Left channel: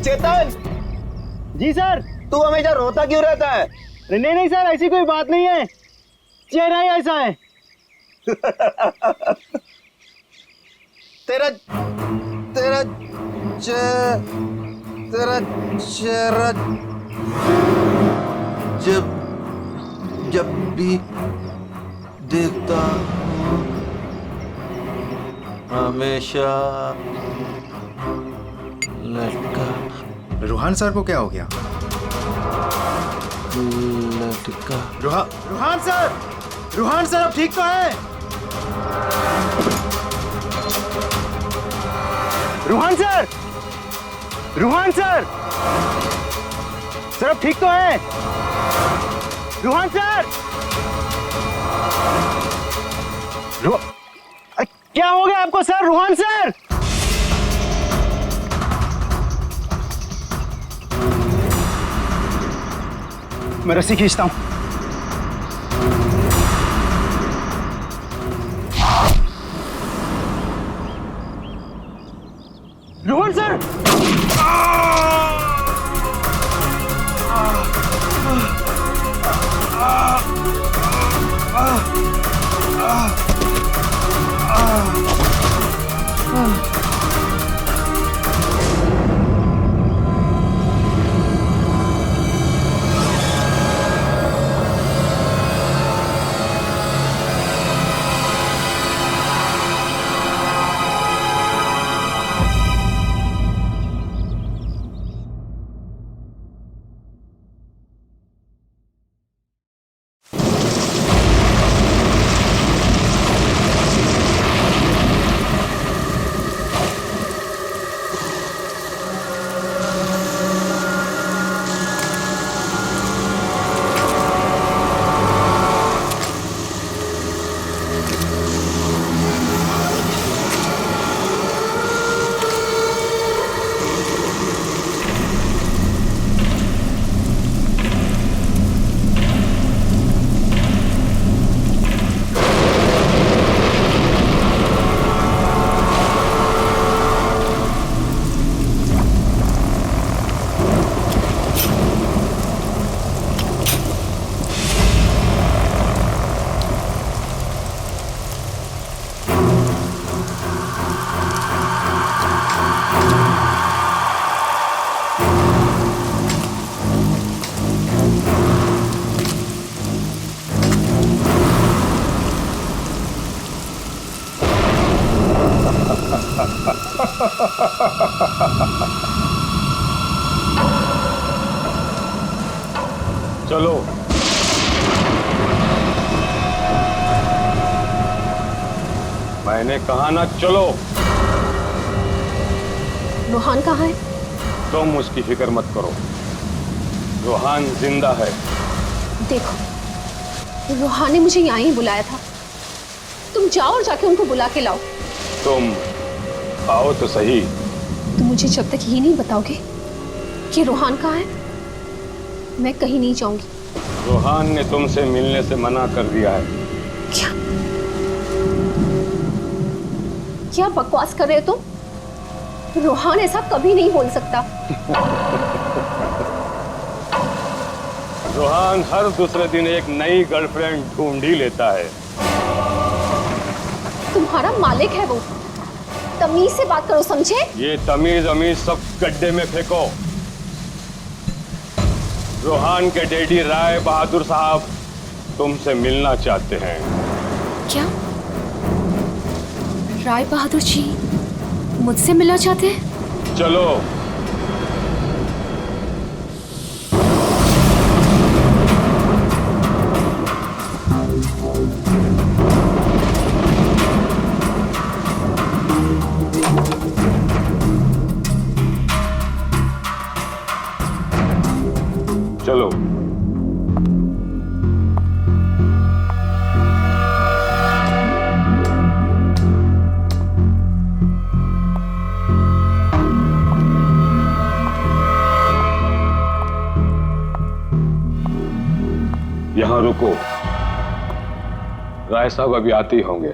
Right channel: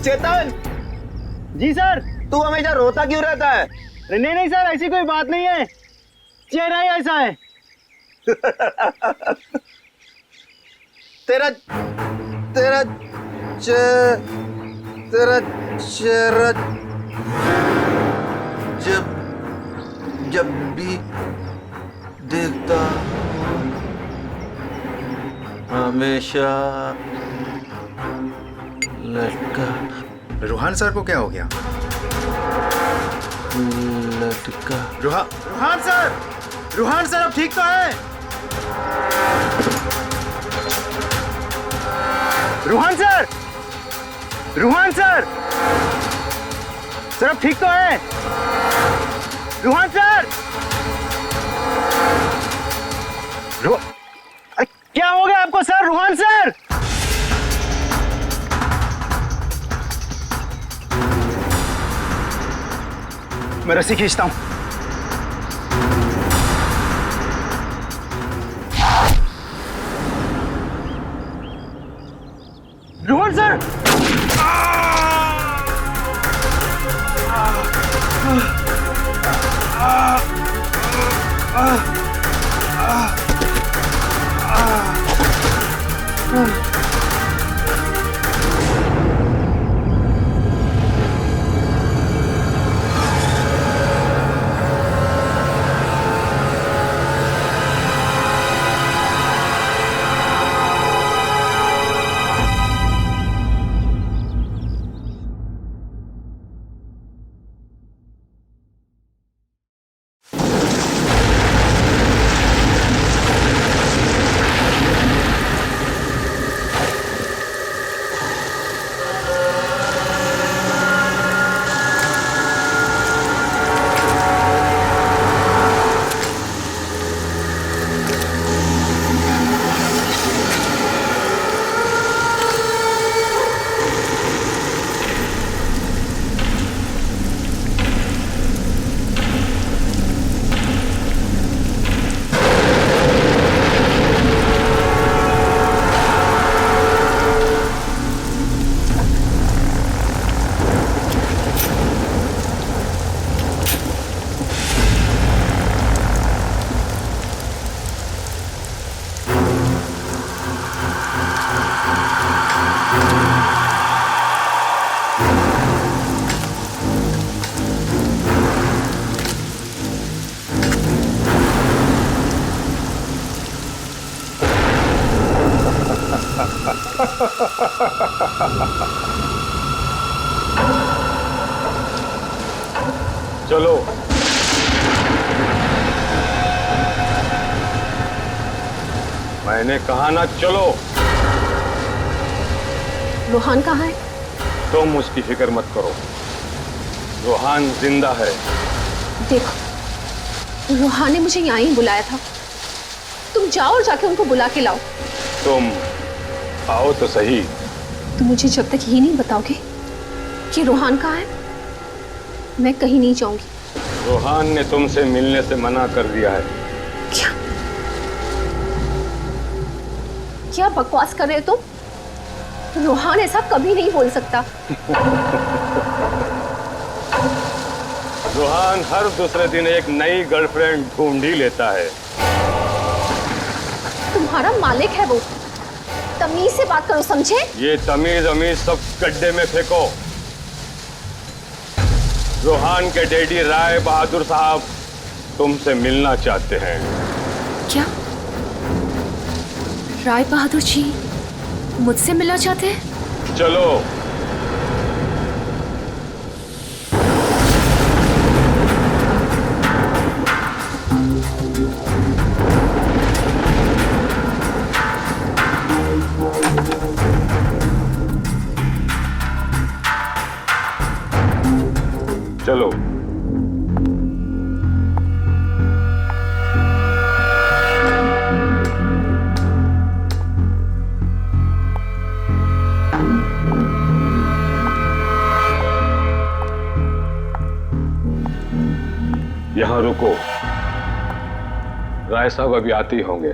चेतन। जी sir. तू हमेशा रोता क्यों रहता है? नहीं नहीं सर, ऐसी कोई बात नहीं है, चेहरा ही ऐसा है। तेरा तेरा तेरा चेहरा जब जब भी देखता हूँ हमेशा लटका। रूहान सर को क्या हो गया? लटका। रूहान सर अब ठीक तो है? रूहान सर सर अब ठीक तो है? रूहान सर, क्या हो गया आपको सर? रूहान सर, मैं रस्सी खींचता हूं। रोहन सर, चलो। मैंने कहा ना चलो। रूहान कहाँ है? तुम उसकी फिक्र मत करो, रूहान जिंदा है। देखो, रूहान ने मुझे यहाँ ही बुलाया था, तुम जाओ और जाके उनको बुला के लाओ। तुम आओ तो सही। तुम मुझे जब तक ये नहीं बताओगे कि रूहान कहाँ है, मैं कहीं नहीं जाऊंगी। रूहान ने तुमसे मिलने से मना कर दिया है। क्या बकवास कर रहे हो तुम? रूहान ऐसा कभी नहीं बोल सकता। रूहान हर दूसरे दिन एक नई गर्लफ्रेंड ढूंढ ही लेता है। तुम्हारा मालिक है वो, तमीज से बात करो, समझे? ये तमीज अमीज सब गड्ढे में फेंको। रूहान के डैडी राय बहादुर साहब तुमसे मिलना चाहते हैं। क्या? राय बहादुर जी मुझसे मिलना चाहते हैं? चलो। चलो। यहां रुको, राय साहब अभी आते ही होंगे।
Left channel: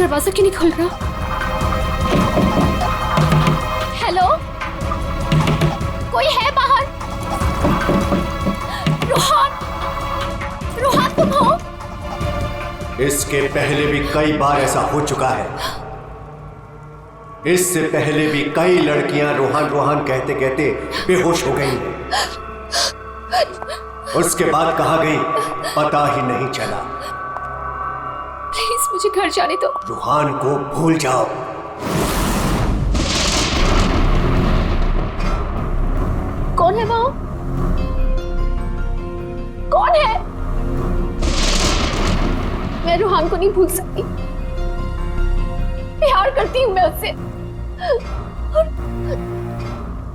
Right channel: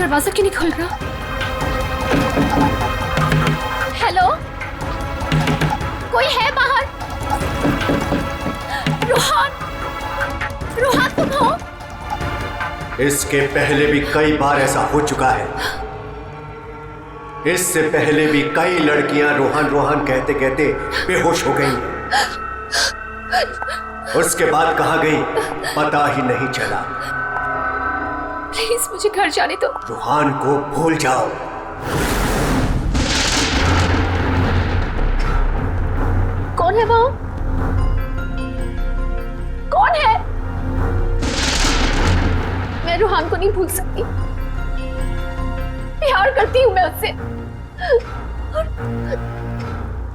दरवाजा क्यों नहीं खुल रहा? हेलो, कोई है बाहर? रोहन, रोहन तुम हो? इसके पहले भी कई बार ऐसा हो चुका है। इससे पहले भी कई लड़कियां रोहन रोहन कहते कहते बेहोश हो गई हैं। उसके बाद कहां गई पता ही नहीं चला। प्लीज मुझे घर जाने दो। रोहन को भूल जाओ। कौन है वो? कौन है? मैं रोहन को नहीं भूल सकती। प्यार करती हूं मैं उससे, और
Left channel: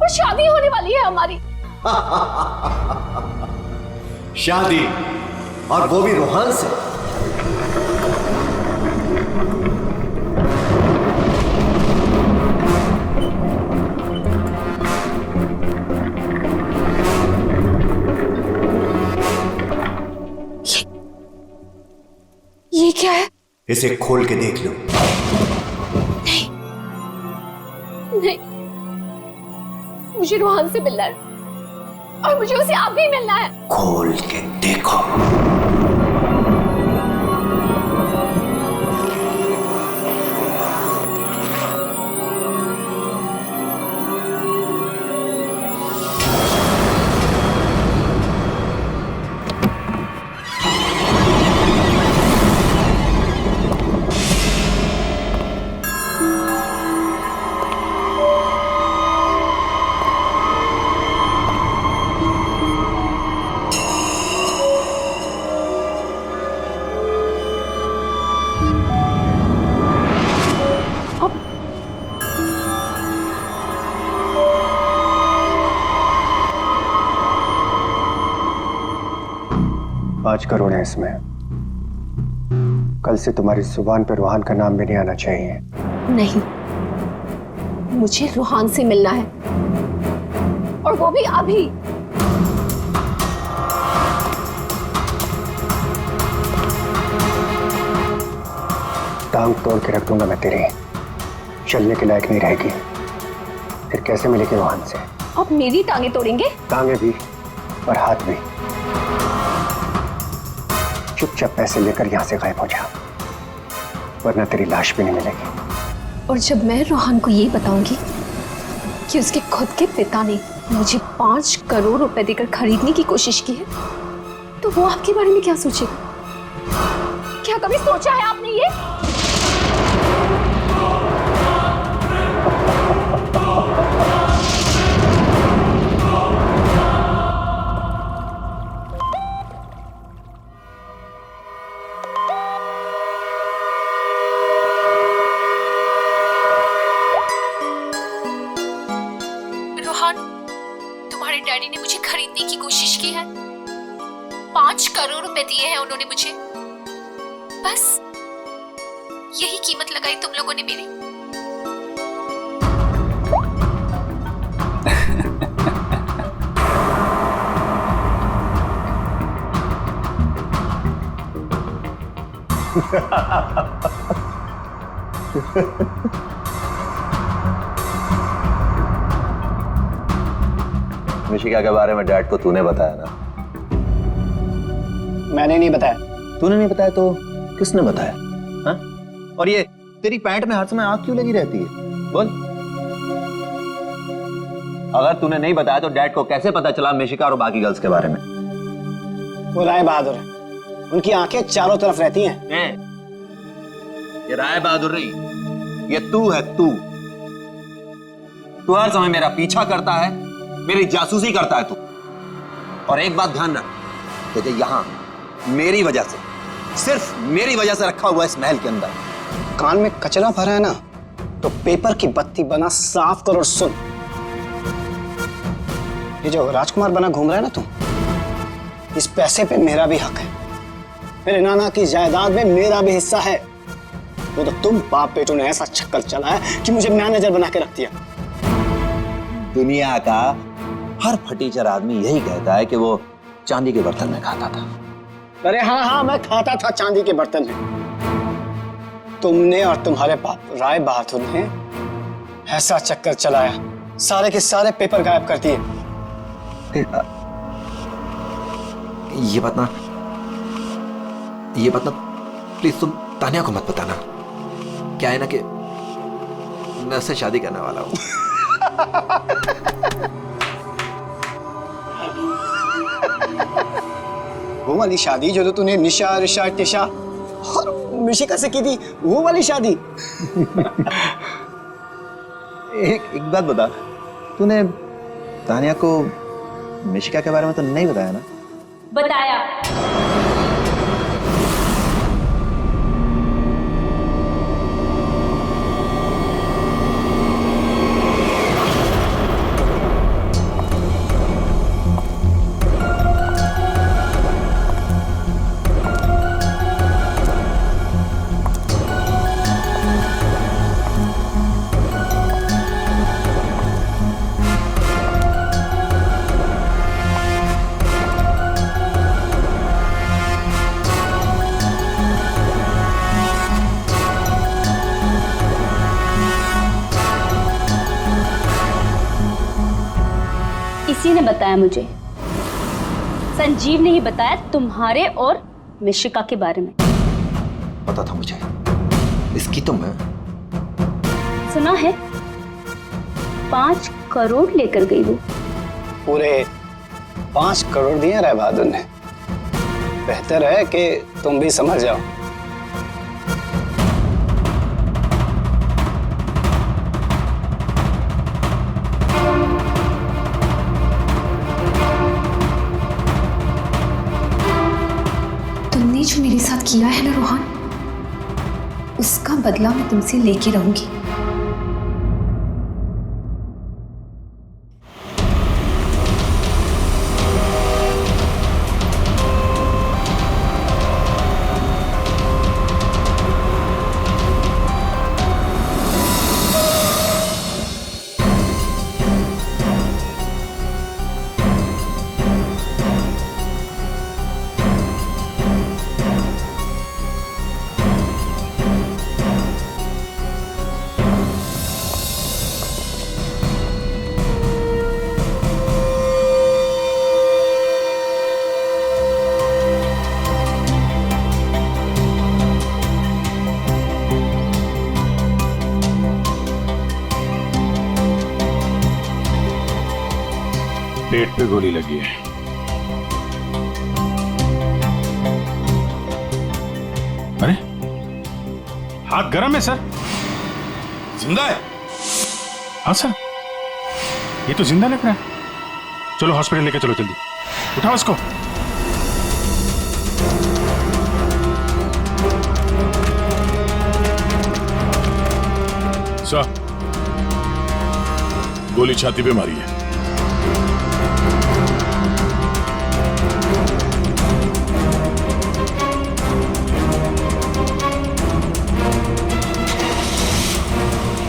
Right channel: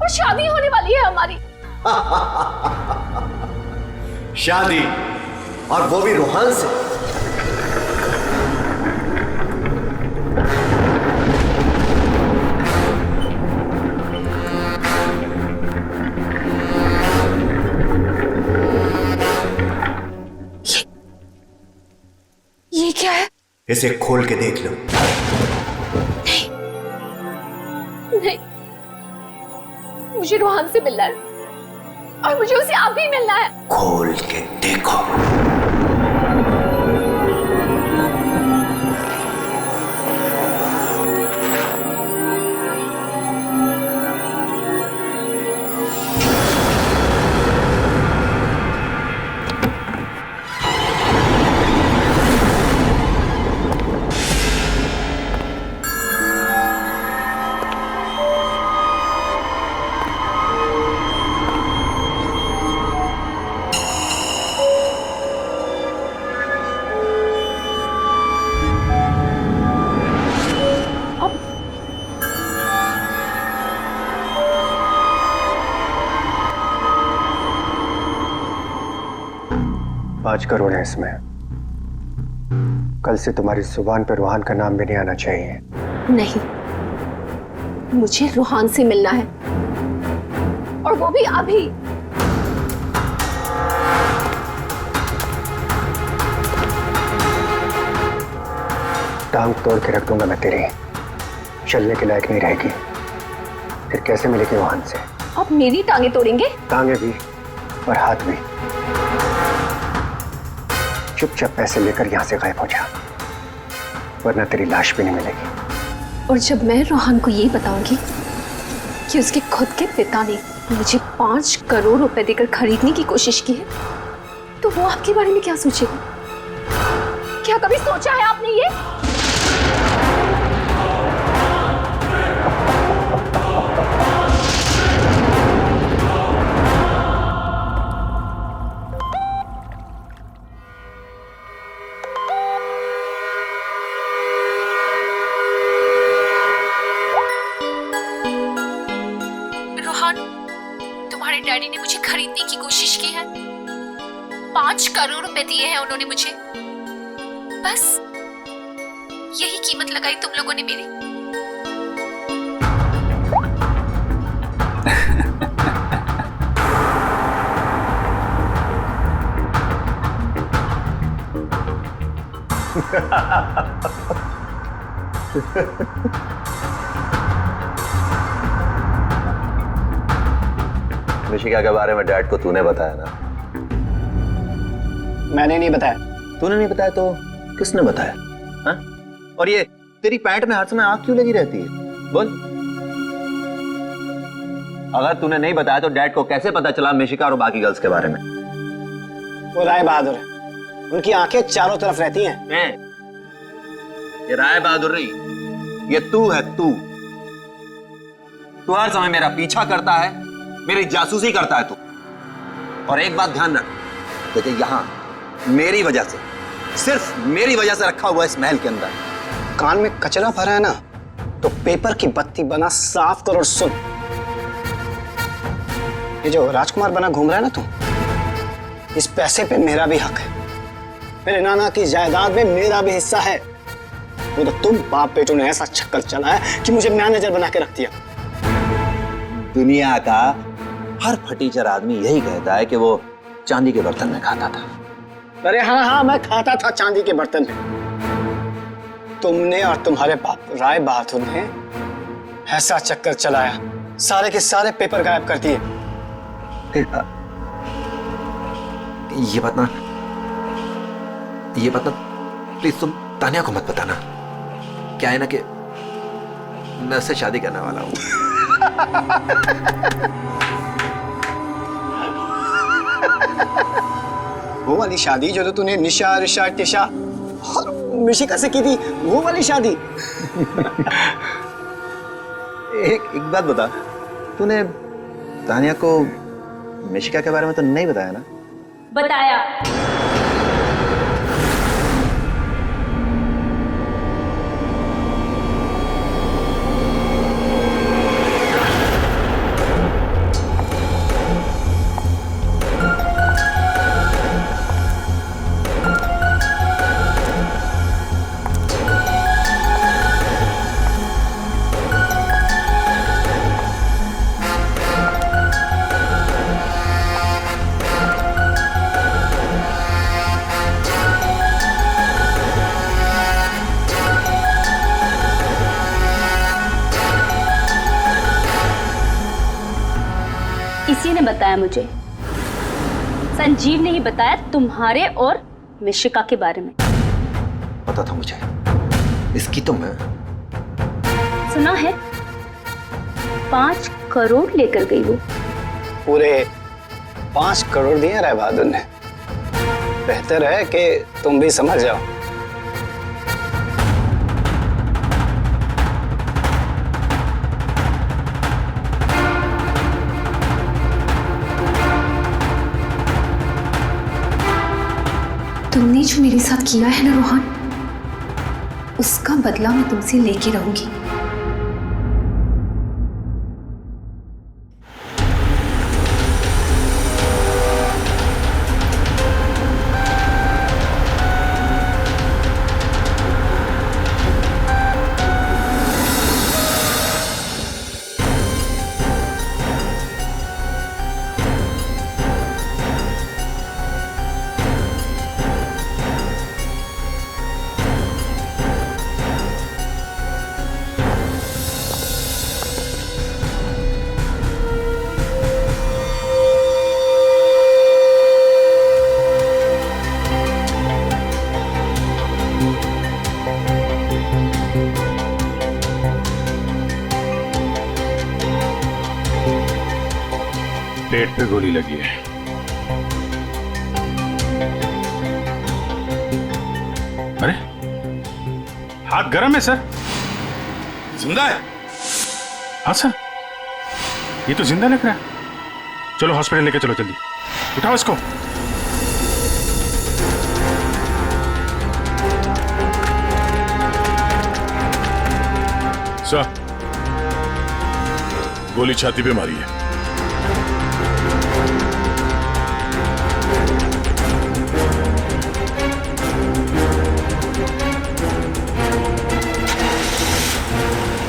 शादी होने वाली है हमारी। शादी, और वो भी रोहन से। ये क्या है? इसे खोल के देख लो। नहीं, मुझे रोहन से मिलना है, और मुझे उसे अभी मिलना है। खोल के देखो। $5 करोड़ है इसमें। कल से तुम्हारी जुबान पर रोहन का नाम भी नहीं आना चाहिए। नहीं, मुझे रोहन से मिलना है, और वो भी अभी। टांग तोड़ के रख दूंगा मैं तेरी, चलने के लायक नहीं रहेगी। फिर कैसे मिलेगी रोहन से? आप मेरी टांगे तोड़ेंगे? टांगे भी और हाथ भी। चुपचाप पैसे लेकर यहां से गायब हो जा, वरना तेरी लाश भी नहीं मिलेगी। और जब मैं रोहन को ये बताऊंगी कि उसके खुद के पिता ने मुझे 5 करोड़ रुपए देकर खरीदने की कोशिश की है, तो वो आपके बारे में क्या सोचेगा? क्या कभी सोचा है आपने ये? रोहन, तुम्हारे डैडी ने मुझे खरीदने की कोशिश की है। 5 करोड़ रुपए दिए हैं उन्होंने मुझे। बस यही कीमत लगाई तुम लोगों ने मेरी। मिशिका के बारे में डैड को तूने बताया ना? मैंने नहीं बताया। तूने नहीं बताया तो किसने बताया? हाँ? और ये तेरी पैंट में हर समय आग क्यों लगी रहती है? बोल। अगर तूने नहीं बताया तो डैड को कैसे पता चला मिशिका और बाकी गर्ल्स के बारे में? वो राय बहादुर है, उनकी आंखें चारों तरफ रहती हैं। ये राय बहादुर नहीं, ये तू है। तू हर समय मेरा पीछा करता है, मेरी जासूसी करता है तू। और एक बात ध्यान रख, तुझे यहां मेरी वजह से, सिर्फ मेरी वजह से रखा हुआ है इस महल के अंदर। कान में कचरा भरा है ना, तो पेपर की बत्ती बना साफ कर और सुन। ये जो राजकुमार बना घूम रहा है ना तू, इस पैसे पे मेरा भी हक है। मेरे नाना की जायदाद में मेरा भी हिस्सा है। वो तो तुम बाप बेटों ने ऐसा चक्कर चलाया कि मुझे मैनेजर बना के रख दिया। दुनिया का हर फटीचर आदमी यही कहता है कि वो चांदी के बर्तन में खाता था। अरे हाँ हाँ, मैं खाता था चांदी के बर्तन में। तुमने और तुम्हारे बाप राय बहादुर ने ऐसा चक्कर चलाया, सारे के सारे पेपर गायब कर दिए। ये बात ना प्लीज तुम तानिया को मत बताना। क्या है ना कि मैं उससे शादी करने वाला हूं। वो वाली शादी जो तो तूने निशा, ऋषा, टिशा और मिशिका से की थी, वो वाली शादी। एक बात बता, तूने तानिया को मिशिका के बारे में तो नहीं बताया ना? बताया। इसी ने बताया मुझे, संजीव ने ही बताया तुम्हारे और मिशिका के बारे में। पता था मुझे, इसकी तो मैं सुना है 5 करोड़ लेकर गई वो। पूरे 5 करोड़ दिए राय बहादुर ने। बेहतर है कि तुम भी समझ जाओ। तुमने जो मेरे साथ किया है ना रोहन, उसका बदला मैं तुमसे लेके रहूंगी। पेट पे गोली लगी है। अरे हाथ गर्म है सर। जिंदा है? हाँ सर, ये तो जिंदा लग रहा है। चलो हॉस्पिटल लेके चलो, जल्दी उठाओ इसको। सर, गोली छाती पे मारी है।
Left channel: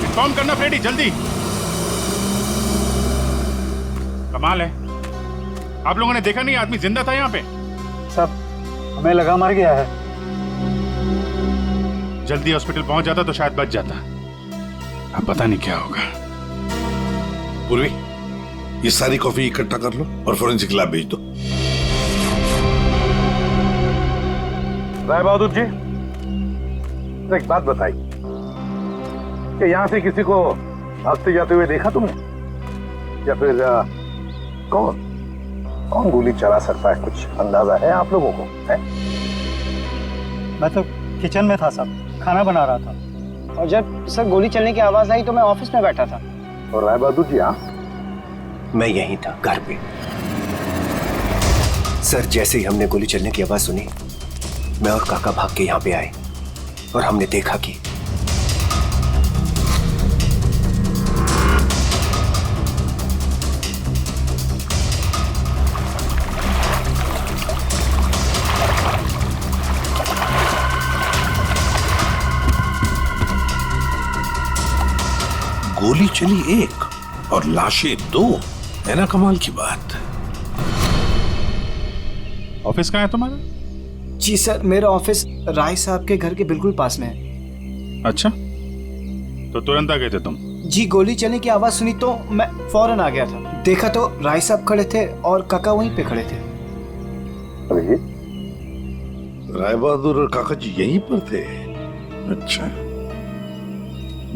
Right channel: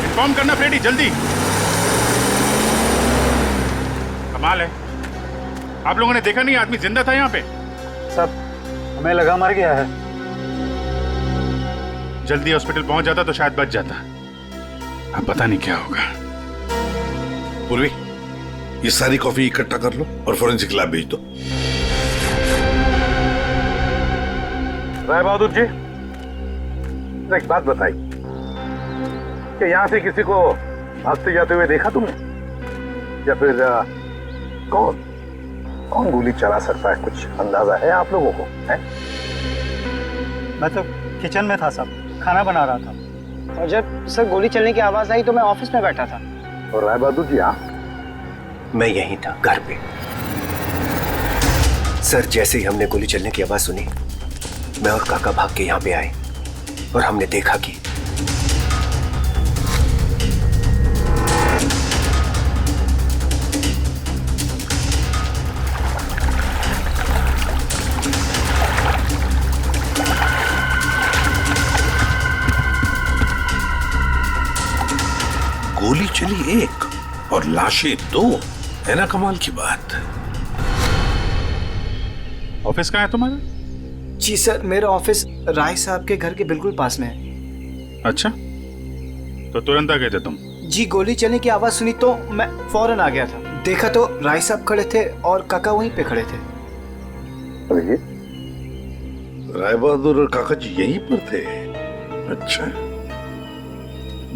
इन्फॉर्म करना फ्रेडी, जल्दी। कमाल है, आप लोगों ने देखा नहीं आदमी जिंदा था यहाँ पे? सब हमें लगा मर गया है। जल्दी हॉस्पिटल पहुंच जाता तो शायद बच जाता। अब पता नहीं क्या होगा। पूर्वी, ये सारी कॉफी इकट्ठा कर लो और फोरेंसिक लैब भेज दो। राय बहादुर जी, एक बात बताइए कि यहां से किसी को भागते जाते हुए देखा तुमने, या फिर कौन गोली चला सकता है? कुछ अंदाजा है आप लोगों को? है? मैं तो किचन में था साहब, खाना बना रहा था। और जब सर गोली चलने की आवाज आई तो मैं ऑफिस में बैठा था। और राय बहादुर जी? हाँ, मैं यहीं था, घर पे। सर, जैसे ही हमने गोली चलने की आवाज सुनी, मैं और काका भाग के यहाँ पे आए और हमने देखा कि गोली चली एक और लाशें 2, है ना कमाल की बात। ऑफिस कहाँ है तुम्हारा? जी सर, मेरा ऑफिस राय साहब के घर के बिल्कुल पास में है। अच्छा, तो तुरंत आ गए थे तुम? जी, गोली चलने की आवाज सुनी तो मैं फौरन आ गया था। देखा तो राय साहब खड़े थे और काका वहीं पे खड़े थे। राय बहादुर और काका जी यहीं पर थे? अच्छा,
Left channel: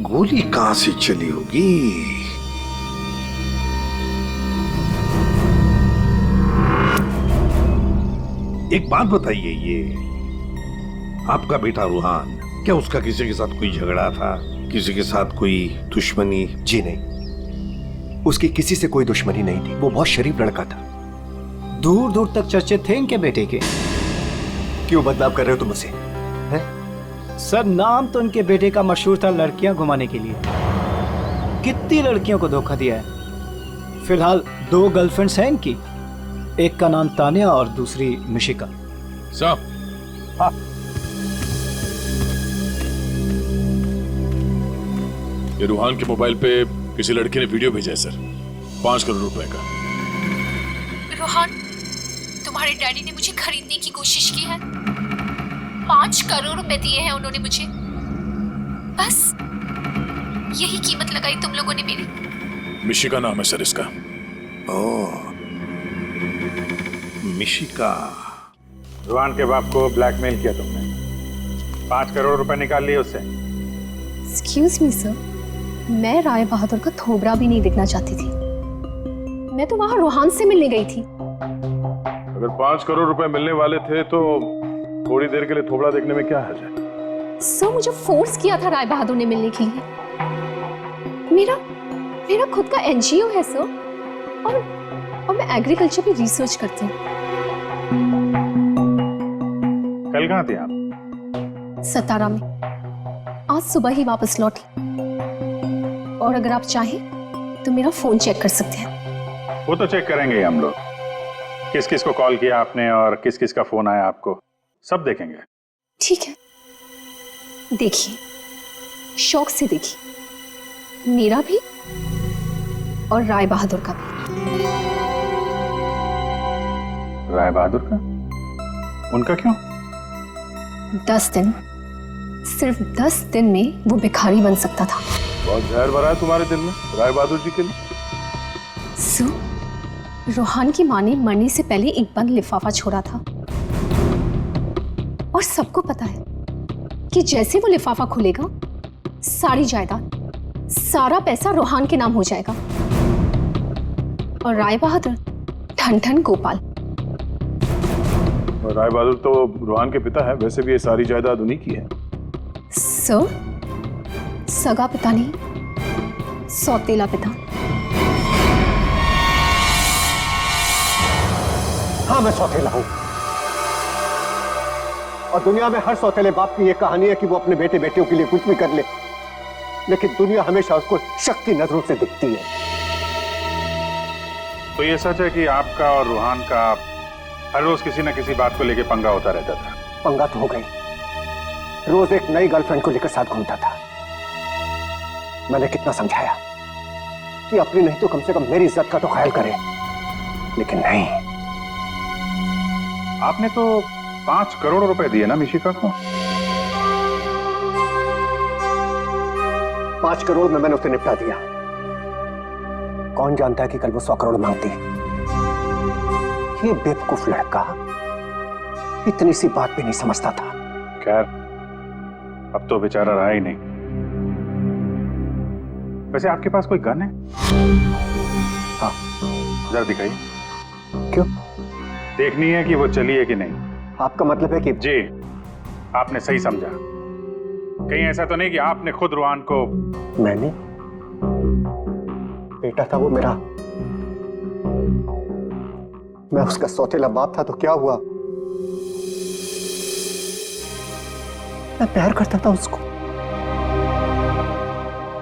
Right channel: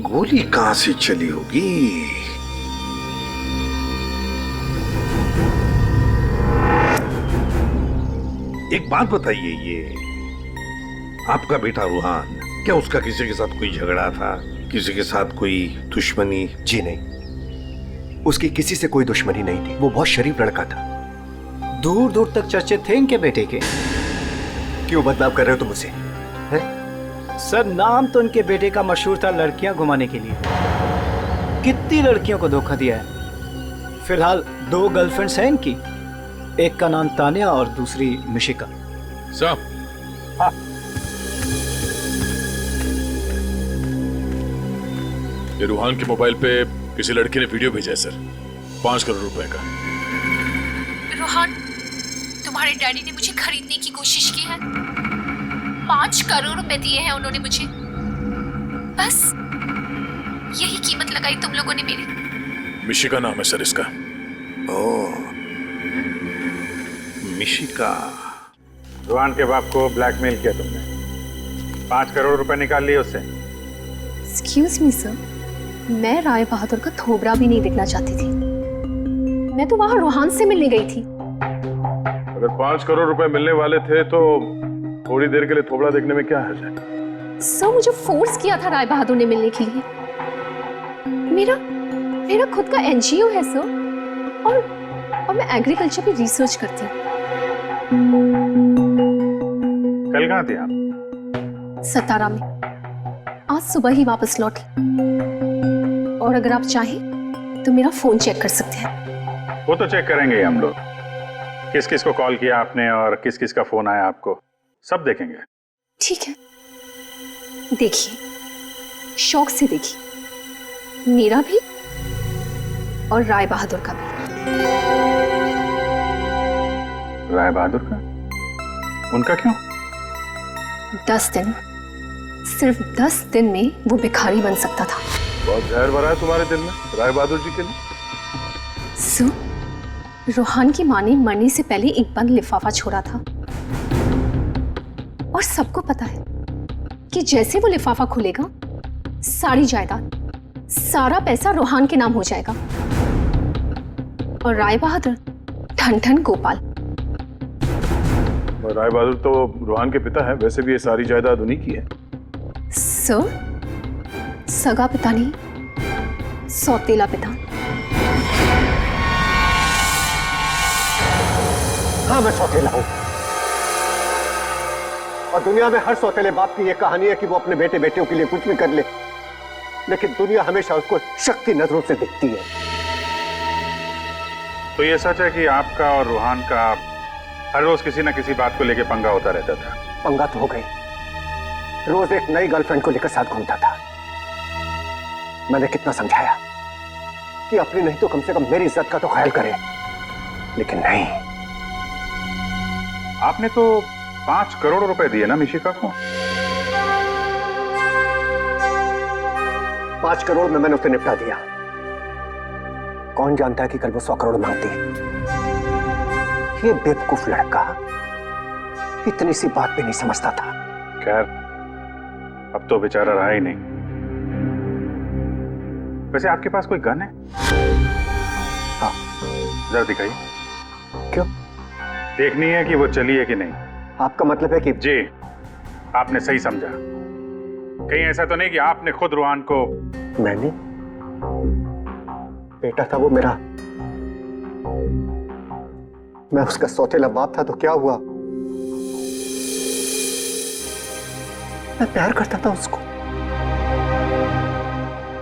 गोली कहां से चली होगी? एक बात बताइए, ये आपका बेटा रूहान, क्या उसका किसी के साथ कोई झगड़ा था, किसी के साथ कोई दुश्मनी? जी नहीं, उसकी किसी से कोई दुश्मनी नहीं थी। वो बहुत शरीफ लड़का था। दूर दूर तक चर्चे थे इनके बेटे के। क्यों बदनाम कर रहे हो तुम उसे? सर, नाम तो इनके बेटे का मशहूर था लड़कियां घुमाने के लिए। कितनी लड़कियों को धोखा दिया है। फिलहाल 2 गर्लफ्रेंड्स हैं इनकी, एक का नाम तानिया और दूसरी मिशिका। साहब, हाँ, ये रूहान के मोबाइल पे किसी लड़की ने वीडियो भेजा है सर, 5 करोड़ रुपए का। रोहन, तुम्हारे डैडी ने मुझे खरीदने की कोशिश की है। 5 करोड़ रुपए दिए हैं उन्होंने मुझे। बस यही कीमत लगाई तुम लोगों ने मेरी। मिशिका नाम है सर इसका। ओह, मिशिका। रूहान के बाप को ब्लैकमेल किया तुमने, 5 करोड़ रुपए निकाल लिए उससे। एक्सक्यूज मी सर, मैं राय बहादुर का थोबड़ा भी नहीं देखना चाहती थी। मैं तो वहां रोहान से मिलने गई थी। अगर 5 करोड़ रुपए मिलने वाले थे तो थोड़ी देर के लिए थोबड़ा देखने में क्या हर्ज है? सर, मुझे फोर्स किया था राय बहादुर ने मिलने के लिए। मेरा खुद का एनजीओ है सर, और मैं एग्रीकल्चर पे रिसर्च करती हूँ। कल कहाँ थे आप? सतारा में। आज सुबह ही वापस लौटी। और अगर आप चाहें तो मेरा फोन चेक कर सकते हैं। वो तो चेक करेंगे ही हम लोग, किस किस को कॉल किया आपने और किस किस का फोन आया आपको, सब देखेंगे। ठीक है, देखिए, शौक से देखिए, मेरा भी और राय बहादुर का भी। राय बहादुर का? उनका क्यों? 10 दिन, सिर्फ 10 दिन में वो भिखारी बन सकता था। बहुत जहर भरा है तुम्हारे दिल में राय बहादुर जी के लिए। सो, रोहान की माँ ने मरने से पहले एक बंद लिफाफा छोड़ा था, और सबको पता है कि जैसे वो लिफाफा खुलेगा, सारी जायदाद, सारा पैसा रोहान के नाम हो जाएगा। और राय बहादुर ठन ठन गोपाल। राय बहादुर तो रोहान के पिता है, वैसे भी ये सारी जायदाद उन्हीं की है। सर, सगा पिता नहीं, सौतेला पिता। हाँ, मैं सौतेला हूं, और दुनिया में हर सौतेले बाप की यह कहानी है कि वो अपने बेटे बेटियों के लिए कुछ भी कर ले, लेकिन दुनिया हमेशा उसको शक्ति नजरों से दिखती है। तो ये सच है कि आपका और रोहान का हर रोज किसी न किसी बात को लेकर पंगा होता रहता था? पंगा तो हो गई, रोज एक नई गर्लफ्रेंड को लेकर साथ घूमता था। मैंने कितना समझाया कि अपनी नहीं तो कम से कम मेरी इज्जत का तो ख्याल करे, लेकिन नहीं। आपने तो 5 करोड़ रुपए दिए ना मिशिका को? 5 करोड़ में मैंने उसे निपटा दिया। कौन जानता है कि कल वो 100 करोड़ मांगती। ये बेवकूफ लड़का इतनी सी बात भी नहीं समझता था। खैर, अब तो बेचारा रहा ही नहीं। वैसे आपके पास कोई गन है? हाँ। जरा दिखाइए। क्यों? देखनी है कि वो चली है कि नहीं। आपका मतलब है कि? जी, आपने सही समझा। कहीं ऐसा तो नहीं कि आपने खुद रोहान को? मैंने? बेटा था वो मेरा, मैं उसका सौतेला बाप था, तो क्या हुआ? मैं प्यार करता था उसको,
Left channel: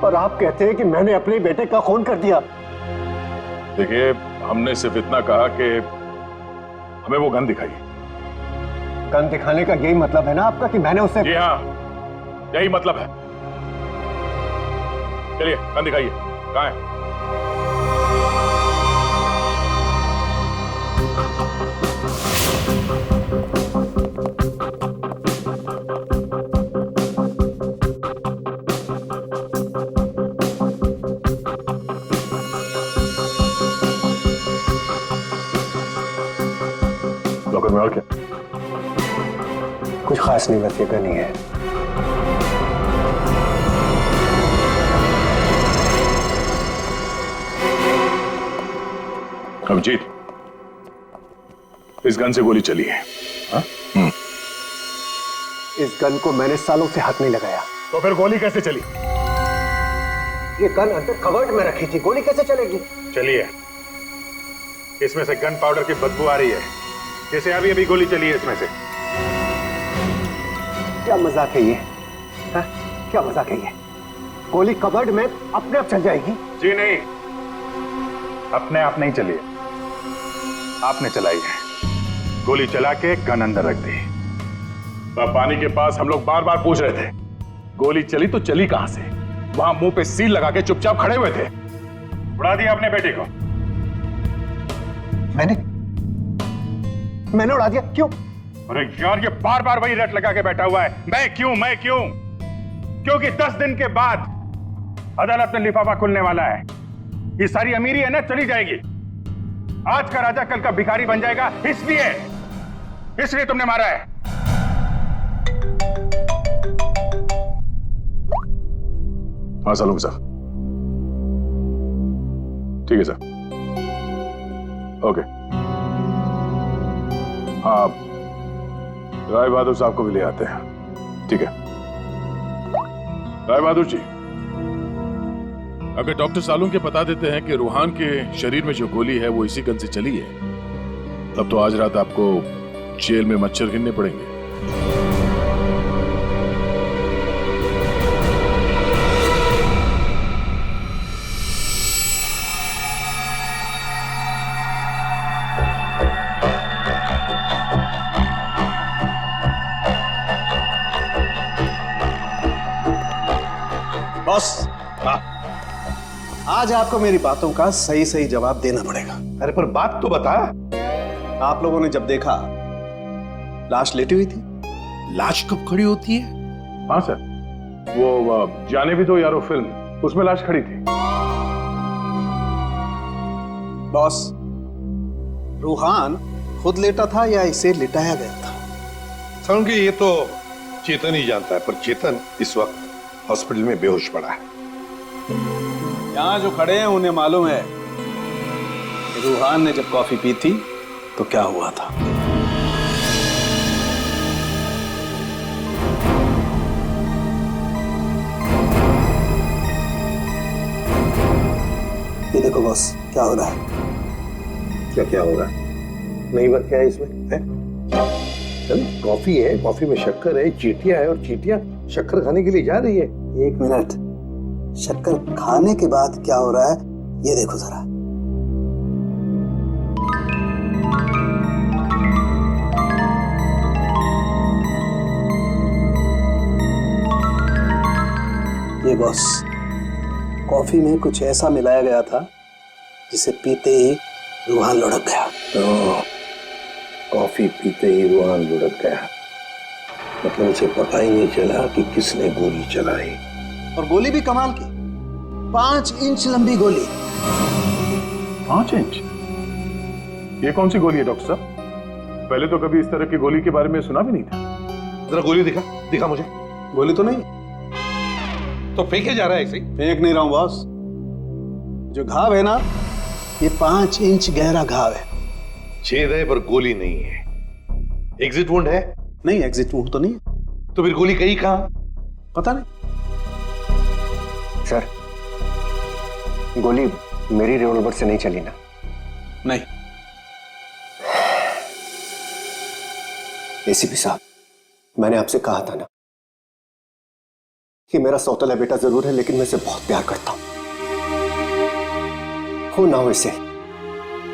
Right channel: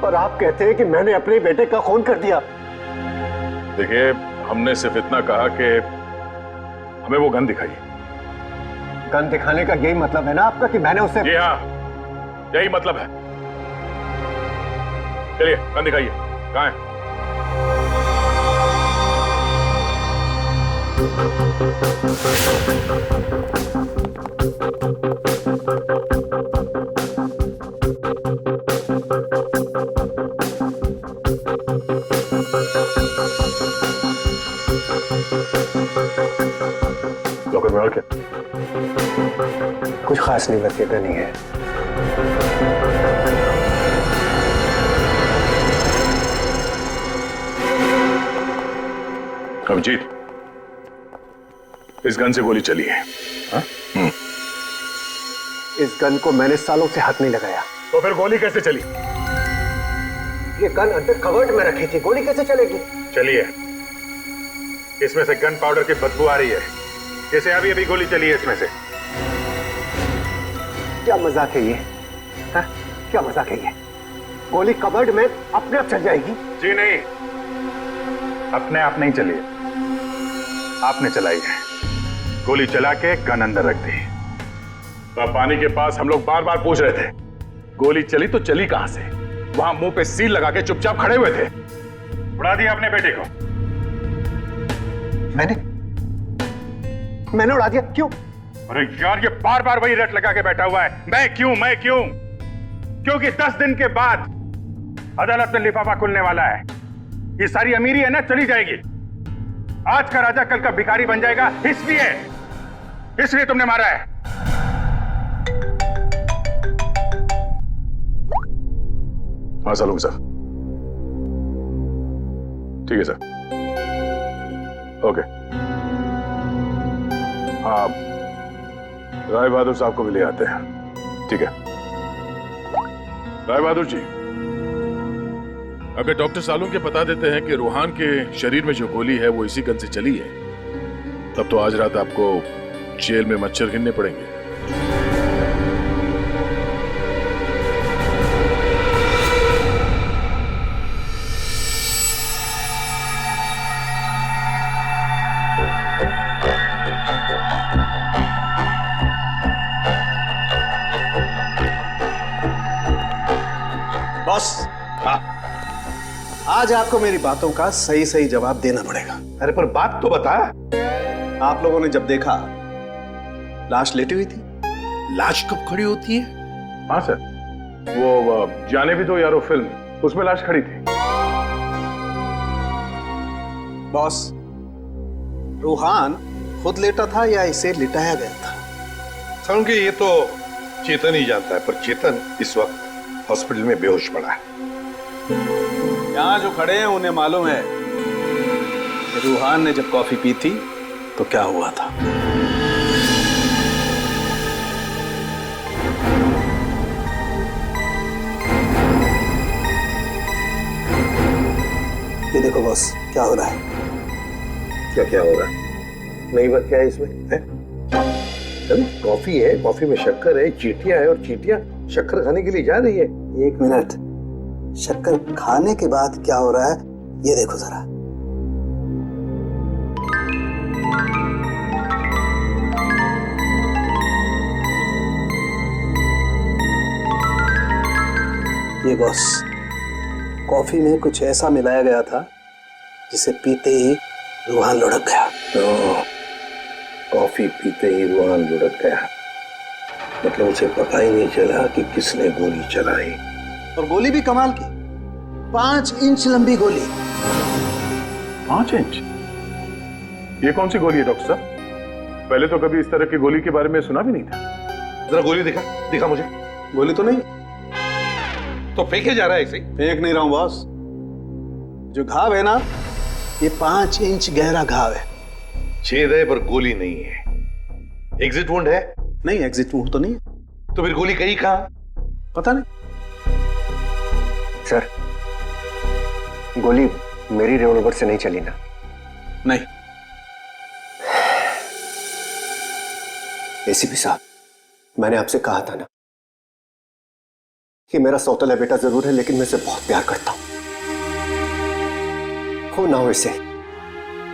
और आप कहते हैं कि मैंने अपने बेटे का खून कर दिया। देखिए, हमने सिर्फ इतना कहा कि हमें वो गन दिखाइए। गन दिखाने का यही मतलब है ना आपका कि मैंने उसे? जी हाँ, यही मतलब है। चलिए, गन दिखाइए। कहाँ है? लॉकर में और क्या? कुछ खास नहीं, बस ये गन ही है। अभिजीत, इस गन से गोली चली है। हाँ? इस गन को मैंने सालों से हाथ नहीं लगाया। तो फिर गोली कैसे चली? ये गन अंदर कवर्ड में रखी थी, गोली कैसे चलेगी? चलिए, इसमें से गन पाउडर की बदबू आ रही है, जैसे अभी अभी गोली चली है इसमें से। क्या मजाक है ये? हा? क्या मजाक है ये? गोली कवर्ड में अपने आप चल जाएगी? जी नहीं, अपने आप नहीं चली है, आपने चलाई है। गोली चला के गन अंदर रख दी। तो पानी के पास हम लोग बार बार पूछ रहे थे, गोली चली तो चली कहां से? वहां मुंह पे सील लगा के चुपचाप खड़े हुए थे। उड़ा दिया अपने बेटे को। मैंने उड़ा दिया? क्यों? अरे यार, ये बार बार वही रट लगा के बैठा हुआ है, मैं क्यों मैं क्यों? क्योंकि 10 दिन के बाद अदालत में लिफाफा खुलने वाला है। ये सारी अमीरी है ना, चली जाएगी। आज का राजा कल का भिखारी बन जाएगा, इसलिए तुमने मारा है। हाँ सालूंगा सर, ठीक है सर, ओके। हाँ, राय बहादुर साहब को भी ले आते हैं, ठीक है। राय बहादुर जी, अगर डॉक्टर सालून के बता देते हैं कि रूहान के शरीर में जो गोली है वो इसी गन से चली है, तब तो आज रात आपको जेल में मच्छर गिनने पड़ेंगे। बॉस, आज आपको मेरी बातों का सही सही जवाब देना पड़ेगा। अरे पर बात तो बता। आप लोगों ने जब देखा लाश लेटी हुई थी, लाश कब खड़ी होती है? हाँ सर, वो जाने भी दो यारो फिल्म, उसमें लाश खड़ी थी। बॉस, रूहान खुद लेटा था या इसे लिटाया गया था? समझ ये तो चेतन ही जानता है, पर चेतन इस वक्त हॉस्पिटल में बेहोश पड़ा है। यहां जो खड़े हैं उन्हें मालूम है कि रूहान ने जब कॉफी पी थी तो क्या हुआ था। ये देखो बॉस, क्या हो रहा है? क्या हो रहा है? नई बात क्या है इसमें? है? अरे कॉफी है, कॉफी में शक्कर है, चींटियां है, और चींटियां शक्कर खाने के लिए जा रही है। एक मिनट, शक्कर खाने के बाद क्या हो रहा है ये देखो जरा। ये बॉस, कॉफी में कुछ ऐसा मिलाया गया था जिसे पीते ही रूहान लुढ़क गया। तो कॉफी पीते ही रूहान लुढ़क गया, मतलब उसे पता ही नहीं चला कि किसने गोली चलाई। और गोली भी कमाल की, 5 इंच लंबी गोली। 5 इंच? ये कौन सी गोली है डॉक्टर साहब? पहले तो कभी इस तरह की गोली के बारे में सुना भी नहीं था। जरा गोली दिखा मुझे। गोली तो नहीं, तो फेंके जा रहा है ऐसे ही? फेंक नहीं रहा हूं बॉस, जो घाव है ना, ये 5 इंच गहरा घाव है। छेद है पर गोली नहीं है। एग्जिट वुंड है? नहीं, एग्जिट वुंड तो नहीं है। तो फिर गोली कहीं कहां? पता नहीं। सर, गोली मेरी रिवॉल्वर से नहीं चली ना? नहीं। एसीपी साहब, मैंने आपसे कहा था ना कि मेरा सौतेला बेटा जरूर है, लेकिन मैं इसे बहुत प्यार करता हूं। हो ना हो, इसे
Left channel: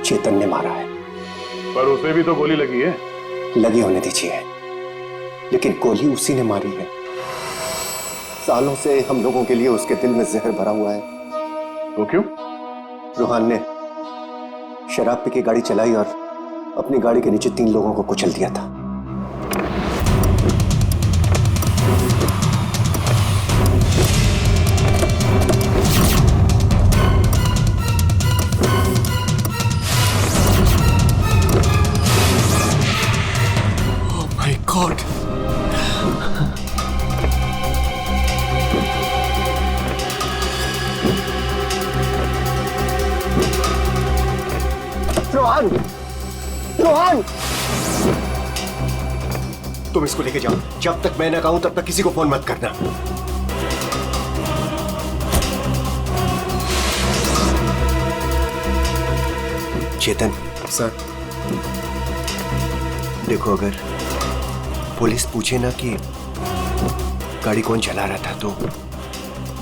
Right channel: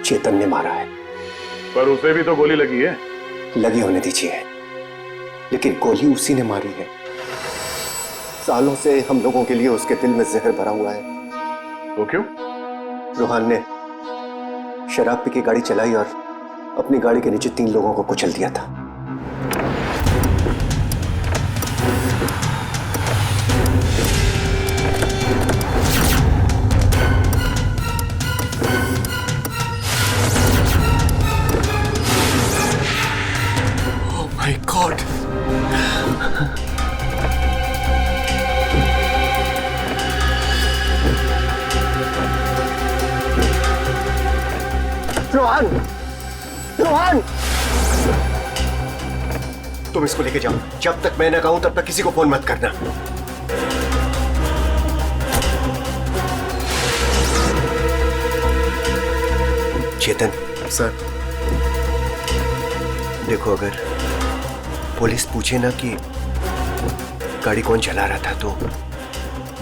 चेतन ने मारा है। पर उसे भी तो गोली लगी है। लगी होने दीजिए, लेकिन गोली उसी ने मारी है। सालों से हम लोगों के लिए उसके दिल में जहर भरा हुआ है। वो क्यों? रूहान ने शराब पी के गाड़ी चलाई और अपनी गाड़ी के नीचे 3 लोगों को कुचल दिया था। गॉड। रोहन, रोहन, तुम इसको लेके जाओ। जब तक मैं ना कहूं तब तक किसी को फोन मत करना। चेतन सर, देखो अगर पुलिस पूछे ना कि गाड़ी कौन चला रहा था तो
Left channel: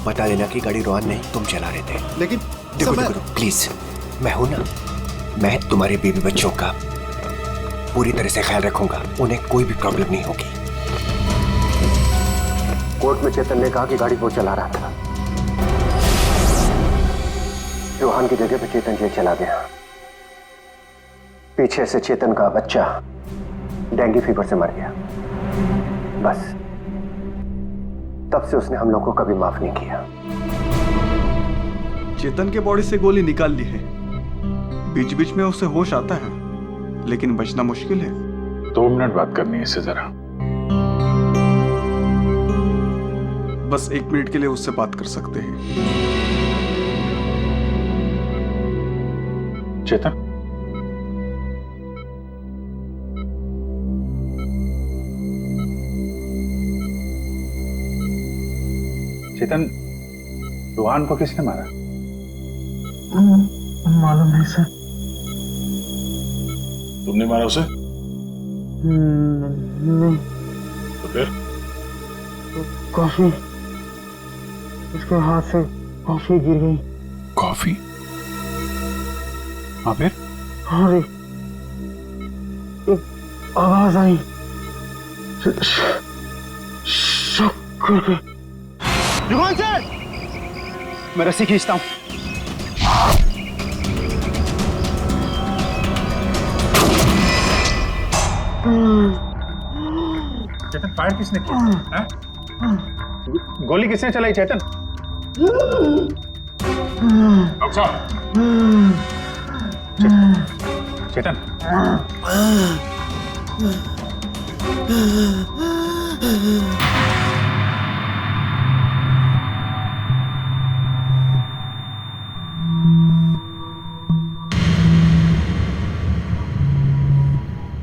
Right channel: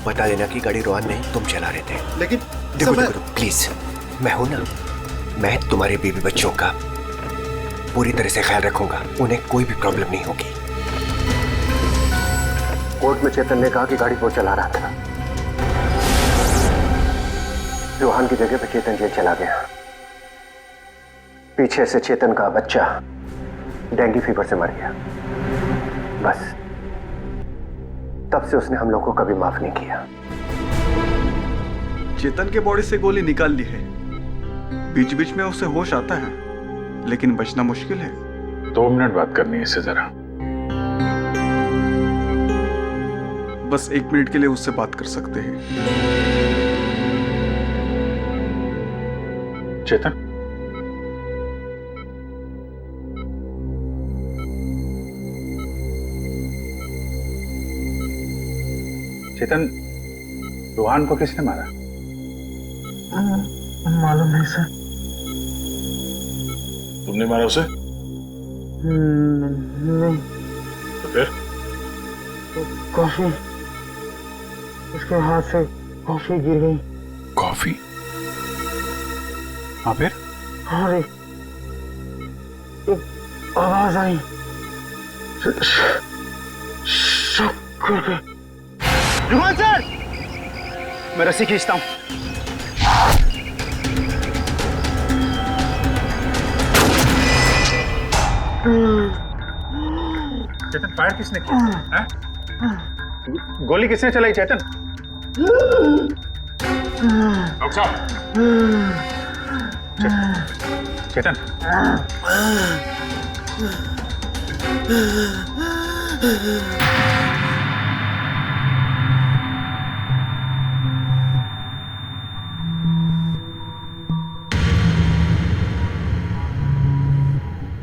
बता देना कि गाड़ी रोहन नहीं तुम चला रहे थे। लेकिन देखो देखो प्लीज, मैं हूं ना, मैं तुम्हारे बेबी बच्चों का पूरी तरह से ख्याल रखूंगा, उन्हें कोई भी प्रॉब्लम नहीं होगी। कोर्ट में चेतन ने कहा कि गाड़ी वो चला रहा था। रोहन की जगह पे चेतन जेल चला गया। पीछे से चेतन का बच्चा डेंगू फीवर से मर गया। बस तब से उसने हम लोगों को कभी माफ नहीं किया। चेतन के बॉडी से गोली निकाल ली है, बीच बीच में उसे होश आता है, लेकिन बचना मुश्किल है। 2 मिनट बात करनी है इससे जरा। बस 1 मिनट के लिए उससे बात कर सकते हैं। चेतन, चेतन, रोहन को किसने मारा? मालूम नहीं सर। तुमने मारा उसे? नहीं। तो फिर? तो कॉफी, उसके हाथ से कॉफी गिर गई। कॉफी? हाँ फिर? और एक आवाज आई, शक करके। रुहान सर, मैं रस्सी खींचता हूं। चेतन, फायर किसने किया? हैं? गोली किसने चलाई चेतन? डॉक्टर साहब, चेतन,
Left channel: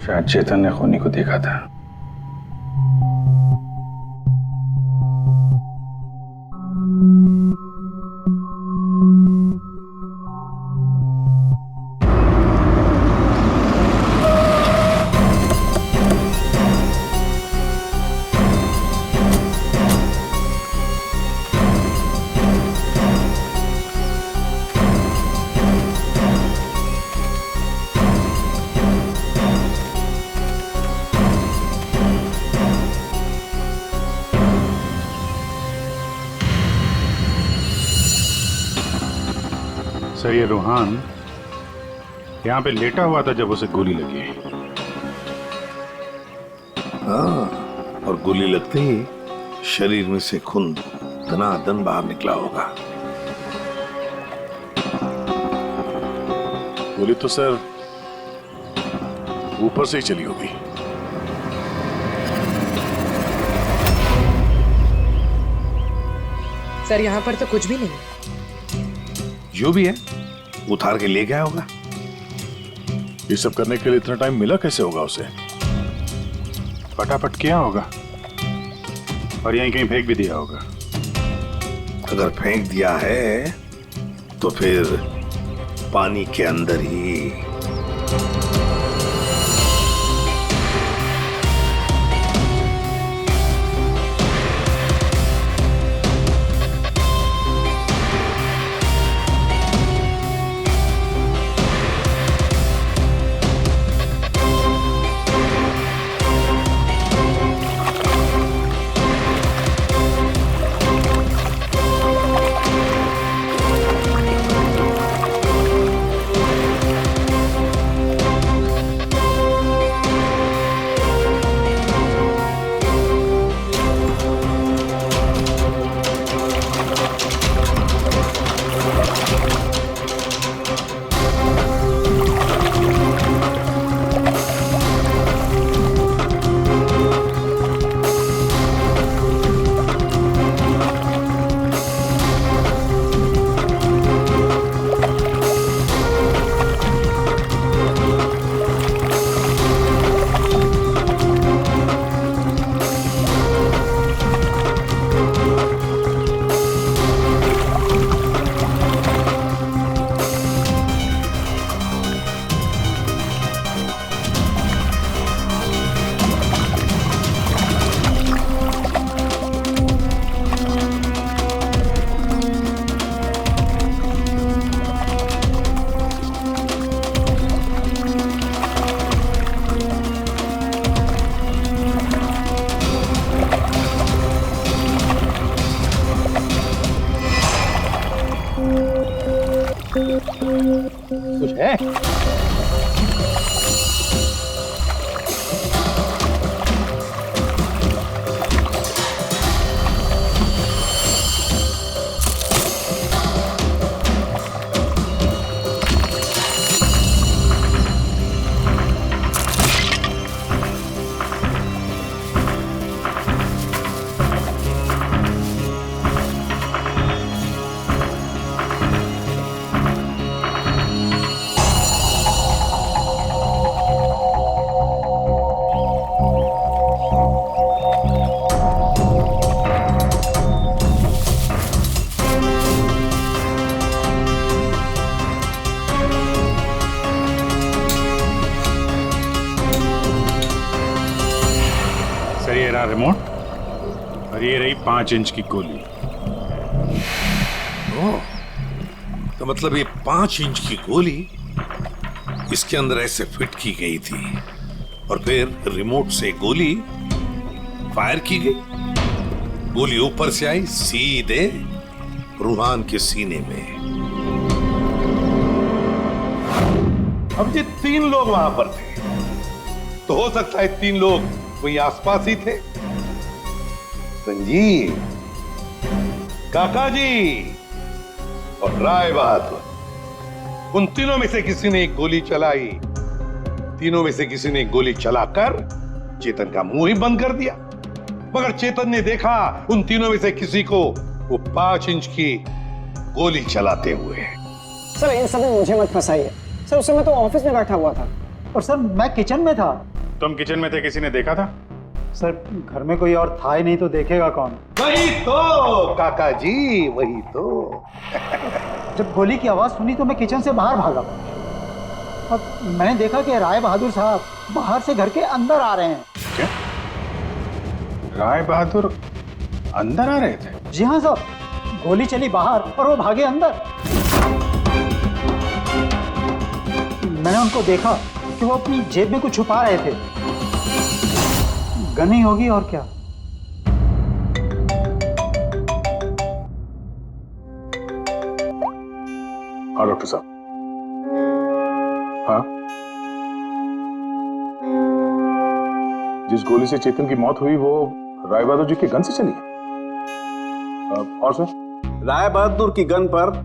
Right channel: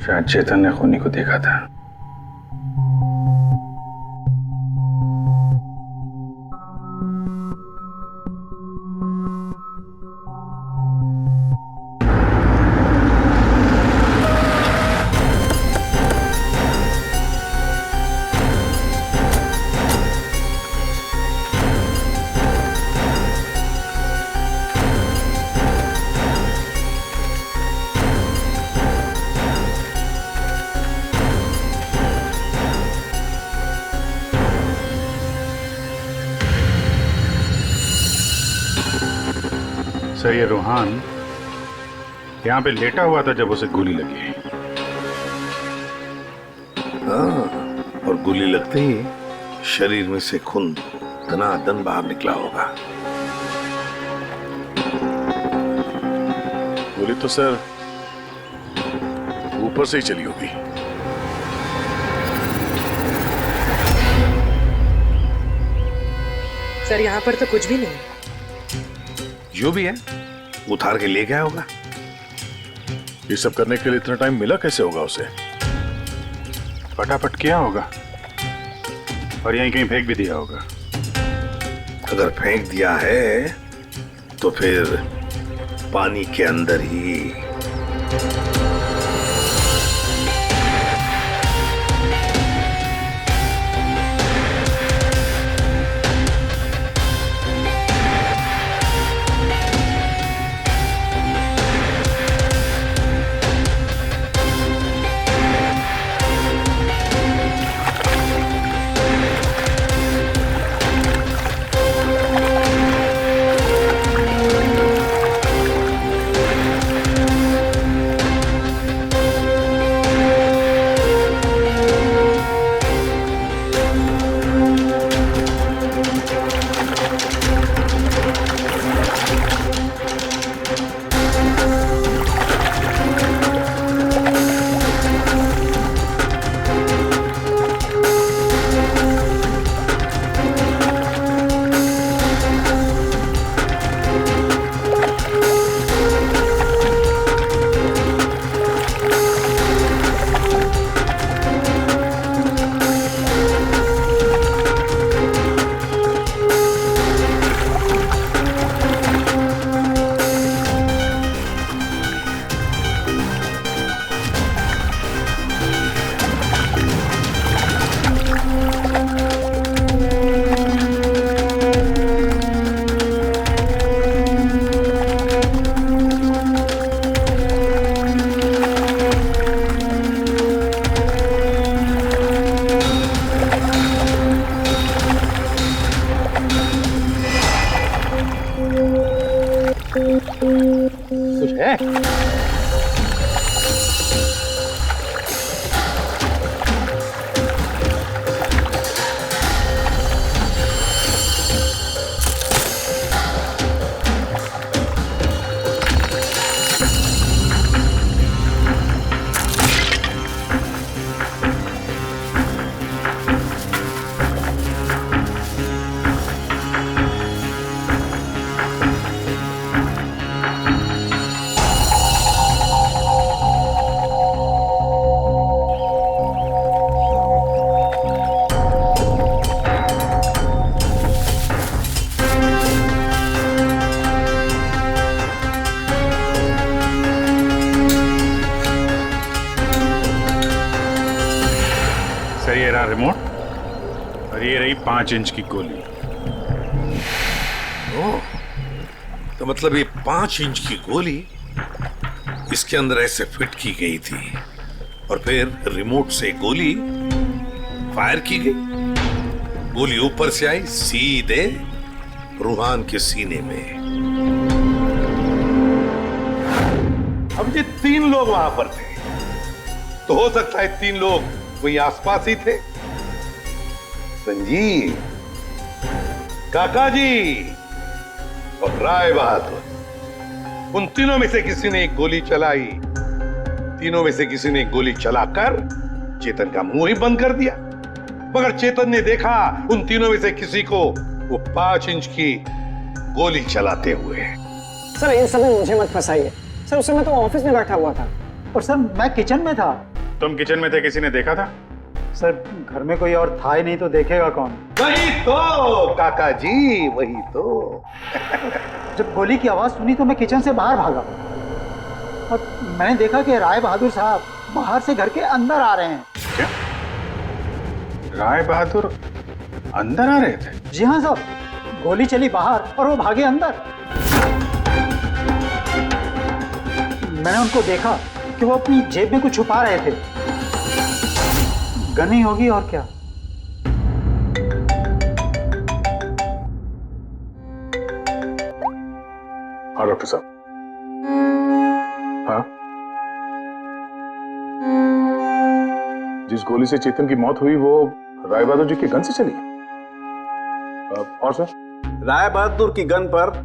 शायद चेतन ने खूनी को देखा था। सर, ये रोहन यहाँ पे लेटा हुआ था जब उसे गोली लगी। हाँ, और गोली लगते ही शरीर में से खून धनाधन बाहर निकला होगा। गोली तो सर ऊपर से ही चली होगी। सर, यहाँ पर तो कुछ भी नहीं। जो भी है उतार के ले गया होगा। ये सब करने के लिए इतना टाइम मिला कैसे होगा उसे? फटाफट किया होगा और यहीं कहीं फेंक भी दिया होगा। अगर फेंक दिया है तो फिर पानी के अंदर ही। कुछ है? सर ये रहा रिमोट और ये रही 5 इंच की गोली। ओह, तो मतलब ये 5 इंच की गोली इसके अंदर ऐसे फिट की गई थी और फिर रिमोट से गोली फायर की गई। गोली ऊपर से आई सीधे रूहान के सीने में। अब ये 3 लोग वहां पर थे, तो हो सकता है 3 लोग वही आसपास ही थे। संजीव, काका जी और राय बहादुर, उन तीनों में से किसी ने एक गोली चलाई। तीनों में से किसी ने एक गोली चलाकर चेतन का मुंह ही बंद कर दिया, मगर चेतन ने देखा उन तीनों में से किसी को वो 5 इंच की गोली चलाते हुए। सर इन सब में मुझे मत फंसाइए सर, उस समय तो ऑफिस में बैठा हुआ था। और सर मैं किचन में था। तुम किचन में थे, किसी ने देखा था? सर घर में कोई और था ही नहीं तो देखेगा कौन। वही तो काका जी, वही तो। जब गोली की आवाज सुनी तो मैं किचन से बाहर भागा और मैंने देखा कि राय बहादुर साहब बाहर से घर के अंदर आ रहे हैं। क्या राय बहादुर अंदर आ रहे थे? जी हाँ साहब, गोली चली बाहर और वो भागे अंदर। मैंने उनको देखा कि वो अपनी जेब में कुछ छुपा रहे थे। गन ही होगी और क्या। हाँ डॉक्टर साहब। हाँ, जिस गोली से चेतन की मौत हुई वो राय बहादुर जी की गन से चली है। और सर? राय बहादुर की गन पर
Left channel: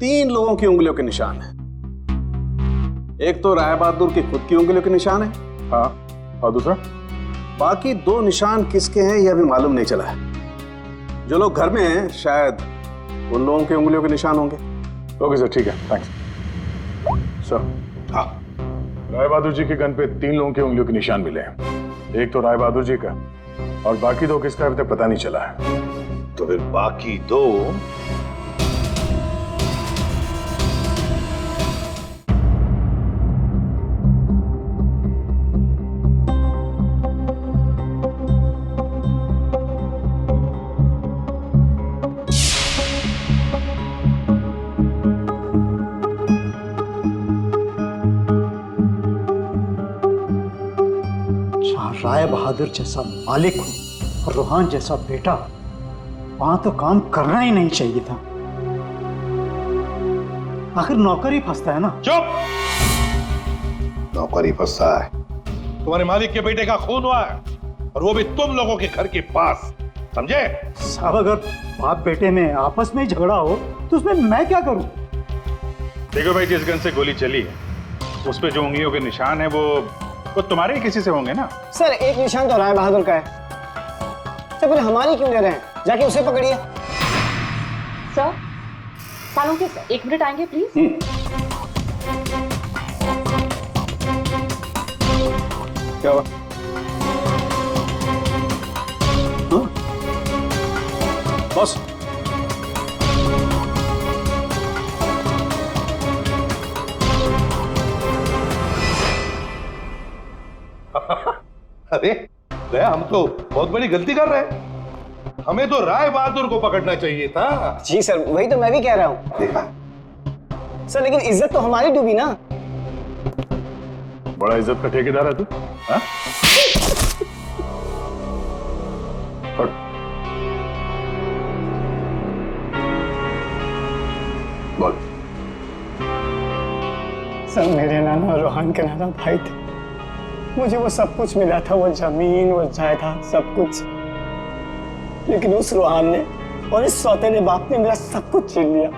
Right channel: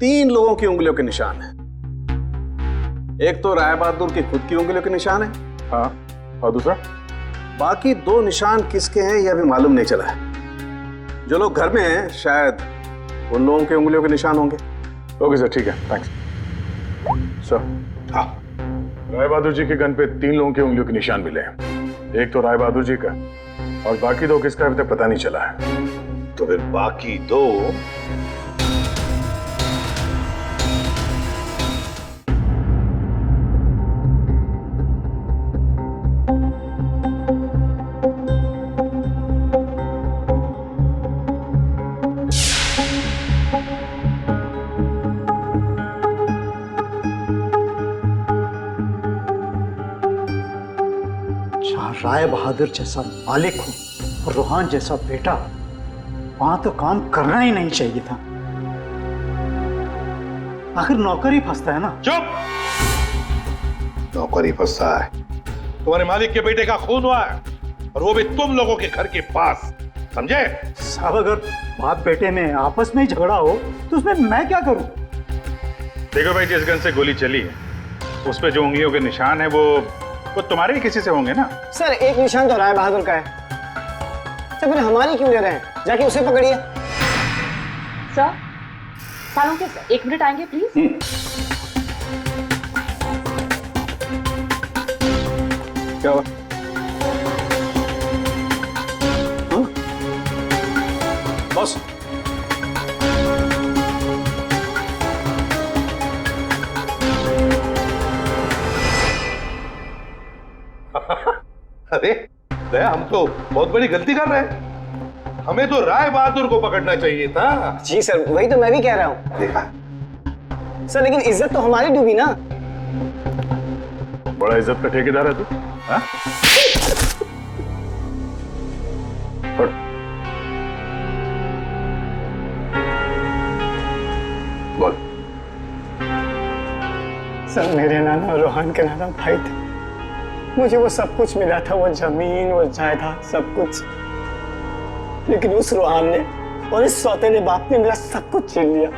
3 लोगों की उंगलियों के निशान है। एक तो राय बहादुर की खुद की उंगलियों के निशान है। हाँ, और दूसरा? बाकी 2 निशान किसके हैं यह अभी मालूम नहीं चला है। जो लोग घर में हैं शायद उन लोगों की उंगलियों के निशान होंगे। ओके सर, ठीक है, थैंक्स सर। हाँ, राय बहादुर जी के गन पे 3 लोगों की उंगलियों के निशान मिले हैं। एक तो राय बहादुर जी का और बाकी 2 किसका अभी तक पता नहीं चला है। तो फिर बाकी 2 राय बहादुर जैसा मालिक हो और रूहान जैसा बेटा, वहां तो काम करना ही नहीं चाहिए था। आखिर नौकर ही फंसता है ना। चुप! नौकर ही फंसता है। तुम्हारे मालिक के बेटे का खून हुआ है और वो भी तुम लोगों के घर के पास, समझे? साहब अगर बाप बेटे में आपस में ही झगड़ा हो तो उसमें मैं क्या करूं? देखो भाई, जिस गन से गोली चली है उस पे जो उंगलियों के निशान है वो तुम्हारे ही किसी से होंगे ना। सर एक निशान तो राय बहादुर का है। सर फिर हमारी क्यों ले रहे हैं? जाके उसे पकड़िए। सर सालों के सर 1 मिनट आएंगे प्लीज। क्या हुआ? बॉस, अरे दया, हम तो बहुत बड़ी गलती कर रहे हैं। हमें तो राय बहादुर को पकड़ना चाहिए था। जी सर, वही तो मैं भी कह रहा हूँ। देखा सर लेकिन इज्जत तो हमारी डूबी ना। बड़ा इज्जत का ठेकेदार है तू। हाँ? बोल। सर मेरे नाना और रोहन के नाना भाई थे। मुझे वो सब कुछ मिला था, वो जमीन, वो जायदाद, सब कुछ। लेकिन उस रोहन ने और इस सौतेले बाप ने मेरा सब कुछ छीन लिया।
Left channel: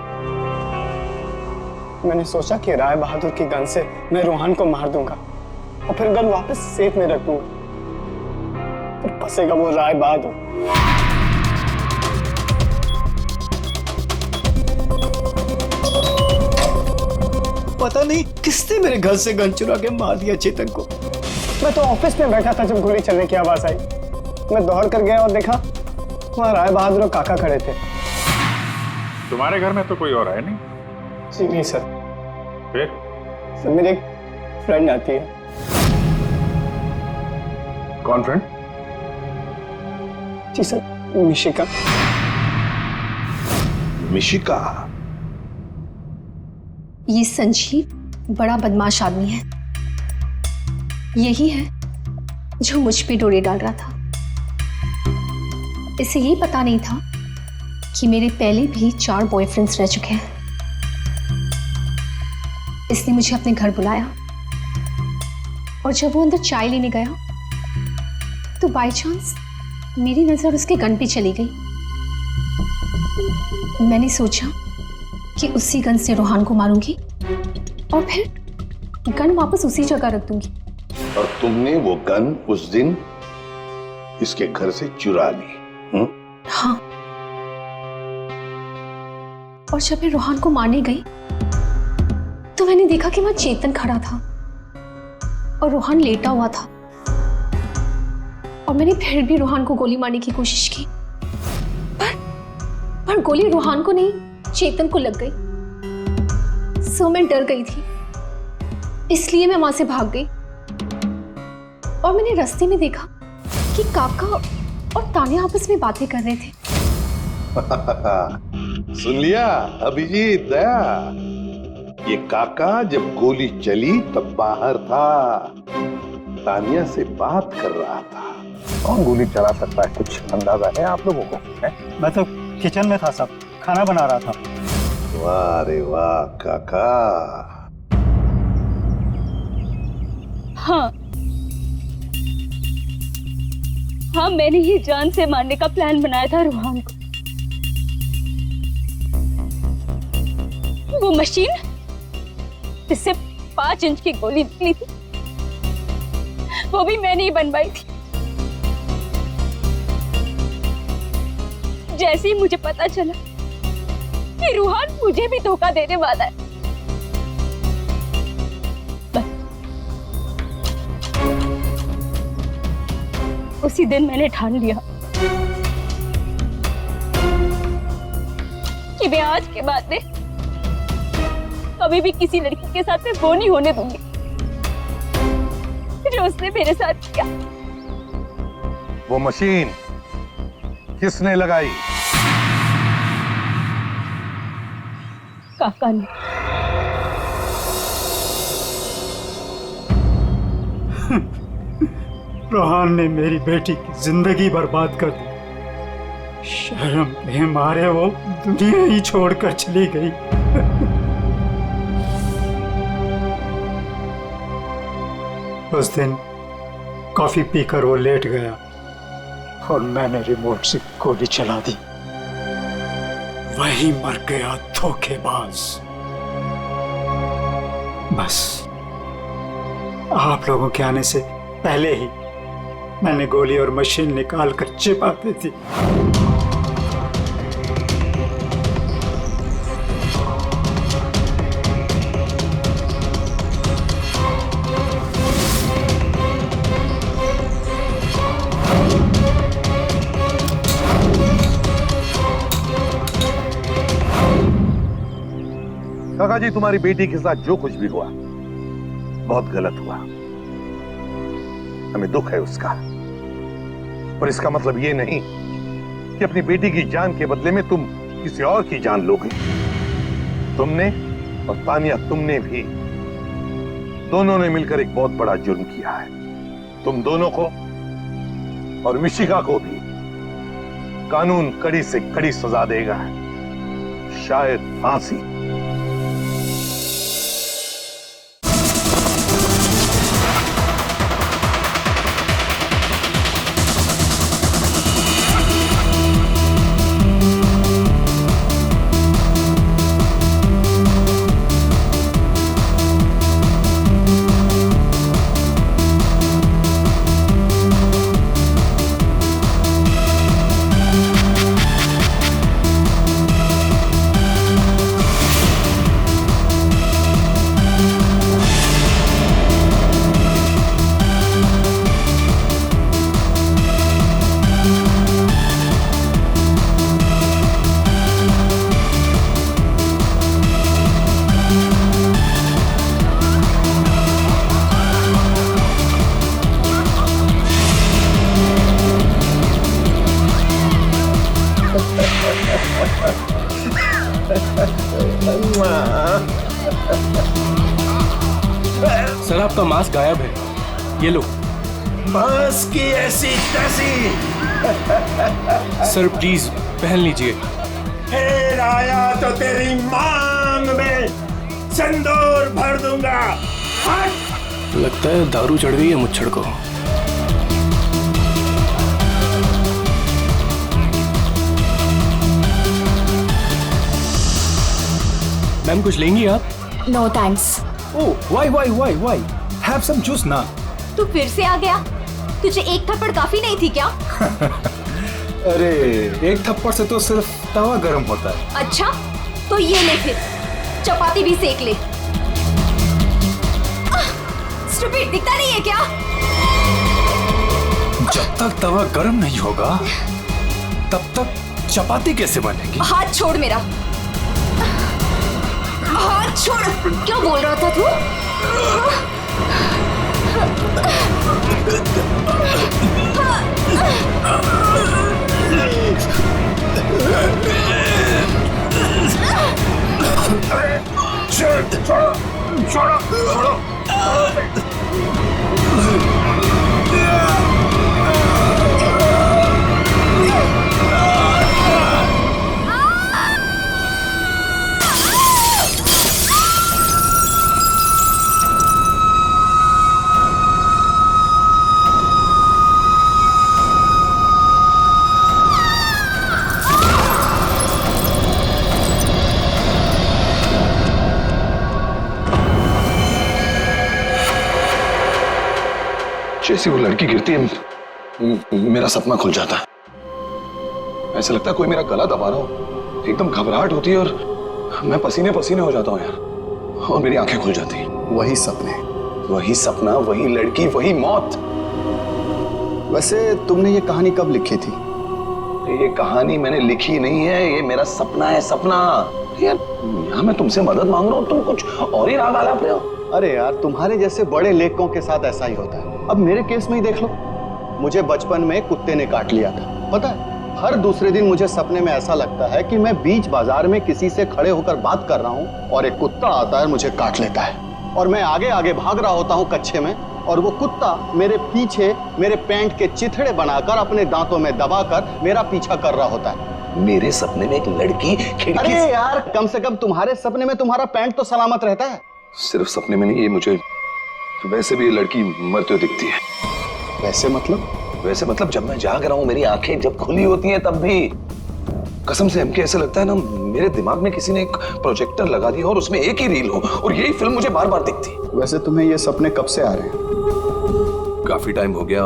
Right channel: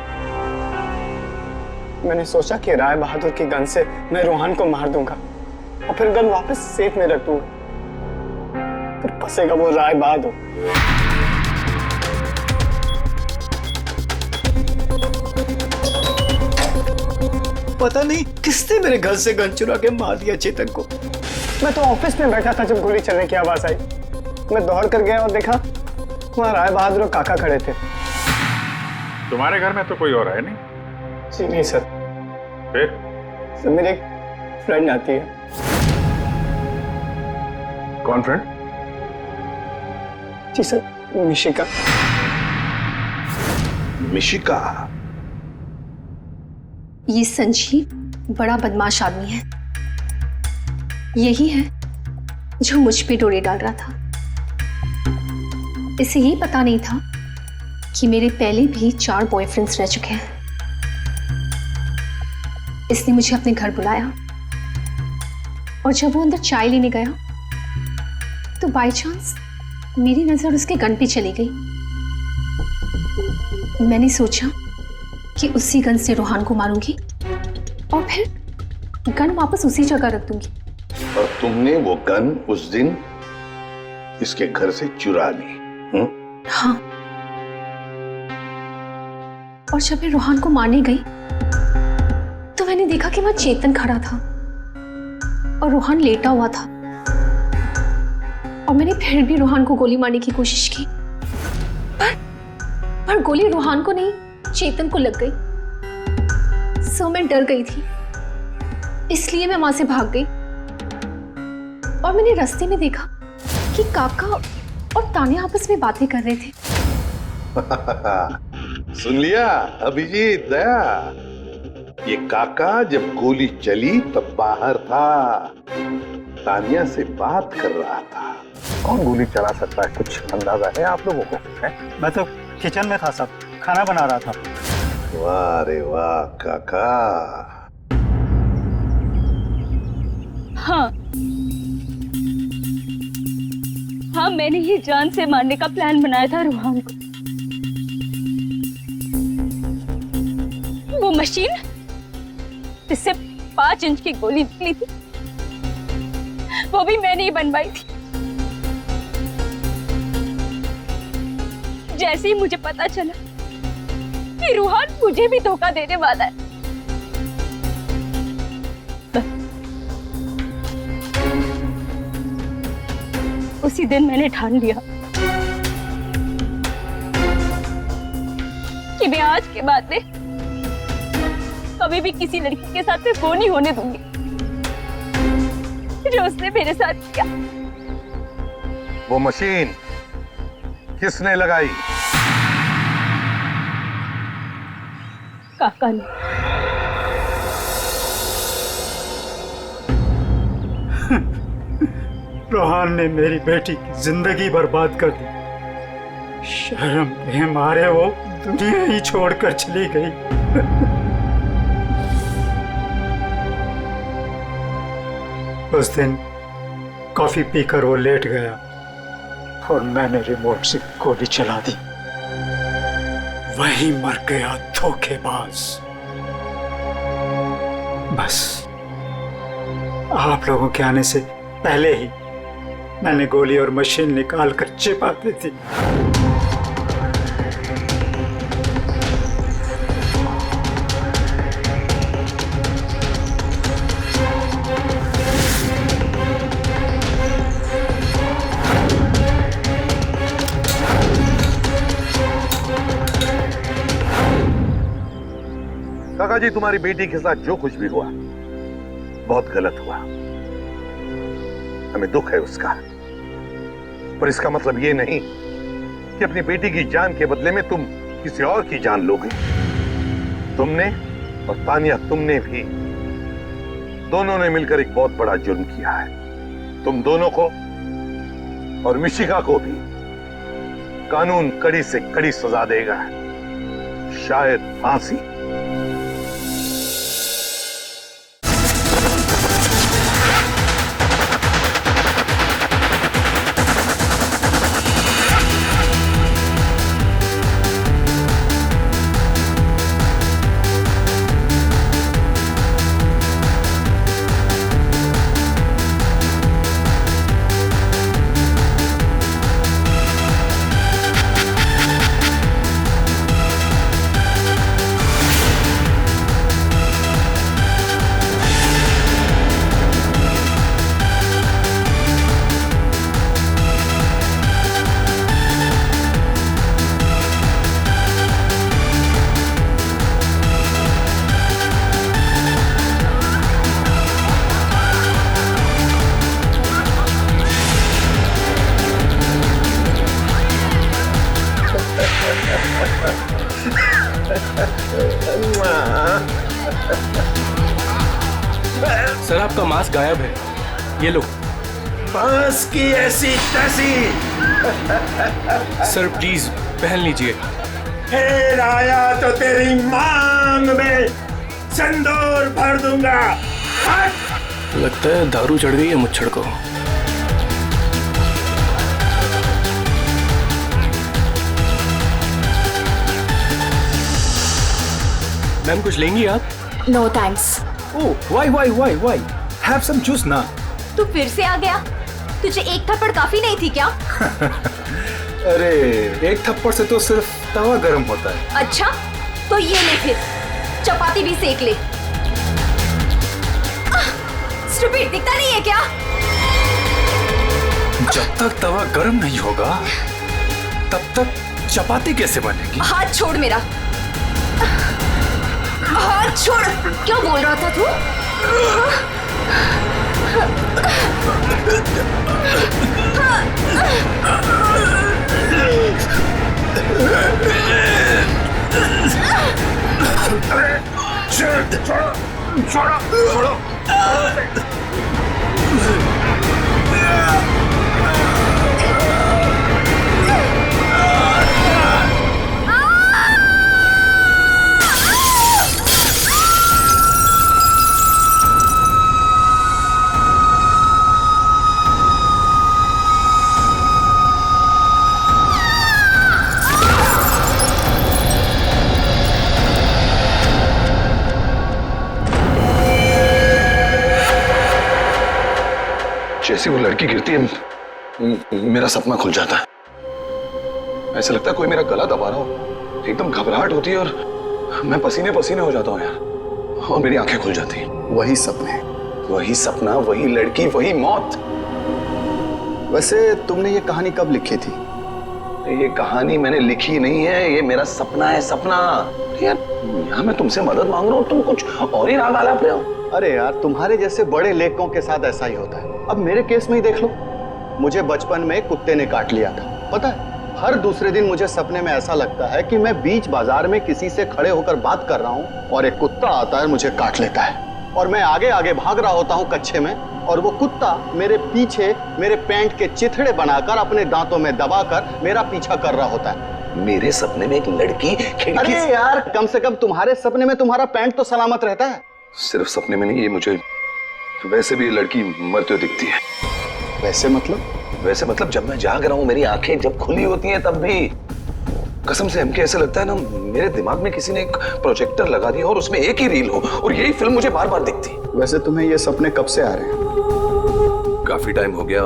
मैंने सोचा कि राय बहादुर की गन से मैं रोहन को मार दूंगा और फिर गन वापस सेफ में रख दूंगा, फिर फंसेगा वो राय बहादुर। पता नहीं किसने मेरे घर से गन चुरा के मार दिया चेतन को। मैं तो ऑफिस में बैठा था जब गोली चलने की आवाज आई। मैं दौड़ कर गया और देखा वहां राय बहादुर और काका खड़े थे। तुम्हारे घर में तो कोई और है नहीं? जी नहीं सर। फिर? सर मेरी एक फ्रेंड आती है। कौन फ्रेंड? जी सर, मिशिका। मिशिका? ये संजीव बड़ा बदमाश आदमी है। यही है जो मुझ पे डोरे डाल रहा था। इसे ये पता नहीं था कि मेरे पहले भी 4 बॉयफ्रेंड्स रह चुके हैं। इसने मुझे अपने घर बुलाया और जब वो अंदर चाय लेने गया तो बाय चांस मेरी नजर उसके गन पे चली गई। मैंने सोचा कि उसी गन से रोहन को मारूंगी और फिर गन वापस उसी जगह रख दूंगी। और तुमने वो गन उस दिन इसके घर से चुरा ली? हाँ। और जब मैं रोहन को मारने गई तो मैंने देखा कि वहां चेतन खड़ा था और रोहन लेटा हुआ था। और मैंने फिर भी रोहन को गोली मारने की कोशिश की, पर गोली रोहन को नहीं, चेतन को लग गई। सो मैं डर गई थी, इसलिए मैं वहां से भाग गई। और मैंने रास्ते में देखा कि काका और तान्या आपस में बातें कर रहे थे। सुन लिया अभिजीत, दया? ये काका जब गोली चली तब बाहर था, तान्या से बात कर रहा था। कौन गोली चला सकता है, कुछ अंदाजा है आप लोगों को? मैं तो किचन में था साहब, खाना बना रहा था। वाह रे वाह काका। हाँ हाँ, मैंने ही जान से मारने का प्लान बनाया था रोहन को। वो मशीन जिससे 5 इंच की गोली निकली थी, वो भी मैंने ही बनवाई थी। जैसे ही मुझे पता चला कि रोहन मुझे भी धोखा देने वाला है, उसी दिन मैंने ठान लिया कि मैं आज के बाद में कभी भी किसी लड़की के साथ में वो नहीं होने दूंगी जो उसने मेरे साथ किया। वो मशीन किसने लगाई? काका ने। रोहन ने मेरी बेटी की जिंदगी बर्बाद कर दी। शर्म के मारे वो दुनिया ही छोड़कर चली गई। उस दिन कॉफी पीकर वो लेट गया और मैंने रिमोट से गोली चला दी। वही मर गया धोखेबाज। बस आप लोगों के आने से पहले ही मैंने गोली और मशीन निकाल कर छिपा दी थी। काका जी, तुम्हारी बेटी के साथ जो कुछ भी हुआ बहुत गलत हुआ। हमें दुख है उसका, पर इसका मतलब ये नहीं कि अपनी बेटी की जान के बदले में तुम किसी और की जान लोगे। तुमने और तानिया, तुमने भी, दोनों ने मिलकर एक बहुत बड़ा जुर्म किया है। तुम दोनों को और मिशिका को भी कानून कड़ी से कड़ी सजा देगा, शायद फांसी। सर आपका मास्क गायब है, ये लो। बस की ऐसी तैसी। सर प्लीज पहन लीजिए। फिर आया तो तेरी मांग में सिंदूर भर दूंगा। हट! लगता है दारू चढ़ गई है मुच्छड़ को। मैम कुछ लेंगी आप? No thanks. Oh why have some juice ना। तू फिर से आ गया? तुझे एक थप्पड़ काफी नहीं थी क्या? अरे एक थप्पड़ से तो सिर्फ तवा गर्म होता है। अच्छा तो ये ले फिर, चपाती भी सेक ले। स्टूपिड दिखता नहीं है क्या? जब तक तवा गर्म नहीं होगा तब तक चपाती कैसे बनेगी? हाथ छोड़ मेरा, हाथ छोड़। क्या बोल रहा था तू? छोड़ो। जैसी वो लड़की गिरती है मेरा सपना खुल जाता है। ऐसा लगता है कोई मेरा गला दबा रहा हो। एकदम घबराहट होती है और मैं पसीने पसीने हो जाता हूँ यार, और मेरी आंखें खुल जाती हैं। वही सपने, वही सपना, वही लड़की, वही मौत। वैसे तुमने ये कहानी कब लिखी थी? ये कहानी मैंने लिखी नहीं है, ये मेरा सपना है। सपना यार, यहाँ मैं तुमसे मदद मांग रहा हूँ, तुम कुछ और ही राग आलाप रहे हो। अरे यार, तुम्हारे जैसे बड़े लेखकों के साथ ऐसा ही होता है। अब मेरे केस में ही देख लो, मुझे बचपन में कुत्ते ने काट लिया था। पता है, हर दूसरे दिन मुझे सपने में ऐसा लगता है कि मैं बीच बाजार में किसी से खड़े होकर बात कर रहा हूँ और एक कुत्ता आता है, मुझे काट लेता है और मैं आगे आगे भाग रहा होता हूँ कच्चे में, और वो कुत्ता मेरे पीछे मेरे पैंट के चिथड़े बनाकर अपने दांतों में दबाकर मेरा पीछा कर रहा होता है। मेरे सपने में एक लड़की खिड़की अरे यार, कम से कम तुम्हारे सपने में तुम्हारा पैंट तो सलामत रहता है। सिर्फ सपने में नहीं, ये मुझे वैसे भी लड़की मरते हुए दिखती है। वैसे मतलब? वैसे मतलब जब मैं जाग रहा हूँ, मेरी आंखें जब खुली होती हैं, तब भी कसम से हमके ऐसे लगता है ना, मेरे दिमाग में किसी ने एक प्रोजेक्टर लगा दिया और उसमें एक ही रील हो और यही फिल्म मुझे बार बार दिखती। वैसे तुम्हें ये सपने कब से आ रहे हैं? काफी टाइम हो गया,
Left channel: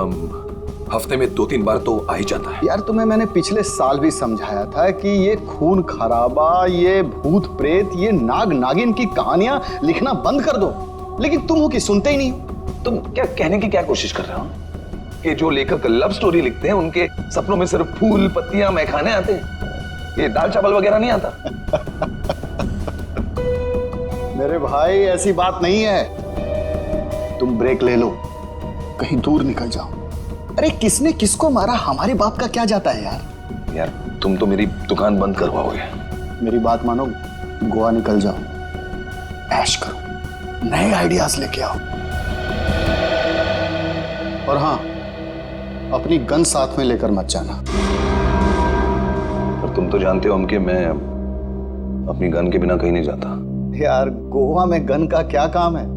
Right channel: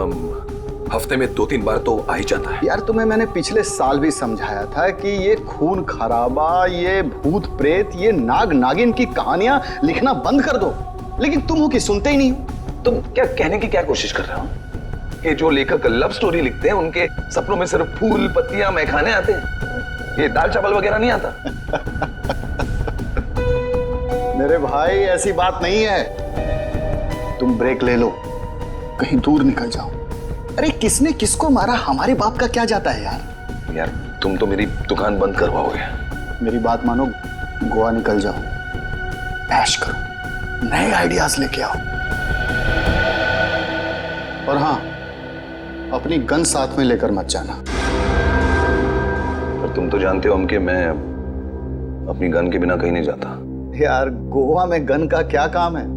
हफ्ते में 2-3 बार तो आ ही जाता है। यार, तुम्हें मैंने पिछले साल भी समझाया था कि ये खून खराबा, ये भूत प्रेत, ये नाग नागिन की कहानियां लिखना बंद कर दो, लेकिन तुम हो कि सुनते ही नहीं हो। तुम क्या कहने की क्या कोशिश कर रहे हो कि जो लेखक लव स्टोरी लिखते हैं उनके सपनों में सिर्फ फूल पत्तियां मैखाने आते हैं, ये दाल चावल वगैरह नहीं आता? मेरे भाई, ऐसी बात नहीं है। तुम ब्रेक ले लो, कहीं दूर निकल जाओ। अरे किसने किसको मारा, हमारे बाप का क्या जाता है यार। यार तुम तो मेरी दुकान बंद करवाओगे। मेरी बात मानो, गोवा निकल जाओ, ऐश करो, नए आइडियाज लेके आओ, और हाँ, अपनी गन साथ में लेकर मत जाना। पर तुम तो जानते हो हम कि मैं अपनी गन के बिना कहीं नहीं जाता। यार, गोवा में गन का क्या काम है?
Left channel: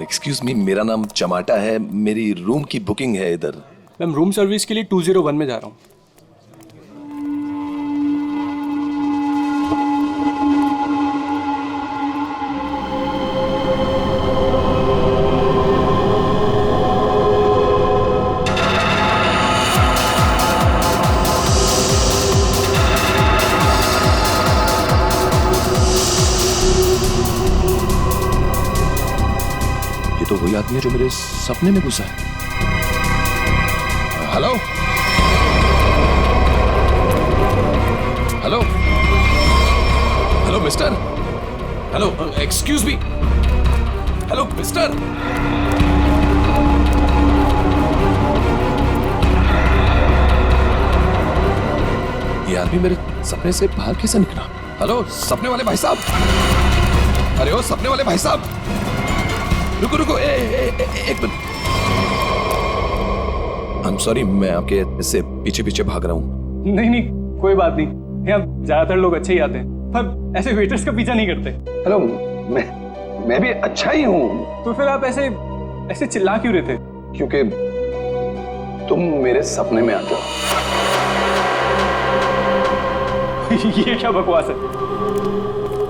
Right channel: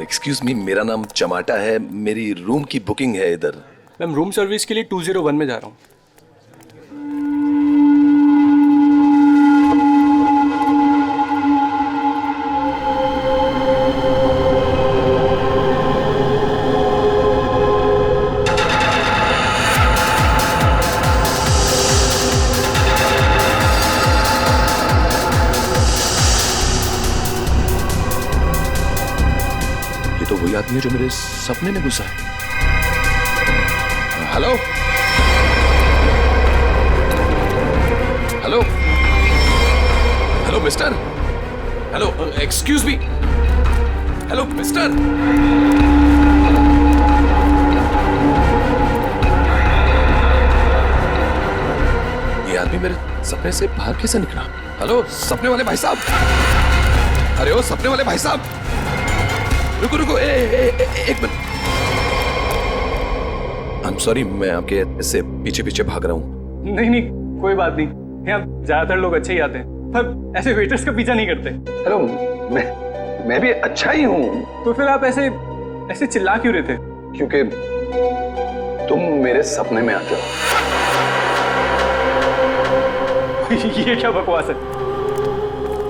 एक्सक्यूज मी, मेरा नाम चमाटा है, मेरी रूम की बुकिंग है इधर। मैम रूम सर्विस के लिए 201 में जा रहा हूँ। ये तो वही आदमी है जो मेरे सपने में घुसा है। Hello hello hello mister, hello excuse me, hello mister. ये आदमी मेरे सपने से बाहर कैसे निकला? हेलो सपने वाले भाई साहब, अरे ओ सपने वाले भाई साहब, रुको रुको, एक मिनट। आई एम सॉरी, मैं आपके ऐसे पीछे पीछे भाग रहा हूँ। नहीं नहीं, कोई बात नहीं, यहाँ ज्यादातर लोग अच्छे ही आते हैं, पर ऐसे वेटर्स का पीछा नहीं करते। हेलो, मैं भी अच्छा ही हूँ। तो फिर आप ऐसे ऐसे चिल्ला क्यों रहे थे? क्योंकि तुम मेरे सपने में आते हो। ये क्या बकवास है?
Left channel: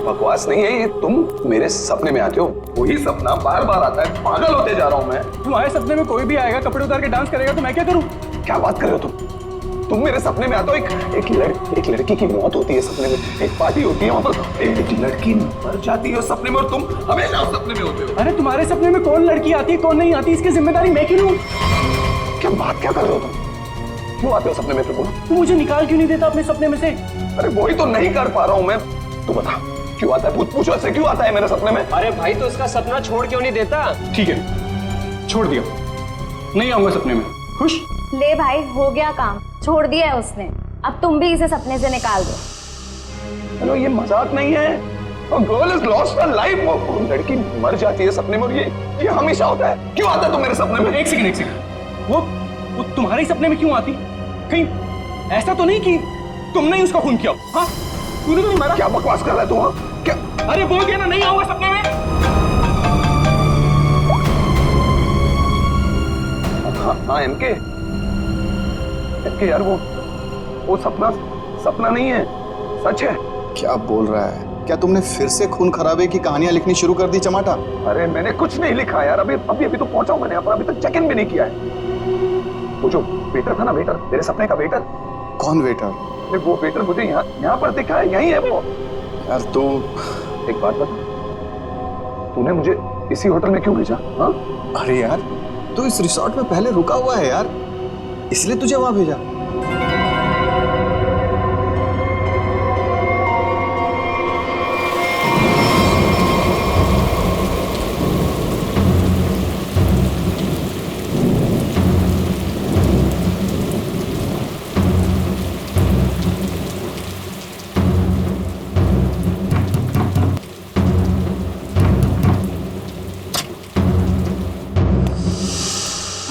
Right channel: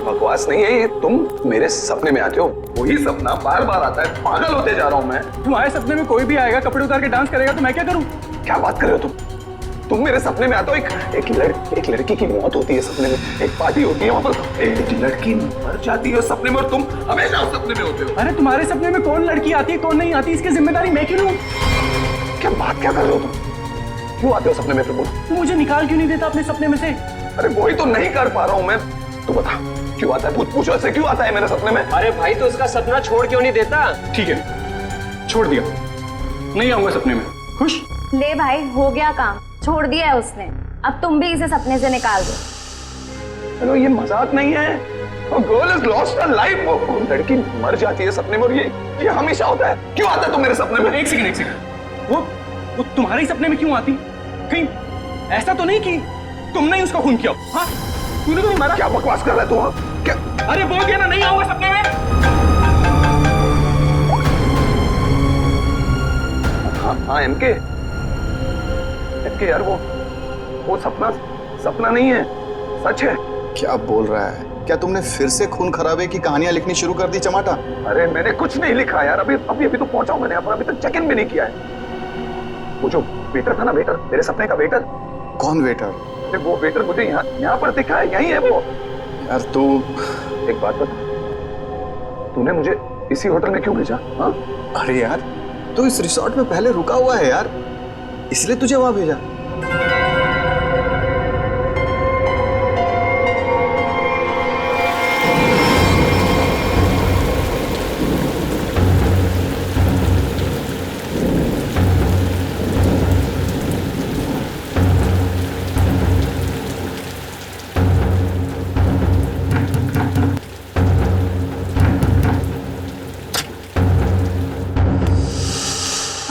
बकवास नहीं है ये, तुम मेरे सपने में आते हो, वही सपना बार बार आता है, पागल होते जा रहा हूं मैं। तुम्हारे सपने में कोई भी आएगा, कपड़े उतार के डांस करेगा, तो मैं क्या करूं? क्या बात कर रहे हो तुम मेरे सपने में आते हो, एक लड़की की मौत होती है सपने में, एक पार्टी होती है, वहां पर एक लड़की मर जाती है सपने में, और तुम हमेशा सपने में होते हो। अरे तुम्हारे सपने में कौन लड़की आती है कौन नहीं आती, इसकी जिम्मेदारी मैं क्यों लूं? क्या बात क्या कर रहे हो तुम? क्यों आते हो सपने में? बोलो, तू मुझे निकाल क्यों नहीं देता अपने सपने में से? अरे वही तो नहीं कर पा रहा हूं मैं। तू बता क्यों आता है, पूछो ऐसे क्यों आता है मेरे सपने में? अरे भाई, तो उसका सपना छोड़ क्यों नहीं देता? ठीक है, छोड़ दिया, नहीं आऊंगा सपने में। खुश? ले भाई, हो गया काम, छोड़ दिया है उसने, अब तुम भी इसे सपने से निकाल दो। हेलो, ये मजाक नहीं है, girl is lost her life, वो लड़की मर जाती है सपने में, और ये हमेशा होता है। क्यों आता है तुम मेरे सपने में? एक सेकंड, वो तुम्हारे सपने में क्यों आती? कहीं ऐसा तो नहीं कि तुमने ही उसका खून किया? हाँ, तूने तो नहीं मारा। क्या बकवास कर रहा है तू? हाँ क्या? अरे बोल दिया ना, नहीं आऊंगा सपने में। हाँ एमके यार, वो सपना नहीं है, सच है। क्या बोल रहा है? क्या तुमने फिर से खून खराबे की कहानियां लिखनी शुरू कर दी चमाटा? अरे मैंने कुछ नहीं लिखा यार, अभी तो पहुंचा हूं मैंने यहाँ पर, अभी तक चेक इन भी नहीं किया है। वो जो वेटर था ना, वेटर, तेरे सपने का वेटर। कौन वेटर? अरे वो वेटर मुझे यहाँ पर दिखा है, यही है वो। यार तू एक बात बता, तूने मुझे इसी होटल में क्यों भेजा? हाँ? अरे यार, तू इस रिसोर्ट में पहले रुका हुआ है यार, इसलिए तुझे वहां भेजा।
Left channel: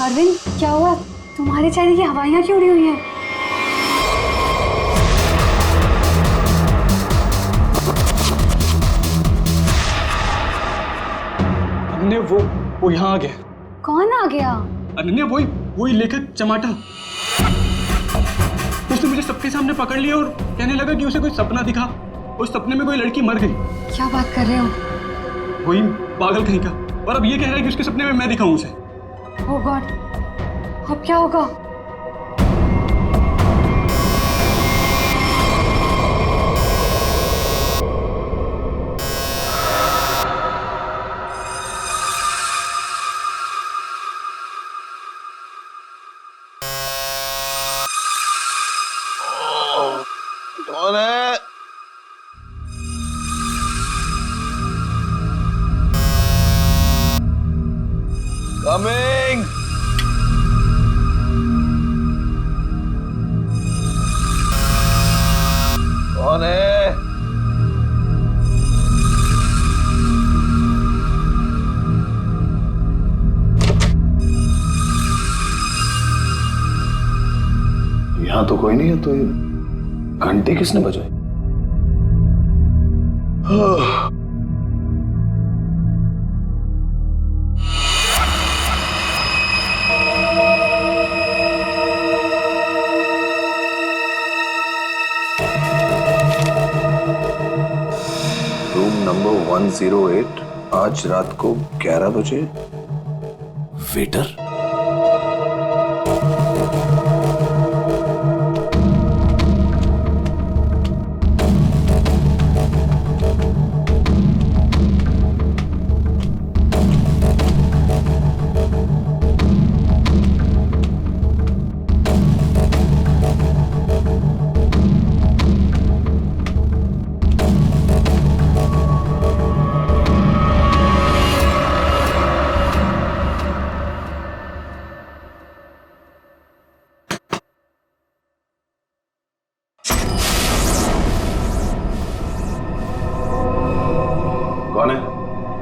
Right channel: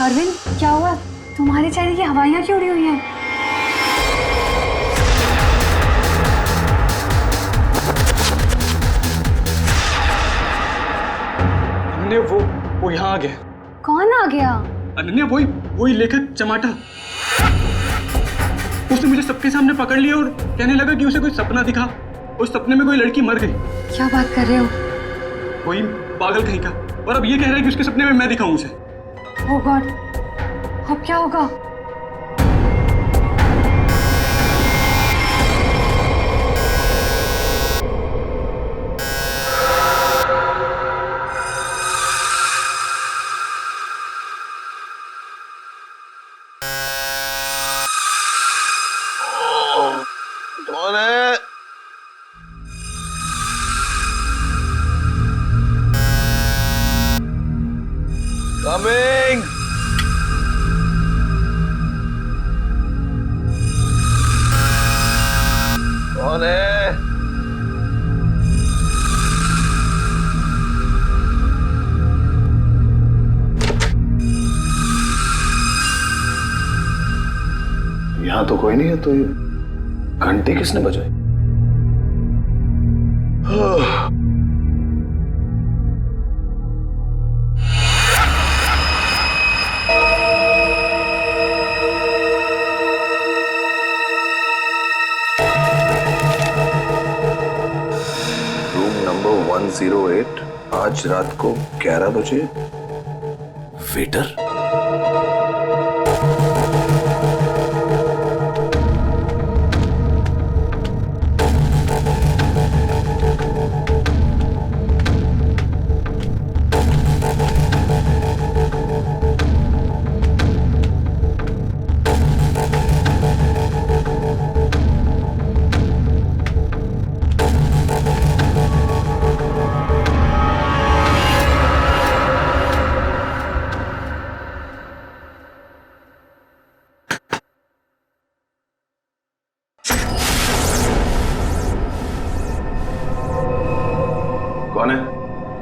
अरविंद, क्या हुआ? तुम्हारे चेहरे की हवाइयां क्यों उड़ी हुई हैं? अनन्या, वो यहाँ आ गया। कौन आ गया? अनन्या, वही लेखक चमाटा। उसने मुझे सबके सामने पकड़ लिया और कहने लगा कि उसे कोई सपना दिखा, उस सपने में कोई लड़की मर गई। क्या बात कर रहे हो? वही पागल कहीं का, और अब ये कह रहा है कि उसके सपने में मैं दिखाऊं उसे। ओह गॉड, अब क्या होगा? कौन है? कमिंग। कौन है? यहां तो कोई नहीं है, तो ये घंटी किसने बजाई? रूम नंबर 108, आज रात को 11 बजे। वेटर?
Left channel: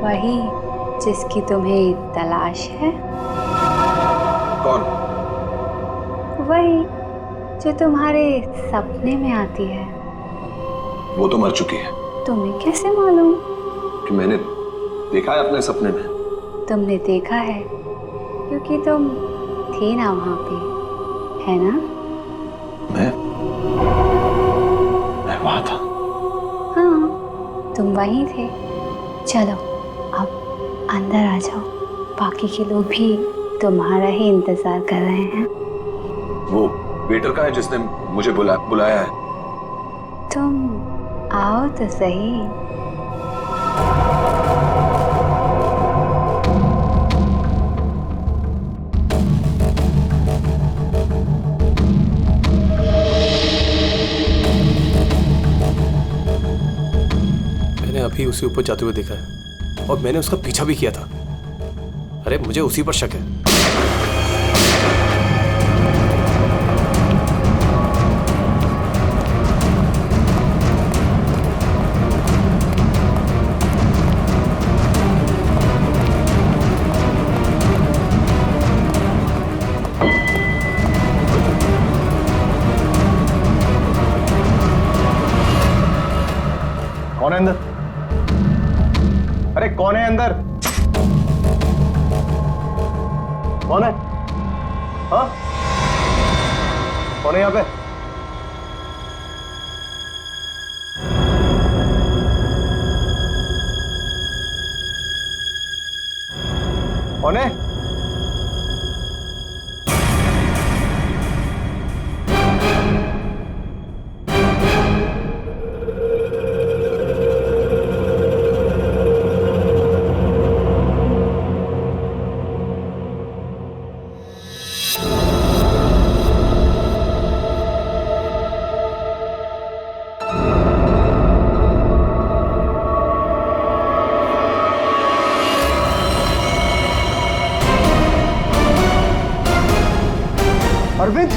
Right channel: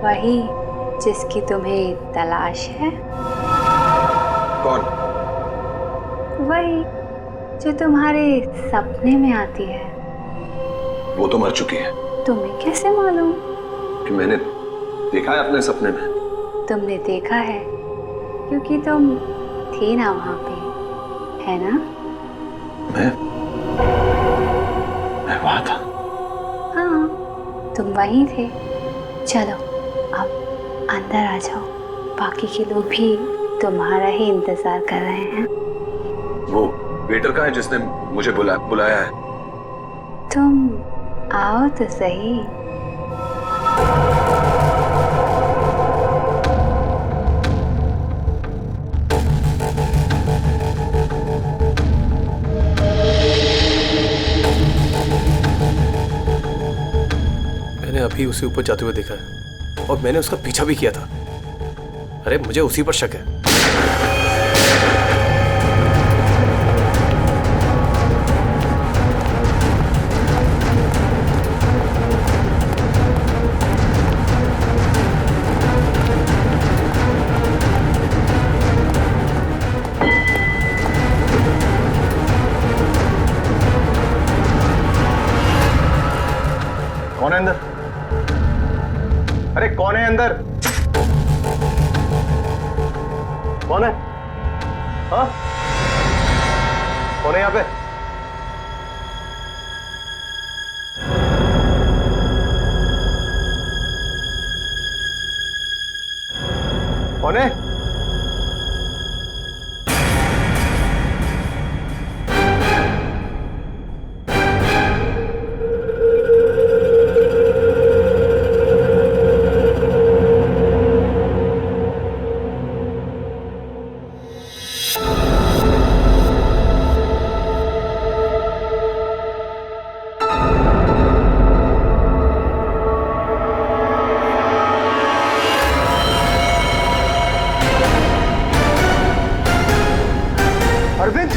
वही जिसकी तुम्हें तलाश है। कौन? वही जो तुम्हारे सपने में आती है। वो तो मर चुकी है। तुम्हें कैसे मालूम? कि मैंने देखा है अपने सपने में। तुमने देखा है क्योंकि तुम थे ना वहां पे, है ना? मैं वहां था। हाँ, तुम वहीं थे। चलो अब अंदर आ जाओ, बाकी के लोग भी तुम्हारा ही इंतजार कर रहे हैं। वो वेटर का है जिसने मुझे बुलाया है। तुम आओ तो सही। मैंने अभी उसे ऊपर जाते हुए देखा है और मैंने उसका पीछा भी किया था। अरे मुझे उसी पर शक है। कौन है अंदर? अरे कौन है अंदर? कौन है? हाँ? कौन है यहाँ पे? कौन है? अरविंद,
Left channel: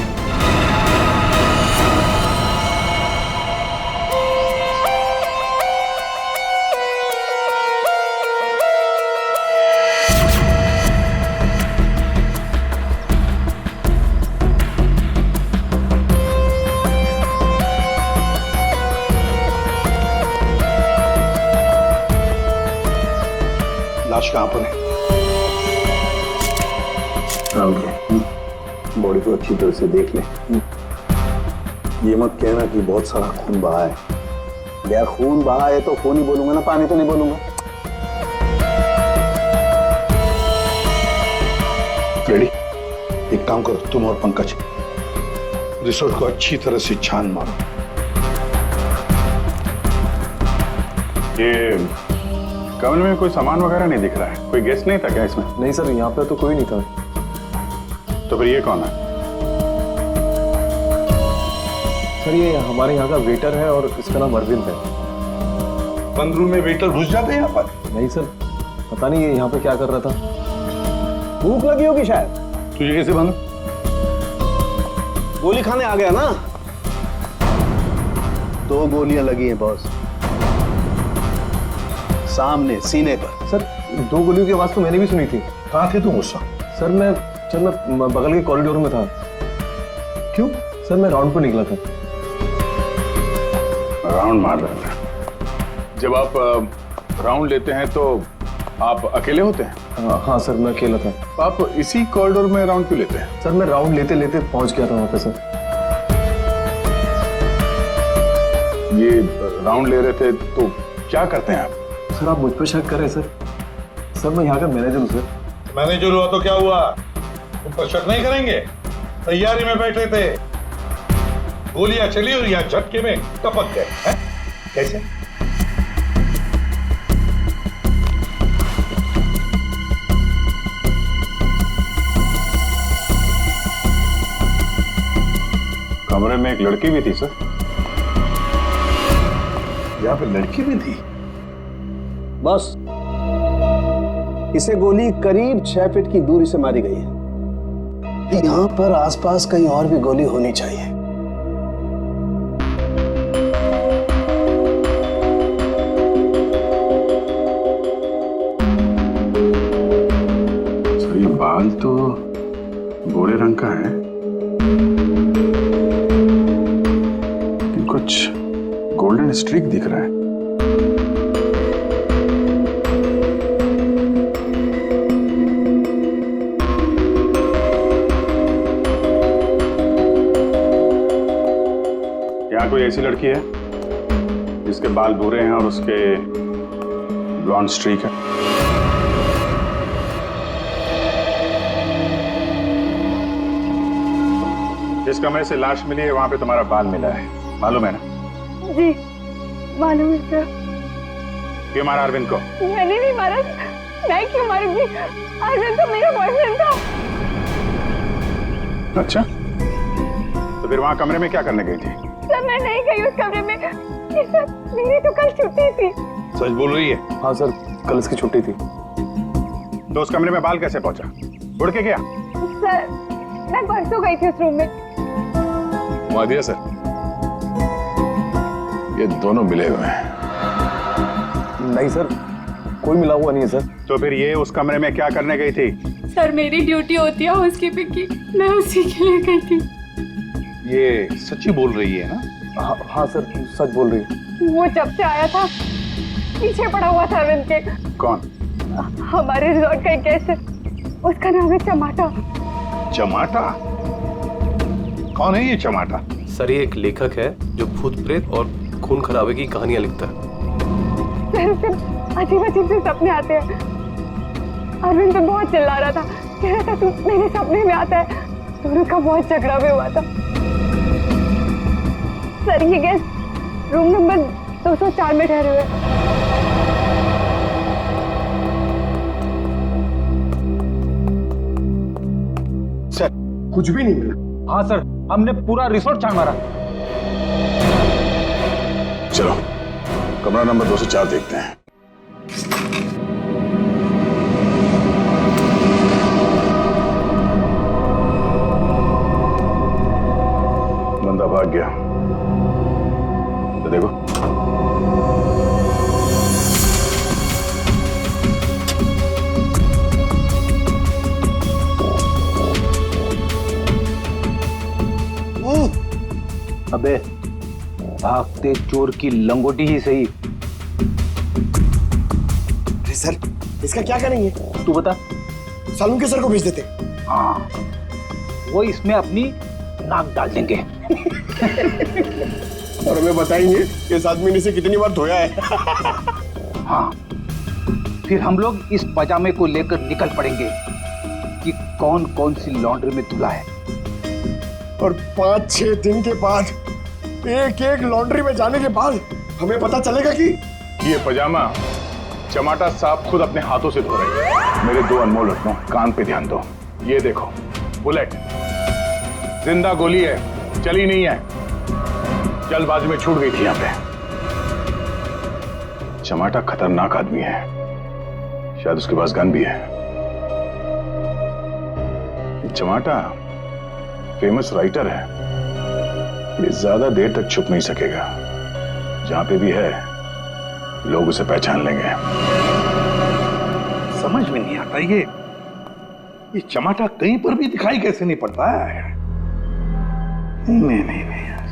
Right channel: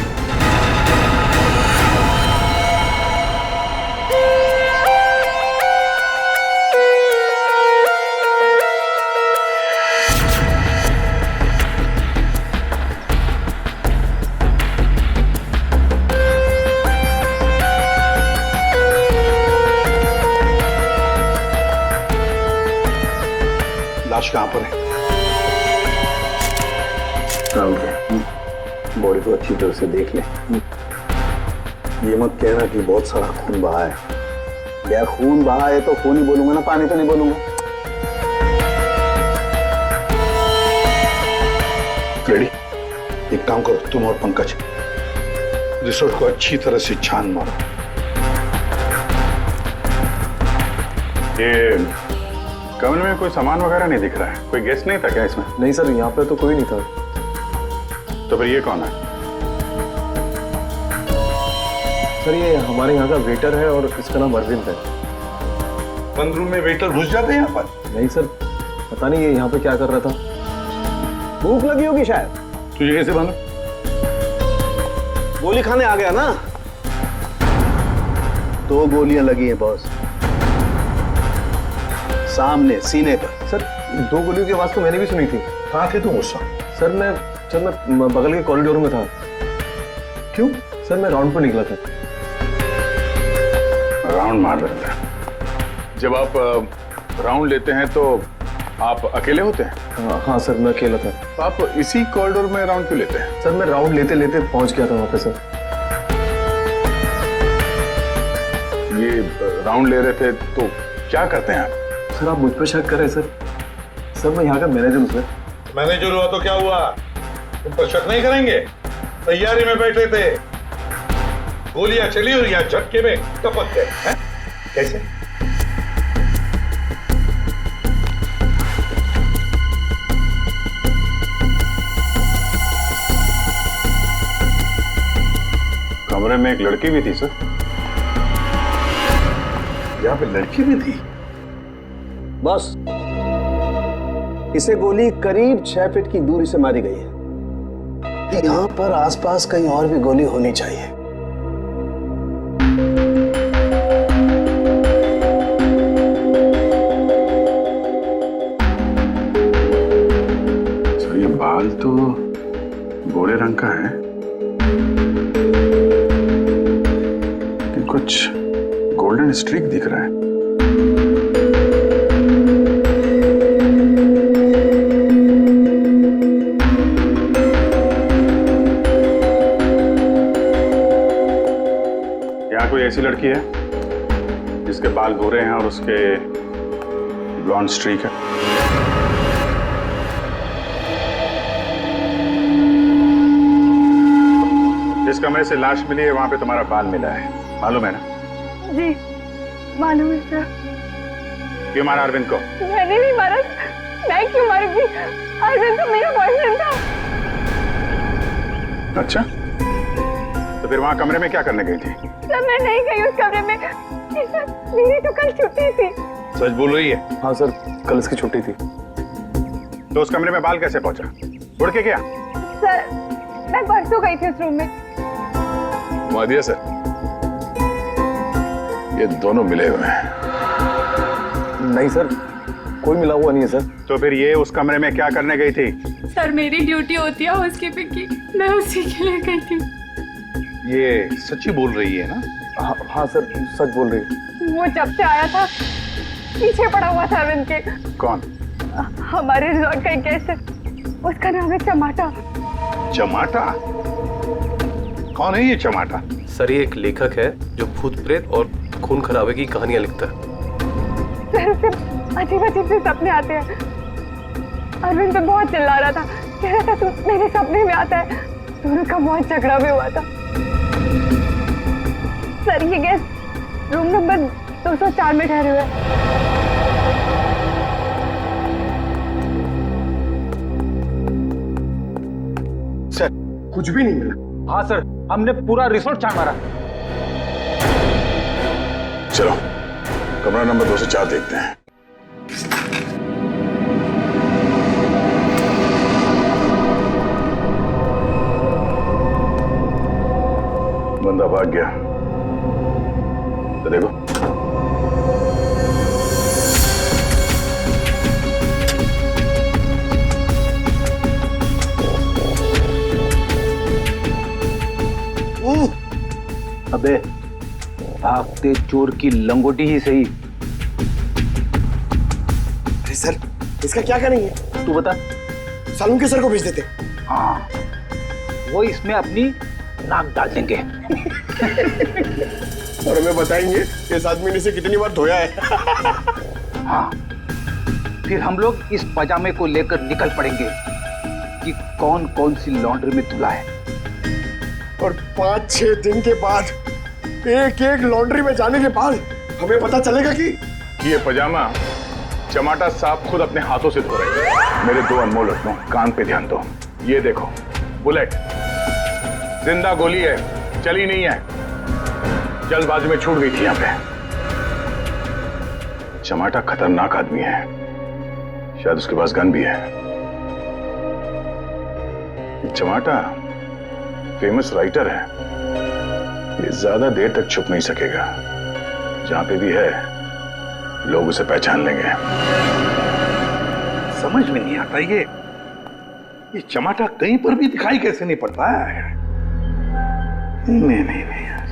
लाश कहां पर है? बॉडी को अच्छी तरह से देख ले। ये मत कहना कि बहुत सारा खून बहा है। यार खून बहा है तो खून ही बोलूंगा ना, पानी तो नहीं बोलूंगा। रेडी? एक काम करो, तुम और पंकज रिसोर्ट को अच्छी तरह से छान मारो। ये कमरे में कोई सामान वगैरह नहीं दिख रहा है। कोई गेस्ट नहीं था क्या इसमें? नहीं सर, यहाँ पे तो कोई नहीं था। तो फिर ये कौन है? सर ये हमारे यहाँ का वेटर है और इसका नाम अरविंद है। बंद रूम में वेटर घुस जाते हैं यहाँ पर? नहीं सर, पता नहीं ये यहाँ पे क्या कर रहा था। भूख लगी होगी शायद। तुझे कैसे मालूम? गोली खाने आ गया ना। 2 गोलियां लगी हैं बॉस, सामने सीने पर। सर 2 गोलियों की आवाज तो मैंने भी सुनी थी। कहाँ थे तुम उस वक्त? सर मैं बगल के कॉरिडोर में था। क्यों? सर मैं राउंड पर निकला था। राउंड मार रहे थे? जब आप राउंड लेते हैं तो आप अकेले होते हैं? हाँ सर, मैं अकेला था। तो आप इसी कॉरिडोर में राउंड क्यों लेते हैं? सर मैं राउंड लेते लेते पहुंच गया था वहां पे सर। ये राउंड ले रहे थे तो क्या करते हैं आप? सर आप मुझ पर शक कर रहे हैं सर? सर मैं यहाँ का मैनेजर हूँ सर। मैनेजर हुआ तो क्या हुआ? तुम पर शक नहीं करेंगे? तैयारी में बैठे थे, गोलियां चली और यहाँ झटके में टपक गए हैं? कैसे? कमरे में एक लड़की भी थी सर। यहाँ पे लड़की भी थी? बस इसे गोली करीब 6 फीट की दूरी से मारी गई है। यहाँ पर आसपास कहीं और भी गोली होनी चाहिए। सर ये बाल तो गोरे रंग का है, लेकिन कुछ गोल्डन स्ट्रीक दिख रहा है। यहाँ कोई ऐसी लड़की है जिसके बाल गोरे हैं और उसके ब्लॉन्ड स्ट्रीक है? जिस कमरे से लाश मिली है वहां पे तुम्हारा बाल मिला है, मालूम है ना? जी मालूम है सर। क्यों मारा अरविंद को? मैंने नहीं मारा, मैं क्यों मारूंगी? अरविंद तो मेरा बॉयफ्रेंड था। अच्छा, तो फिर वहां कमरे में क्या करने गई थी? सर मैं नहीं गई उस कमरे में, सर मेरी तो कल छुट्टी थी। सच बोल रही है? हाँ सर, कल इसकी छुट्टी थी। तो उस कमरे में बाल कैसे पहुंचा? उड़ के गया? सर मैं परसों गई थी उस रूम में। मादिया सर, ये दोनों मिले हुए हैं। नहीं सर, कोई मिला हुआ नहीं है सर। तो फिर ये उस कमरे में क्या करने गई थी? सर मेरी ड्यूटी होती है हाउसकीपिंग की, मैं उसी के लिए गई थी। ये सच्ची बोल रही है ना? हाँ सर, सच बोल रही है। वो जब से आया था पीछे पड़ा हुआ था अरविंद के। कौन? हमारे रिजॉर्ट का एक गेस्ट है, उसका नाम है चमाटा। चमाटा? कौन है ये चमाटा? सर ये एक लेखक है जो भूत प्रेत और खून खराबे की कहानियां लिखता है। सर उसे अजीब अजीब से सपने आते हैं। अरविंद पे बहुत चिल्ला रहा था, कह रहा था तू मेरे सपने में आता है। दोनों का बहुत झगड़ा भी हुआ था। सर ये गेस्ट रूम नंबर 204 में ठहरे हुए। सर कुछ भी नहीं मिला। हाँ सर, हमने पूरा रिसोर्ट छान मारा। चलो कमरा नंबर 204 देखते हैं। बंदा भाग गया, तो देखो। अबे भागते चोर की लंगोटी ही सही। अरे सर, इसका क्या करेंगे? तू बता। सालून के सर को भेज देते। हाँ, वो इसमें अपनी नाक डाल देंगे। और हमें बताएंगे इस आदमी ने इसे कितनी बार धोया है। हाँ, फिर हम लोग इस पजामे को लेकर निकल पड़ेंगे कि कौन कौन सी लॉन्ड्री में धुला है। और 5-6 दिन के बाद, एक एक लॉन्ड्री में जाने के बाद हमें पता चलेगा कि ये पजामा चमाटा साहब खुद अपने हाथों से धो रहे हैं। मेरे 2 अनमोल रत्नों, कान पे ध्यान दो। ये देखो बुलेट, जिंदा गोली है, चली नहीं है, जल्दबाजी में छूट गई थी यहां पे। चमाटा खतरनाक आदमी है, शायद उसके पास गन भी है। चमाटा फेमस राइटर है, ये ज्यादा देर तक छुप नहीं सकेगा। जहां पे भी है लोग उसे पहचान लेंगे। समझ में नहीं आता ये चमाटा कहीं पर भी दिखाई कैसे नहीं पड़ता है। नहीं यार।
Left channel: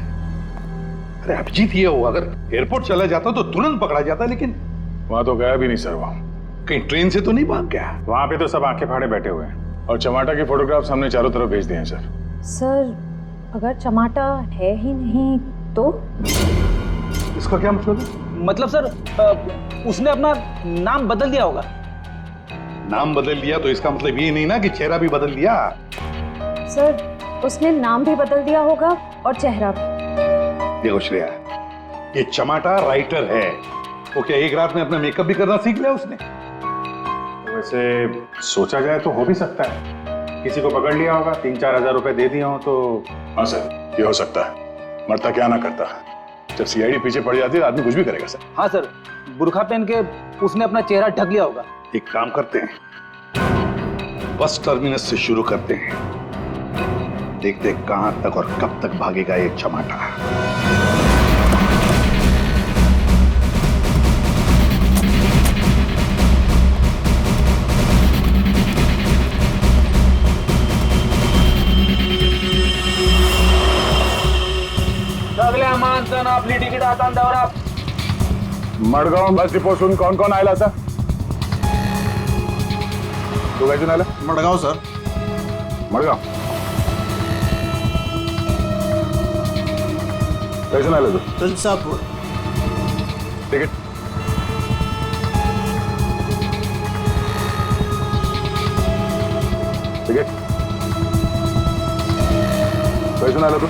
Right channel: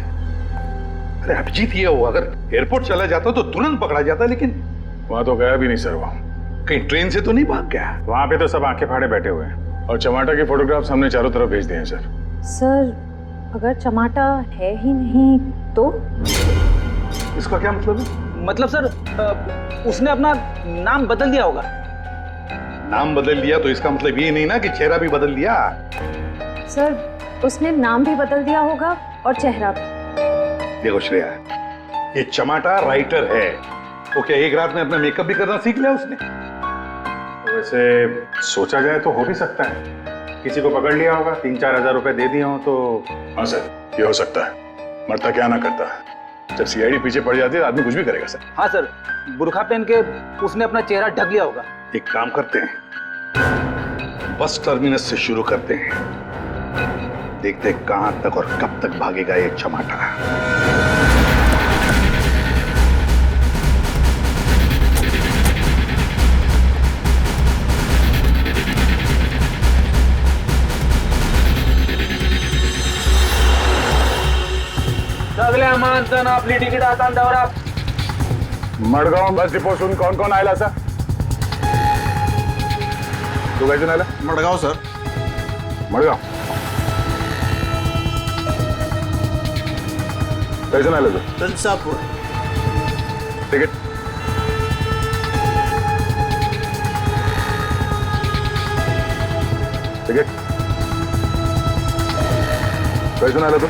अरे अभिजीत ये हो, अगर एयरपोर्ट चला जाता तो तुरंत पकड़ा जाता, लेकिन वहां तो गया भी नहीं सर। वो कहीं ट्रेन से तो नहीं भाग गया? वहां पे तो सब आंखें फाड़े बैठे हुए हैं और चमाटा के फोटोग्राफ्स हमने चारों तरफ भेज दिए हैं सर। सर अगर चमाटा है ही नहीं तो? इसका क्या मतलब है? मतलब सर उसने अपना नाम बदल दिया होगा। नाम बदल दिया तो इसका मतलब ये नहीं ना कि चेहरा भी बदल दिया। सर उसने नाम भी बदल दिया होगा और चेहरा भी। देखो श्रेया, ये चमाटा राइटर है, वो क्या एक रात में अपना मेकअप भी करना सीख लिया उसने? तो वैसे सोचा जाए तो हो भी सकता है, किसी को पकड़ लिया होगा, 3-4 हजार रुपए दे दिए हो तो। हाँ सर, ये हो सकता है। मरता क्या ना करता, जब सीआईडी पीछे पड़ जाती है तो आदमी कुछ भी करेगा सर। हाँ सर, बुर्खा पहन के उसने अपना चेहरा ढक लिया होगा। एक काम करते हैं, बस टर्मिनस से शुरू करते हैं, देखते हैं कहां तक और कब तक भागेगा ये चमाटा। माणसं आपली तिकीट कांद्यावर मडगाव बस डिपोसून कोण कोण आयला सर? तू काय आला? मडगाव सर. मडगाव कैसून आला तू? तुलसापूर. तिकीट तिकीट कैसून आला तू?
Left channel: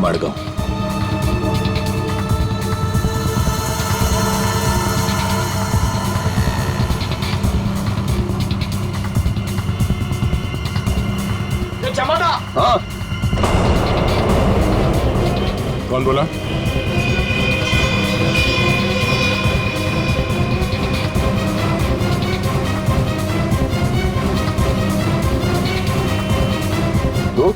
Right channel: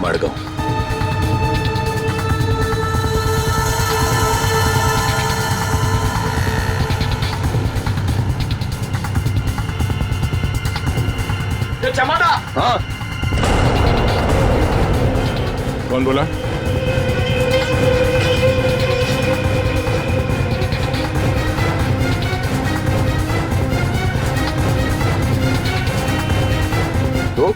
मडगाव. चमाटा. हाँ. कौन बोला? तो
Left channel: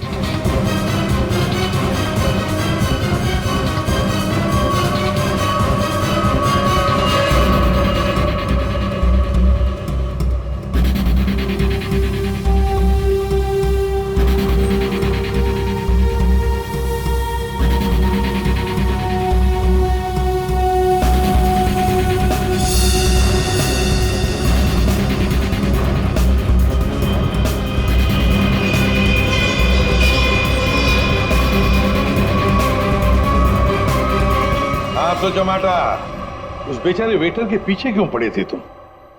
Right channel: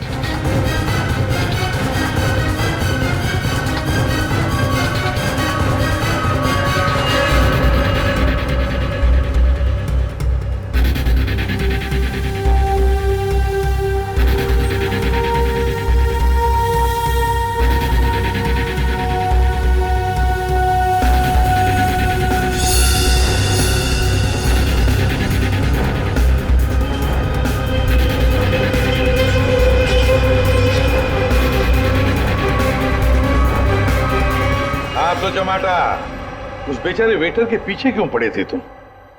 आप तो चमाटा उस बेचारे वेटर के पीछे क्यों पड़े थे तुम?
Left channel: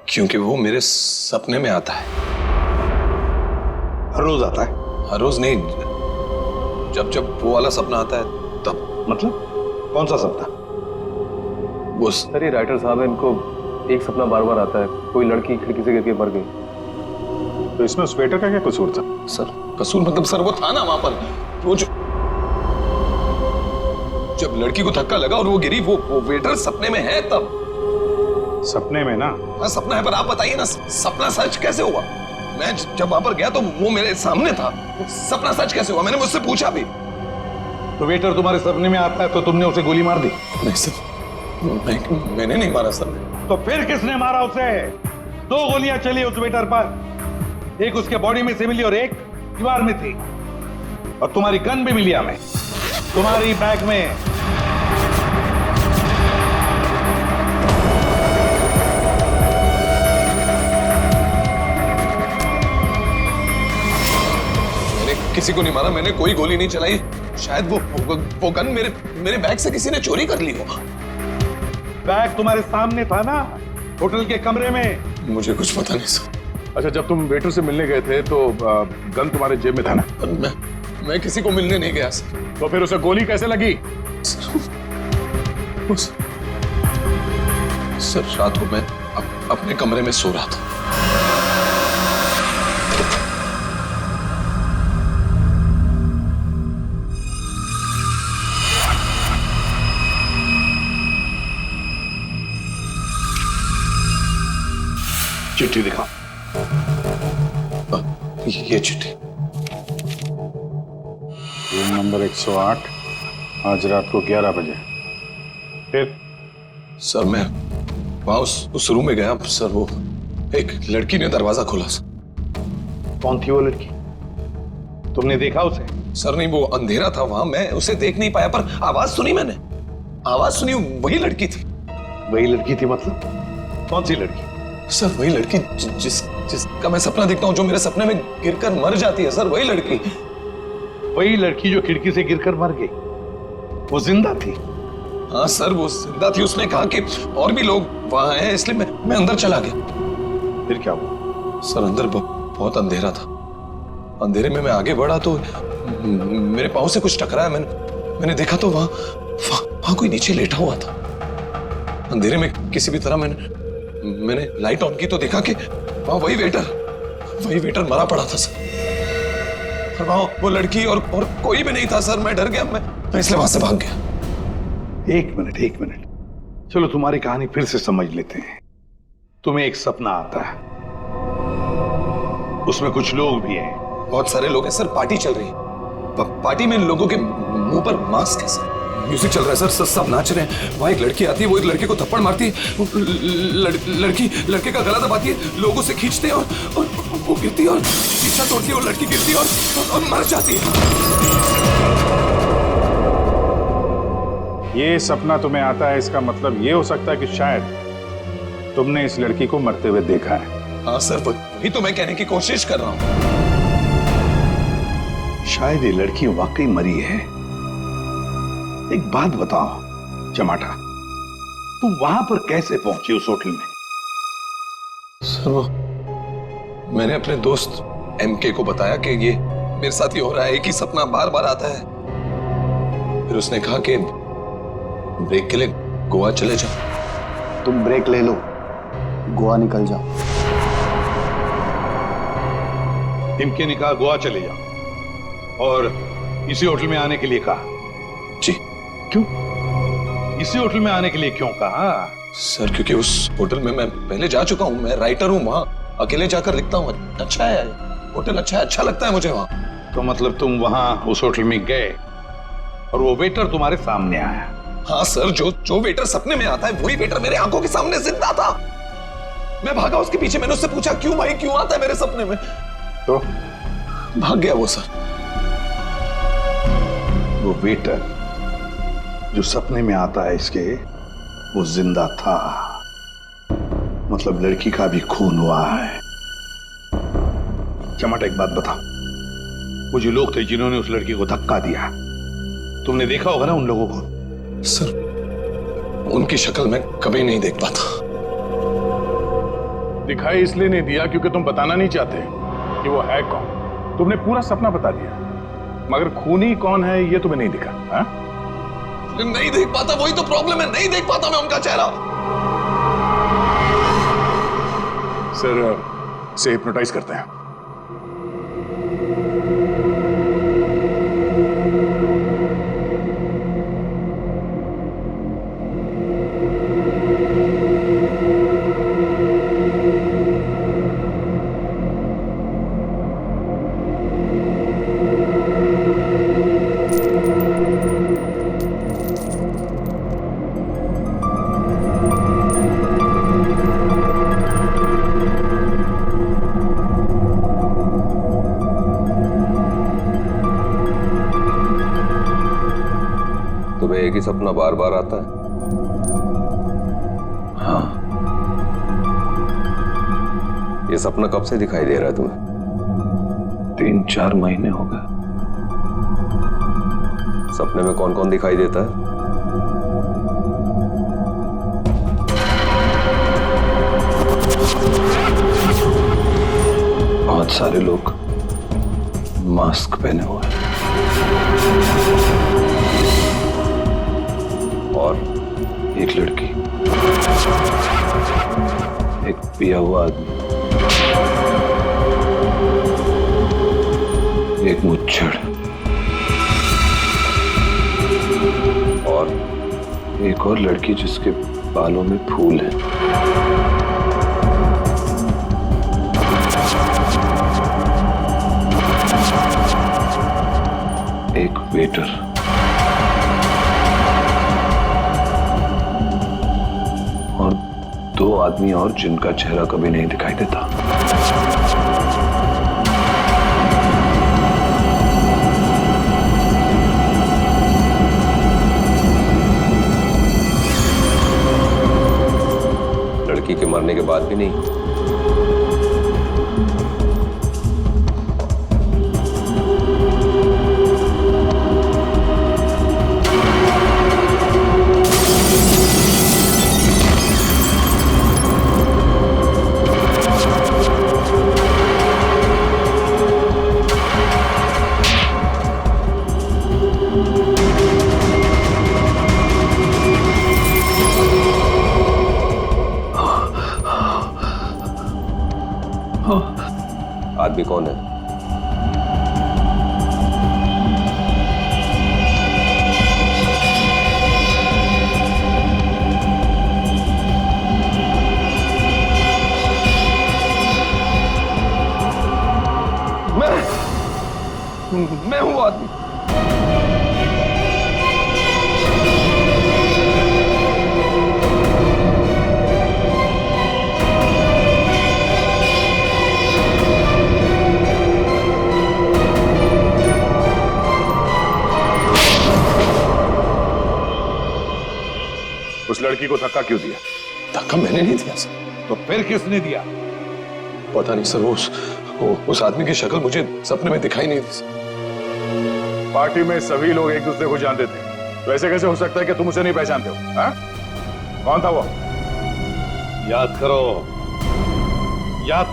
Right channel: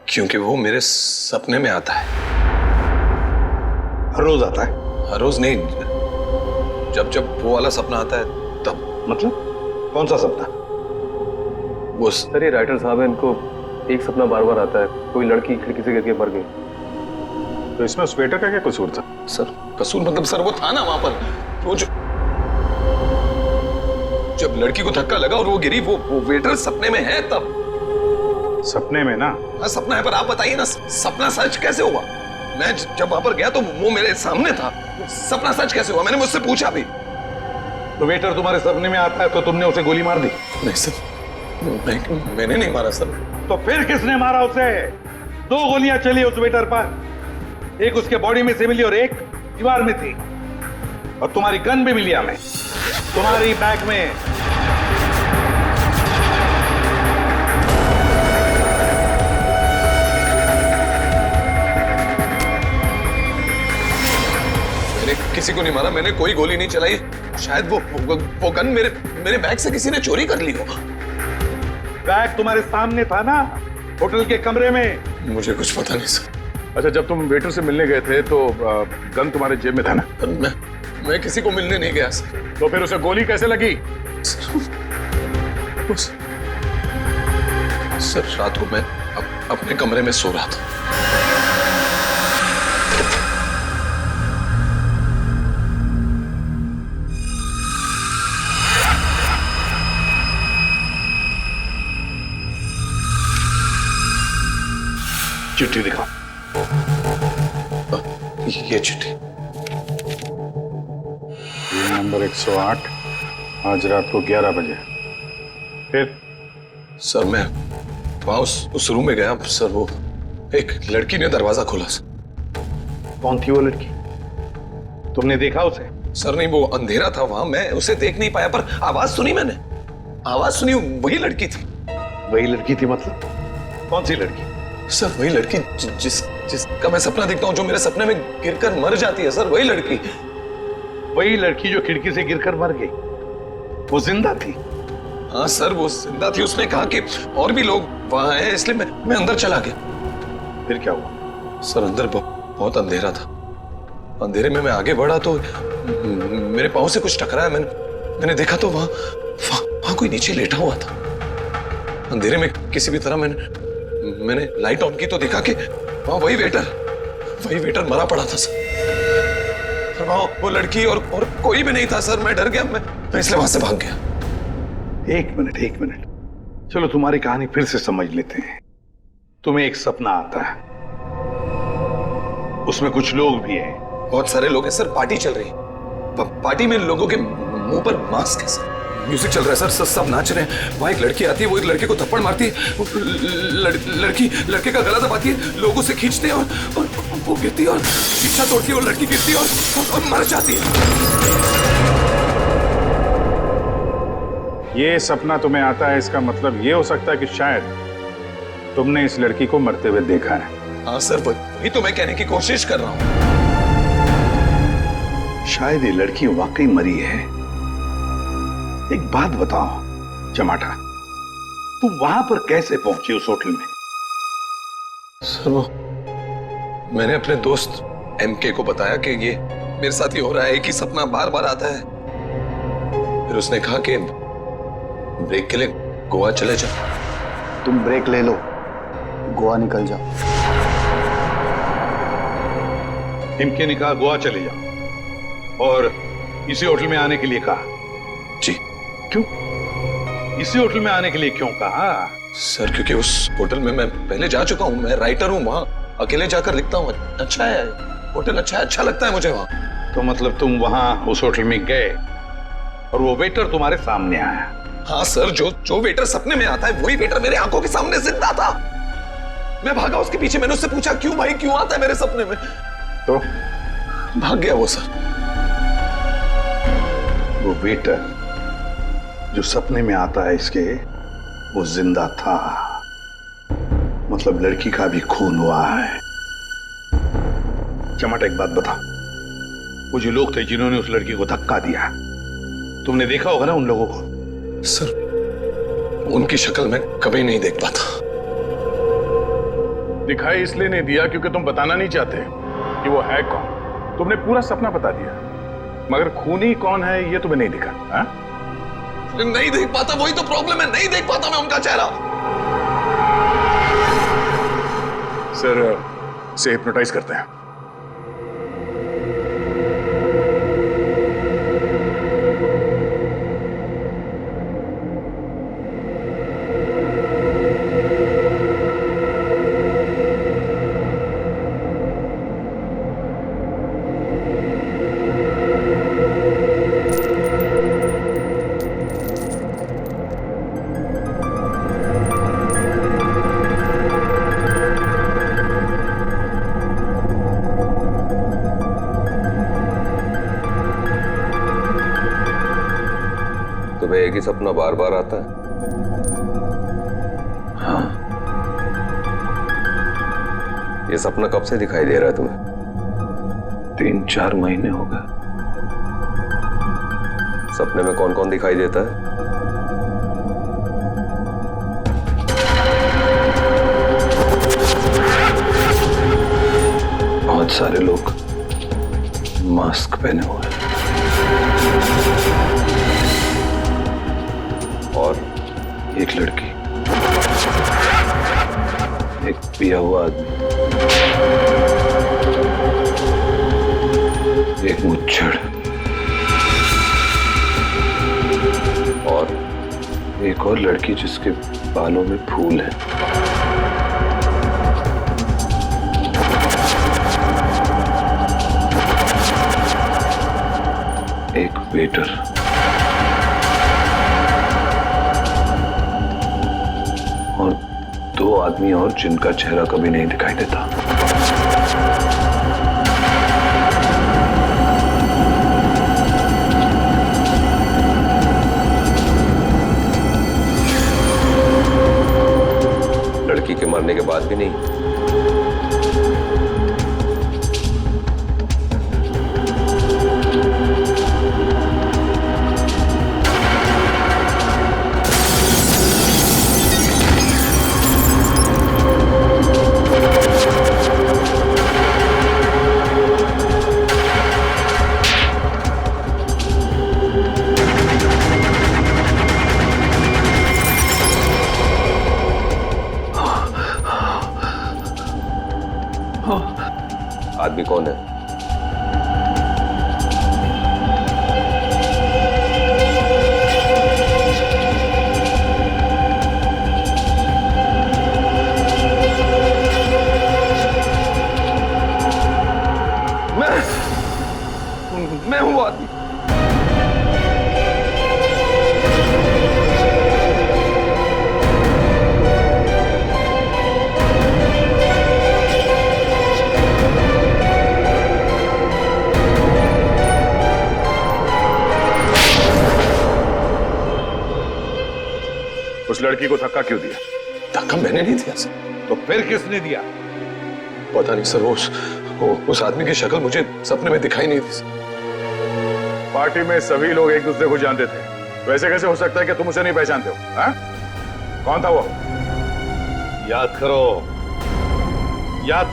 क्योंकि वो मेरे सपने में आता है. हर रोज आता है? हर रोज नहीं, जब जब वो वाला सपना आता है तब. मतलब कौन सा सपना? वो सर ये राइटर साहब है, इनको एक सपना बार बार आता है, कोई लड़की खिड़की से गिर के मर गई. तो इसमें उस वेटर का क्या कसूर था? सर कसूर मतलब सर वो था ना वहां पर, वो जब लड़की को धक्का लगा और वो गिरी, वो वेटर सपने में है तब. सपने में ना? हाँ सपना है, पर आप बताइए ना सपना सच कैसे हुआ? मैं जब वहां पर गया तो वो मेरे सामने था. सपना सच कैसे हुआ? मैंने मुझसे पूछा भी. तो वेटर तुम्हारे सपने में आता है तो तुमने उसे गोली मार दी? नहीं सर, मैंने नहीं मारा सर. तो फिर किसने मारा उसे? 2 गोलियां चली उस वेटर पर, एक उसके बॉडी में से मिली और एक दीवार में थी. और तुम्हारी गन भी मिली हमें तुम्हारी बैग में. मैंने किसी को नहीं मारा, मैंने कोई गोली नहीं चलाई. शायद वो गन मेरे बैग से किसी ने चोरी कर ली हो. बैग तुम्हारे सामने था ना, होटल के कमरे में. मुझे कुछ पता नहीं सर. अच्छा, जब तुम वेटर से मिलने गए थे तो गन तुम्हारे जेब में था ना? मैं किसी को मिलने नहीं गया सर. तो फिर उसे गोली कैसे लगी? सर रात को मैं अपने कमरे में सो रहा था. चिट्ठी दिखाओ. ये चिट्ठी. रूम नंबर 108, आज रात को 11 बजे. फिर? सर मैं वहां उस रूम में गया सर. वो एक लड़की ने दरवाजा खोला सर. कौन थी वो लड़की? तुमने देखा उसे? सर नहीं, वो अंधेरा था वहां, मैं उसे देख नहीं पाया, पर आवाज सुनी मैंने. आवाज सुनी, वही लड़की थी. वही लड़की थी मतलब? कौन सी लड़की? सर वही लड़की जिसका मैं सपना देखता हूँ, जो मेरे सपने में गिरकर मर जाती है सर. वही लड़की. वही लड़की जो खिड़की से गिरकर मर गई, वो जिंदा थी? हाँ सर वो जिंदा थी. उसने कहा कि और भी लोग वहां हैं, इसलिए मैं अंदर चला गया. फिर क्या हुआ? सर अंदर बहुत अंधेरा था. अंधेरे में मैं आगे बढ़ा तो मेरे पांव से कुछ टकराया. मैंने देखा तो वहां कोई नीचे लेटा हुआ था. अंधेरे में किसी भी तरह मैंने लाइट ऑन की तो देखा कि वहां वही वेटर मरा पड़ा था सर. और वहां वो लड़की और कोई भी नहीं था सर. मैं डर गया, मैं इसलिए वहां से भाग गया. एक मिनट, चलो तुम्हारी कहानी फिर से समझ लेते हैं. तुम्हें एक सपना आता है, उसमें कुछ लोग भी हैं. बहुत सारे लोग हैं सर. पार्टी चल रही है. पार्टी में लोगों के मुंह पर मास्क है सर. म्यूजिक चल रहा है सर. सब नाच रहे हैं. वहां एक लड़की आती है, वो एक लड़के को थप्पड़ मारती है. लड़की लड़के का गला दबाती है, लोगों से खींचते हैं और वो गिरती है और शीशा तोड़ती है और लड़की गिरती है और मर जाती है. ये सपना तुम्हें आता है, इसका मतलब ये हो सकता है कि शायद तुमने इस लड़की को मरते हुए देखा है। हाँ सर, वही तो मैं कहने की कोशिश कर रहा हूं। शायद ये लड़की वाकई मरी है। एक बात बताओ चमाटा, तुम वहां पर कैसे पहुंचे उस होटल में? सर वो मैंने अपने दोस्त एमके को बताया कि ये मेरे साथ ही हो रहा है, एक ही सपना बार बार आता है। फिर उसने कहा कि ब्रेक के लिए गोवा चले जाओ। तुम ब्रेक ले लो, गोवा निकल जाओ। इनके ने कहा गोवा चले जाओ और इसी होटल में आने के लिए कहा? जी। क्यों इसी होटल में आने के लिए क्यों कहा? सर क्योंकि उस होटल में मैं पहले जा चुका हूं, मैं राइटर हूं, वहां अकेले जाकर लिखता हूं। अच्छा है होटल, अच्छा लगता है मुझे वहां। तो मतलब तुम वहां उस होटल में गए और वो वेटर तुम्हारे सामने आया? हाँ सर, जो वेटर सपने में आता है वही वेटर मेरे आंखों के सामने जिंदा था। मैं भागा उसके पीछे, मैंने उससे पूछा क्यों भाई, क्यों आता है मेरे सपने में? तो भाग गया वो सर। वो वेटर जो सपने में आता है इसके, वो जिंदा था। मतलब लड़की का भी खून हुआ है। चमाटा एक बात बता, वो जो लोग थे जिन्होंने उस लड़की को धक्का दिया, तुमने देखा होगा ना उन लोगों को? सर उनकी शक्ल मैं कभी नहीं देख पाता। दिखाई इसलिए नहीं दिया क्योंकि तुम बताना नहीं चाहते कि वो है कौन। तुमने पूरा सपना बता दिया, मगर खूनी कौन है ये तुम्हें नहीं दिखा। हा? नहीं देख पाता, वही तो प्रॉब्लम है, नहीं देख पाता मैं उनका चेहरा। सर से हिप्नोटाइज करते हैं। तुम्हें एक ही सपना बार बार आता है? हाँ। ये सपना कब से दिखाई दे रहा है तुम्हें? 3-4 महीने हो गए। सपने में कौन कौन दिखाई देता है? बहुत सारे लोग मास्क पहने हुए हैं। और एक लड़की, एक पिया हुआ आदमी, एक मुच्छड़ और एक और लड़की जिसके बालों में फूल हैं। एक वेटर, और 2 आदमी और जिनका चेहरा कभी नहीं दिखाई देता। लड़की के मरने के बाद भी नहीं? आदमी कौन है? मैं हूं वो आदमी। उस लड़की को धक्का क्यों दिया? धक्का मैंने नहीं दिया सर। तो फिर किसने दिया? पता नहीं सर, उस आदमी की शक्ल मुझे सपने में दिखाई नहीं दी सर। पार्टी में सभी लोग एक दूसरे को जानते थे, वैसे कैसे हो सकता है कि तुम उसे नहीं पहचानते हो? हा? कौन था वो? याद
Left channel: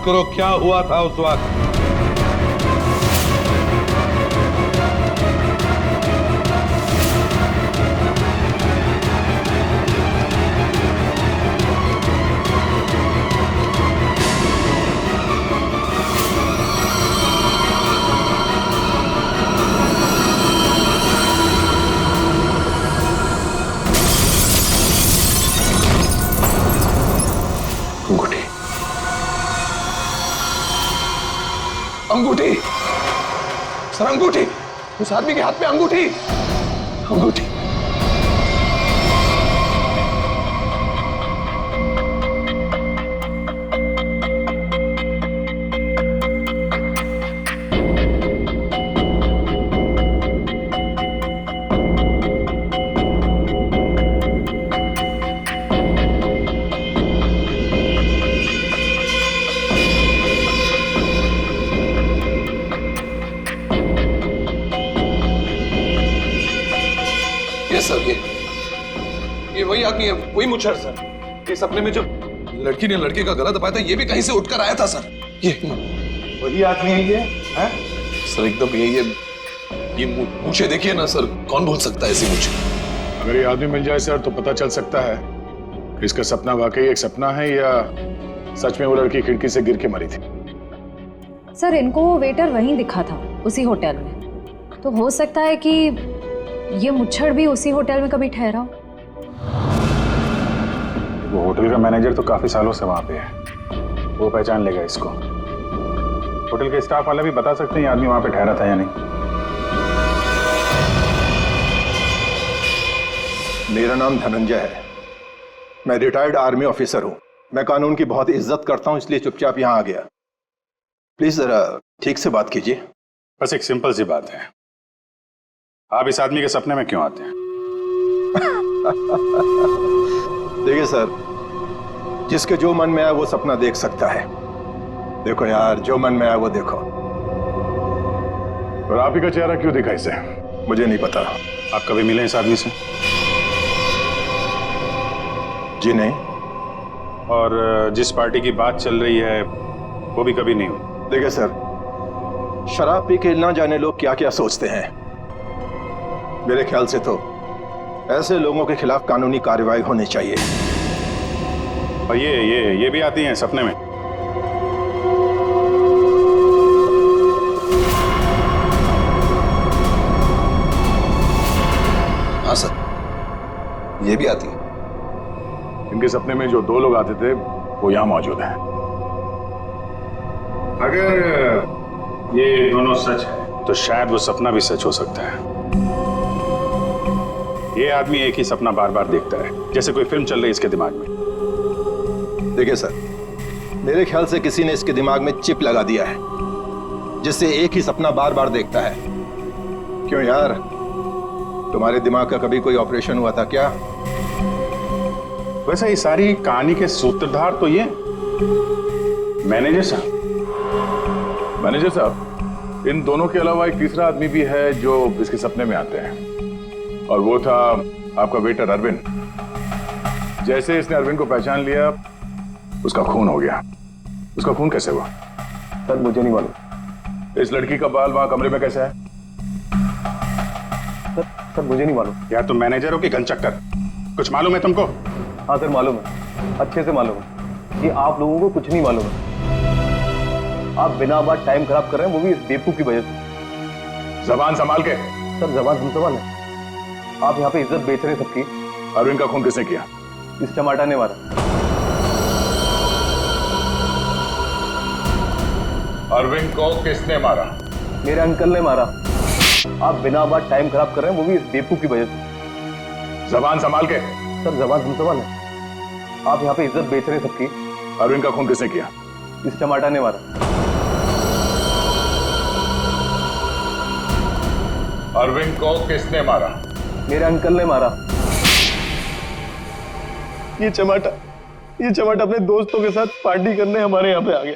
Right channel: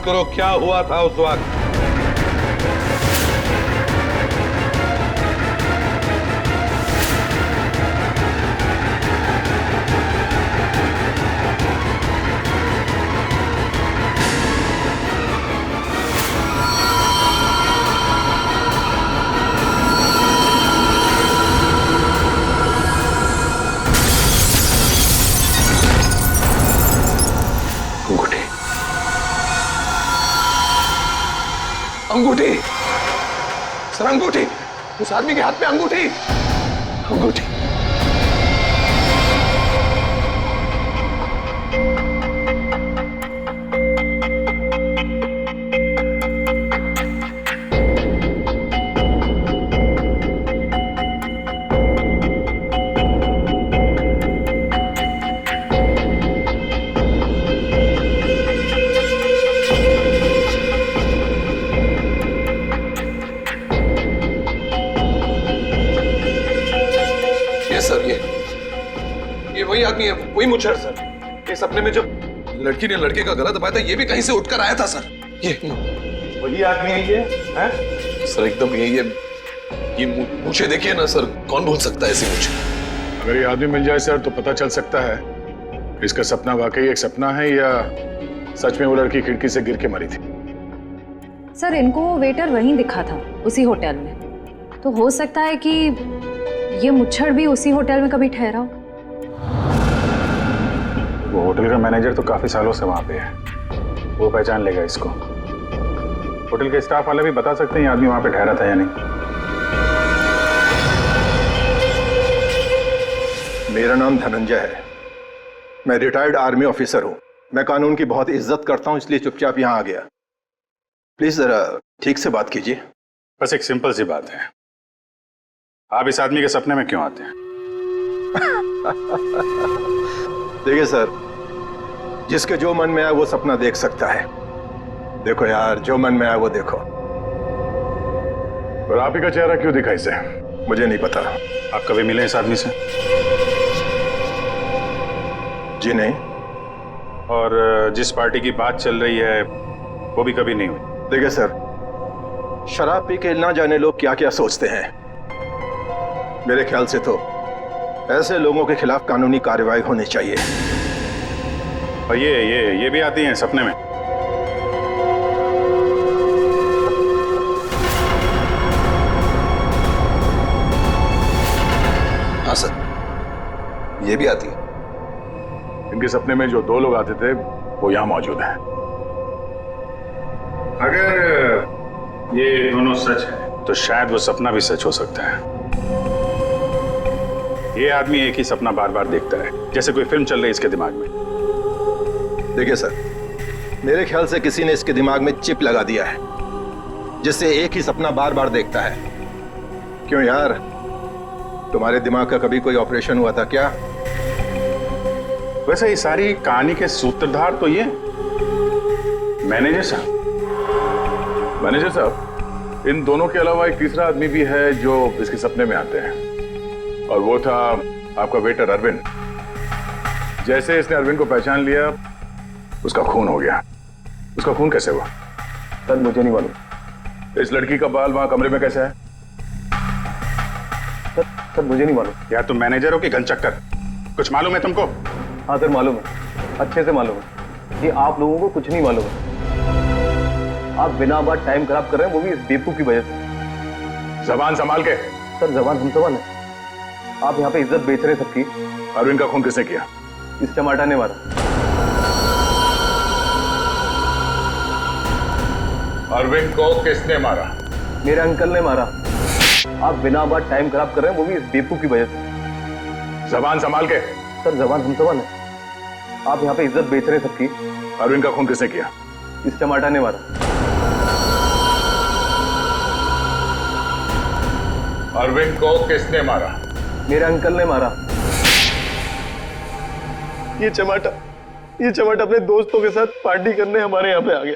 करो क्या हुआ था उस वक्त। अंगूठी सर, अंगूठी। उस आदमी के हाथ में अंगूठी। अंगूठी। सर ये वही आदमी है, वही मुच्छर सर। ये सपने में जब लड़की ने लड़के का गला दबाया था, ये भी कहीं से उठकर आया था सर। ये वही आदमी है ये? है? सर एकदम ये मूछे देखिए ना सर, कौन भूल सकता है ऐसी मूछे? अगर ये आदमी मिल जाए सर तो पता चल सकता है कि इसका सपना वाकई एक सपना है या सच में वो लड़की खिड़की से गिर के मरी थी। सर इनको वो वेटर वहीं दिखा था, उसी होटल में। तो हो सकता है कि ये मुच्छड़ भी उसी होटल में कभी ठहरा हो। वो होटल का मैनेजर तो काफी सालों से वहां पे है, वो पहचान लेगा इसको। होटल के स्टाफ वाले भी बता सकते हैं ये आदमी वहां पे ठहरा था या नहीं। मेरा नाम धनंजय है, मैं रिटायर्ड आर्मी ऑफिसर हूं। मैं कानून की बहुत इज्जत करता हूं, इसलिए चुपचाप यहां आ गया। प्लीज जरा ठीक से बात कीजिए। बस एक सिंपल सी बात है, आप इस आदमी के सपने में क्यों आते हैं? देखिए सर, जिसके जो मन में आए वो सपना देख सकता है। देखो यार, जो मन में आए वो देखो। और आप ही का चेहरा क्यों दिखा इसे? मुझे नहीं पता। आप कभी मिले इस आदमी से? जी नहीं। और जिस पार्टी की बात चल रही है वो भी कभी नहीं हुई? देखिए सर, शराब पी के ना जाने लोग क्या क्या सोचते हैं। मेरे ख्याल से तो ऐसे लोगों के खिलाफ कानूनी कार्रवाई होनी चाहिए। और ये भी आती हैं सपने में? हाँ सर, ये भी आती है। इनके सपने में जो दो लोग आते थे वो यहां मौजूद हैं। अगर ये दोनों सच है तो शायद वो सपना भी सच हो सकता है। ये आदमी एक ही सपना बार बार देखता है, जैसे कोई फिल्म चल रही है इसके दिमाग में। देखिए सर, मेरे ख्याल से किसी ने इसके दिमाग में चिप लगा दिया है, जिससे एक ही सपना बार बार देखता है। क्यों यार, तुम्हारे दिमाग का कभी कोई ऑपरेशन हुआ था क्या? वैसे ये सारी कहानी के सूत्रधार तो ये मैनेजर साहब। मैनेजर साहब, इन दोनों के अलावा एक तीसरा आदमी भी है जो इसके सपने में आते हैं, और वो था आपका वेटर अरविंद। जैसे इसने अरविंद को पहचान लिया, उसका खून हो गया। उसका खून कैसे हुआ? सर मुझे नहीं मालूम। इस लड़की का बाल वहां कमरे में कैसे है? सर मुझे नहीं मालूम। यार तुम मैनेजर हो कि घनचक्कर, कुछ मालूम है तुमको? हाँ सर मालूम है, अच्छे से मालूम है कि आप लोगों को कुछ नहीं मालूम है। आप बिना बात टाइम खराब कर रहे हैं, वो भी इस बेवकूफ की वजह से। जबान संभाल के। सर जबान हम संभाल है। आप यहाँ पे इज्जत बेच रहे हैं सबकी। अरविंद का खून किसने किया? इस टमाटर ने मारा। अरविंद को किसने मारा? मेरे अंकल ने मारा। आप बिना बात टाइम खराब कर रहे हैं, वो भी इस बेवकूफ की वजह से। जबान संभाल के। सर जबान हम संभाल है। आप यहाँ पे इज्जत बेच रहे हैं सबकी। अरविंद का खून किसने किया? इस टमाटर ने मारा। अरविंद को किसने मारा? मेरे अंकल ने मारा। ये चमाटा अपने दोस्तों के साथ पार्टी करने हमारे यहाँ पे आ गया।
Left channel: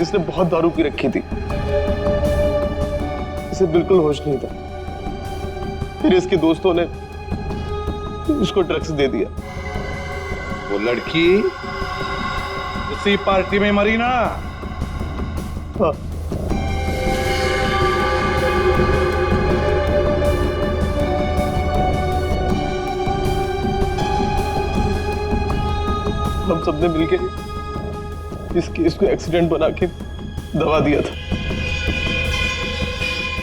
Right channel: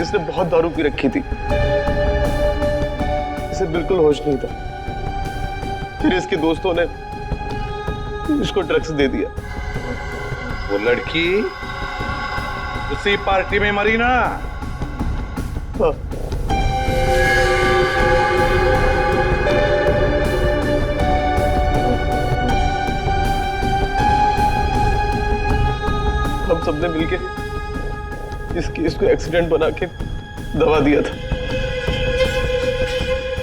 इसने बहुत दारू पी रखी थी, इसे बिल्कुल होश नहीं था। फिर इसके दोस्तों ने इसको ड्रग्स दे दिया। वो लड़की उसी पार्टी में मरी ना? हाँ। हम सबने मिलके इस केस को एक्सीडेंट बना के दबा दिया था,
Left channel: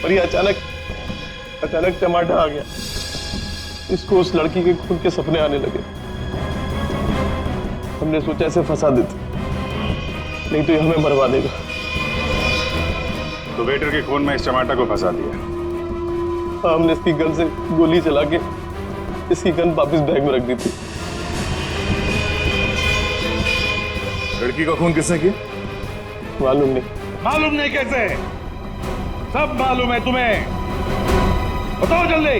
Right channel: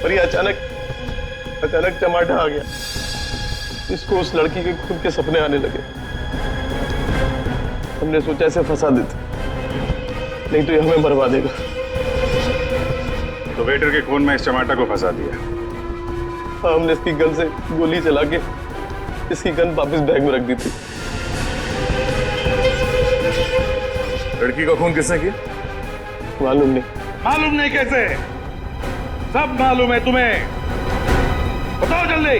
पर ये अचानक चमाटा आ गया। इसको उस लड़की के खून के सपने आने लगे। हमने सोचा इसे फंसा देते, नहीं तो ये हमें मरवा देगा। तो वेटर के खून में इस चमाटा को फंसा दिया। हाँ, हमने इसकी गन से गोली चला के इसकी गन वापस बैग में रख दी थी। लड़की का खून किसने किया? मालूम नहीं। मालूम नहीं कैसे? सब मालूम है तुम्हें, बताओ जल्दी।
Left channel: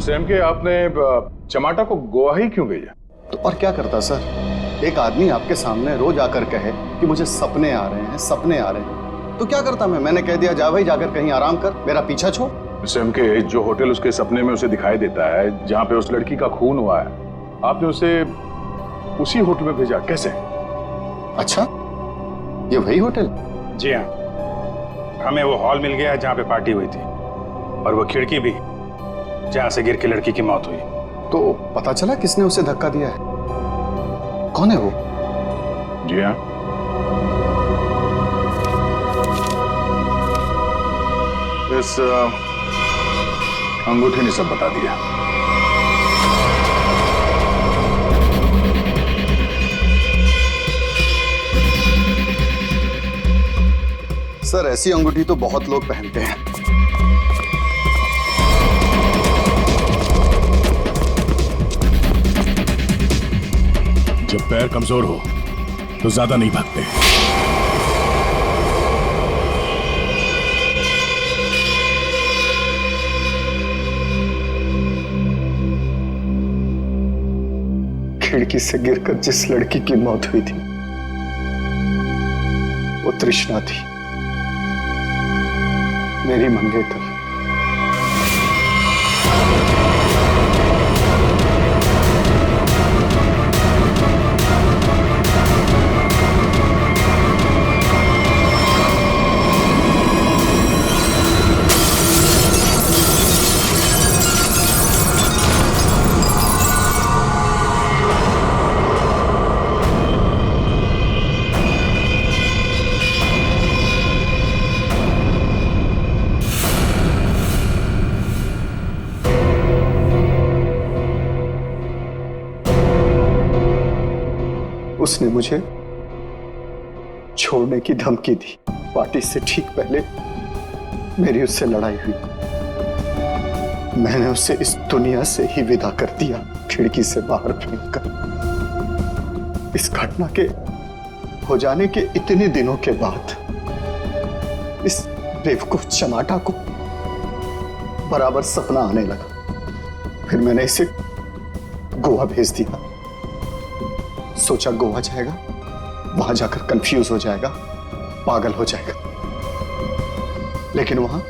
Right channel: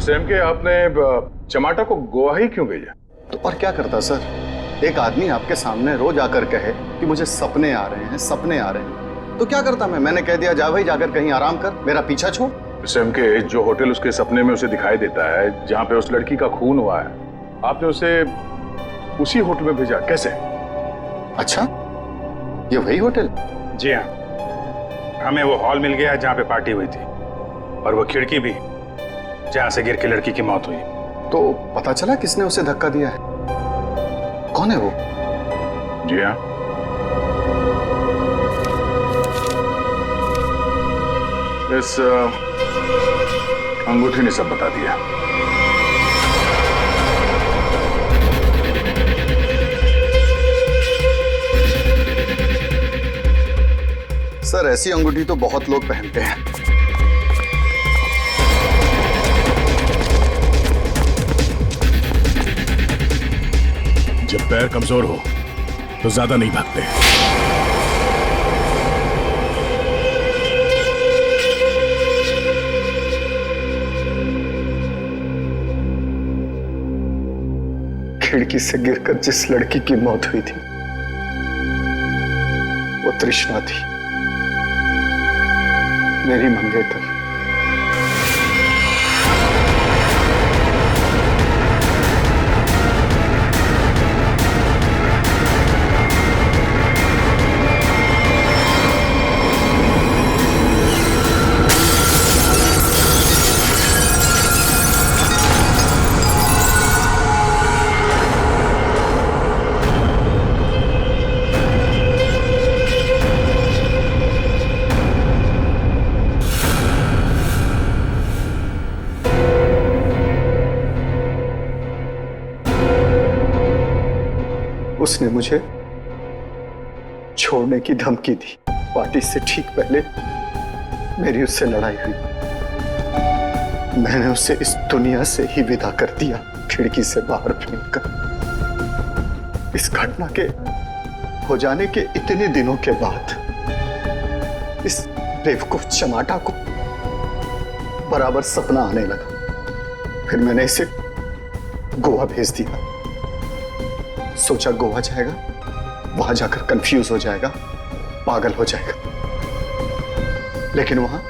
सैम के आपने चमाटा को गोवा ही क्यों भेजा? तो और क्या करता सर? एक आदमी आपके सामने रोज आकर कहे कि मुझे सपने आ रहे हैं, सपने आ रहे हैं, तो क्या करता मैंने कह दिया जा भाई जाकर कहीं आराम कर, मेरा पीछा छोड़। सैम के जो होटल उसके सपने में उसे दिखाई देता है, जहां पे उस लड़की का खून हुआ है, आपने उसे उसी होटल में भेजा, कैसे? अच्छा, ये वही होटल? जी हाँ, हमें वो हॉल मिल गया जहां पे पार्टी हुई थी, और वो खिड़की भी जहां से गिर के लड़की की मौत हुई। तो पता चला किसने उसे धक्का दिया है? कौन है वो? जी हाँ, इस अंगूठी ने सब बता दिया। सर, ऐसी अंगूठी तो बहुत लोग पहनते हैं। जब पैर कमजोर हो तो ज्यादा नहीं भागते। खिड़की से गिरकर जिस लड़की की मौत हुई थी वो तृष्णा थी, मेरी मंगेतर। उसने मुझे छोड़ने की धमकी दी। पार्टी से ठीक पहले मेरी उससे लड़ाई हुई। मैंने उसे इस दुनिया से ही विदा कर दिया, खिड़की से बाहर फेंककर। इस घटना के हो जाने के इतने दिनों के बाद इस बेवकूफ चमाटा को बराबर सपना आने लगा। फिर मैंने इसे गोवा भेज दिया। सोचा गोवा जाएगा, वहां जाकर कंफ्यूज हो जाएगा, पागल हो जाएगा, लेकिन वहां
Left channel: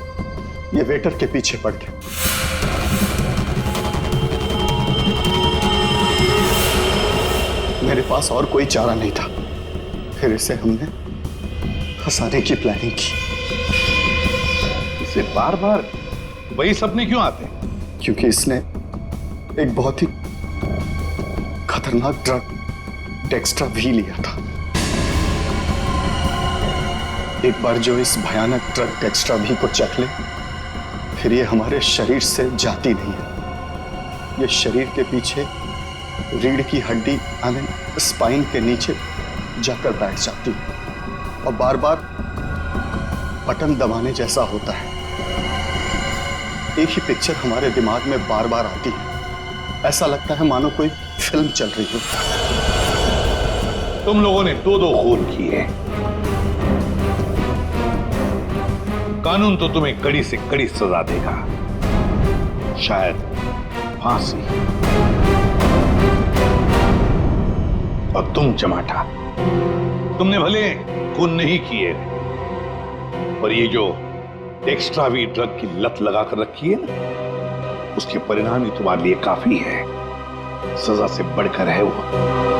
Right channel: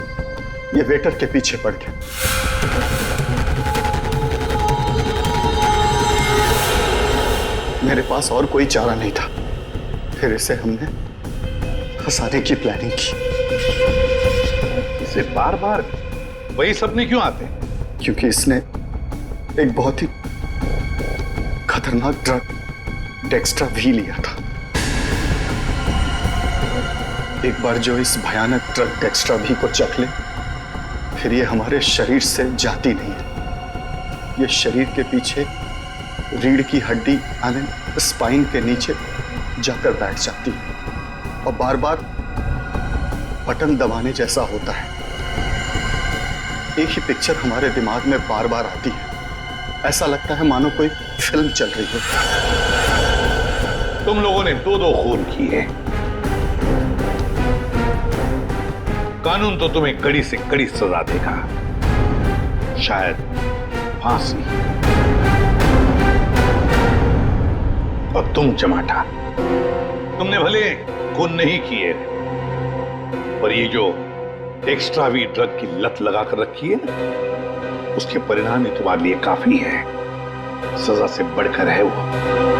ये वेटर के पीछे पड़ गया। मेरे पास और कोई चारा नहीं था। फिर इसे हमने फंसाने की प्लानिंग की। इसे बार बार वही सपने क्यों आते हैं? क्योंकि इसने एक बहुत ही खतरनाक ड्रग डेक्स्ट्रा भी लिया था। एक बार जो इस भयानक ड्रग डेक्स्ट्रा भी को चख ले, फिर ये हमारे शरीर से जाती नहीं है। ये शरीर के पीछे रीढ़ की हड्डी यानी स्पाइन के नीचे जाकर बैठ जाती है और बार बार बटन दबाने जैसा होता है। एक ही पिक्चर हमारे दिमाग में बार बार आती है। ऐसा लगता है मानो कोई फिल्म चल रही हो। तुम लोगों ने दो खून किए। कानून तो तुम्हें कड़ी से कड़ी सजा देगा, शायद फांसी। और तुम चमाटा, तुमने भले खून नहीं किए, और ये जो एक्स्ट्रा वी ड्रग की लत लगाकर रखी है ना, उसके परिणाम ही तुम्हारे लिए काफी है। सजा से बढ़कर है वो।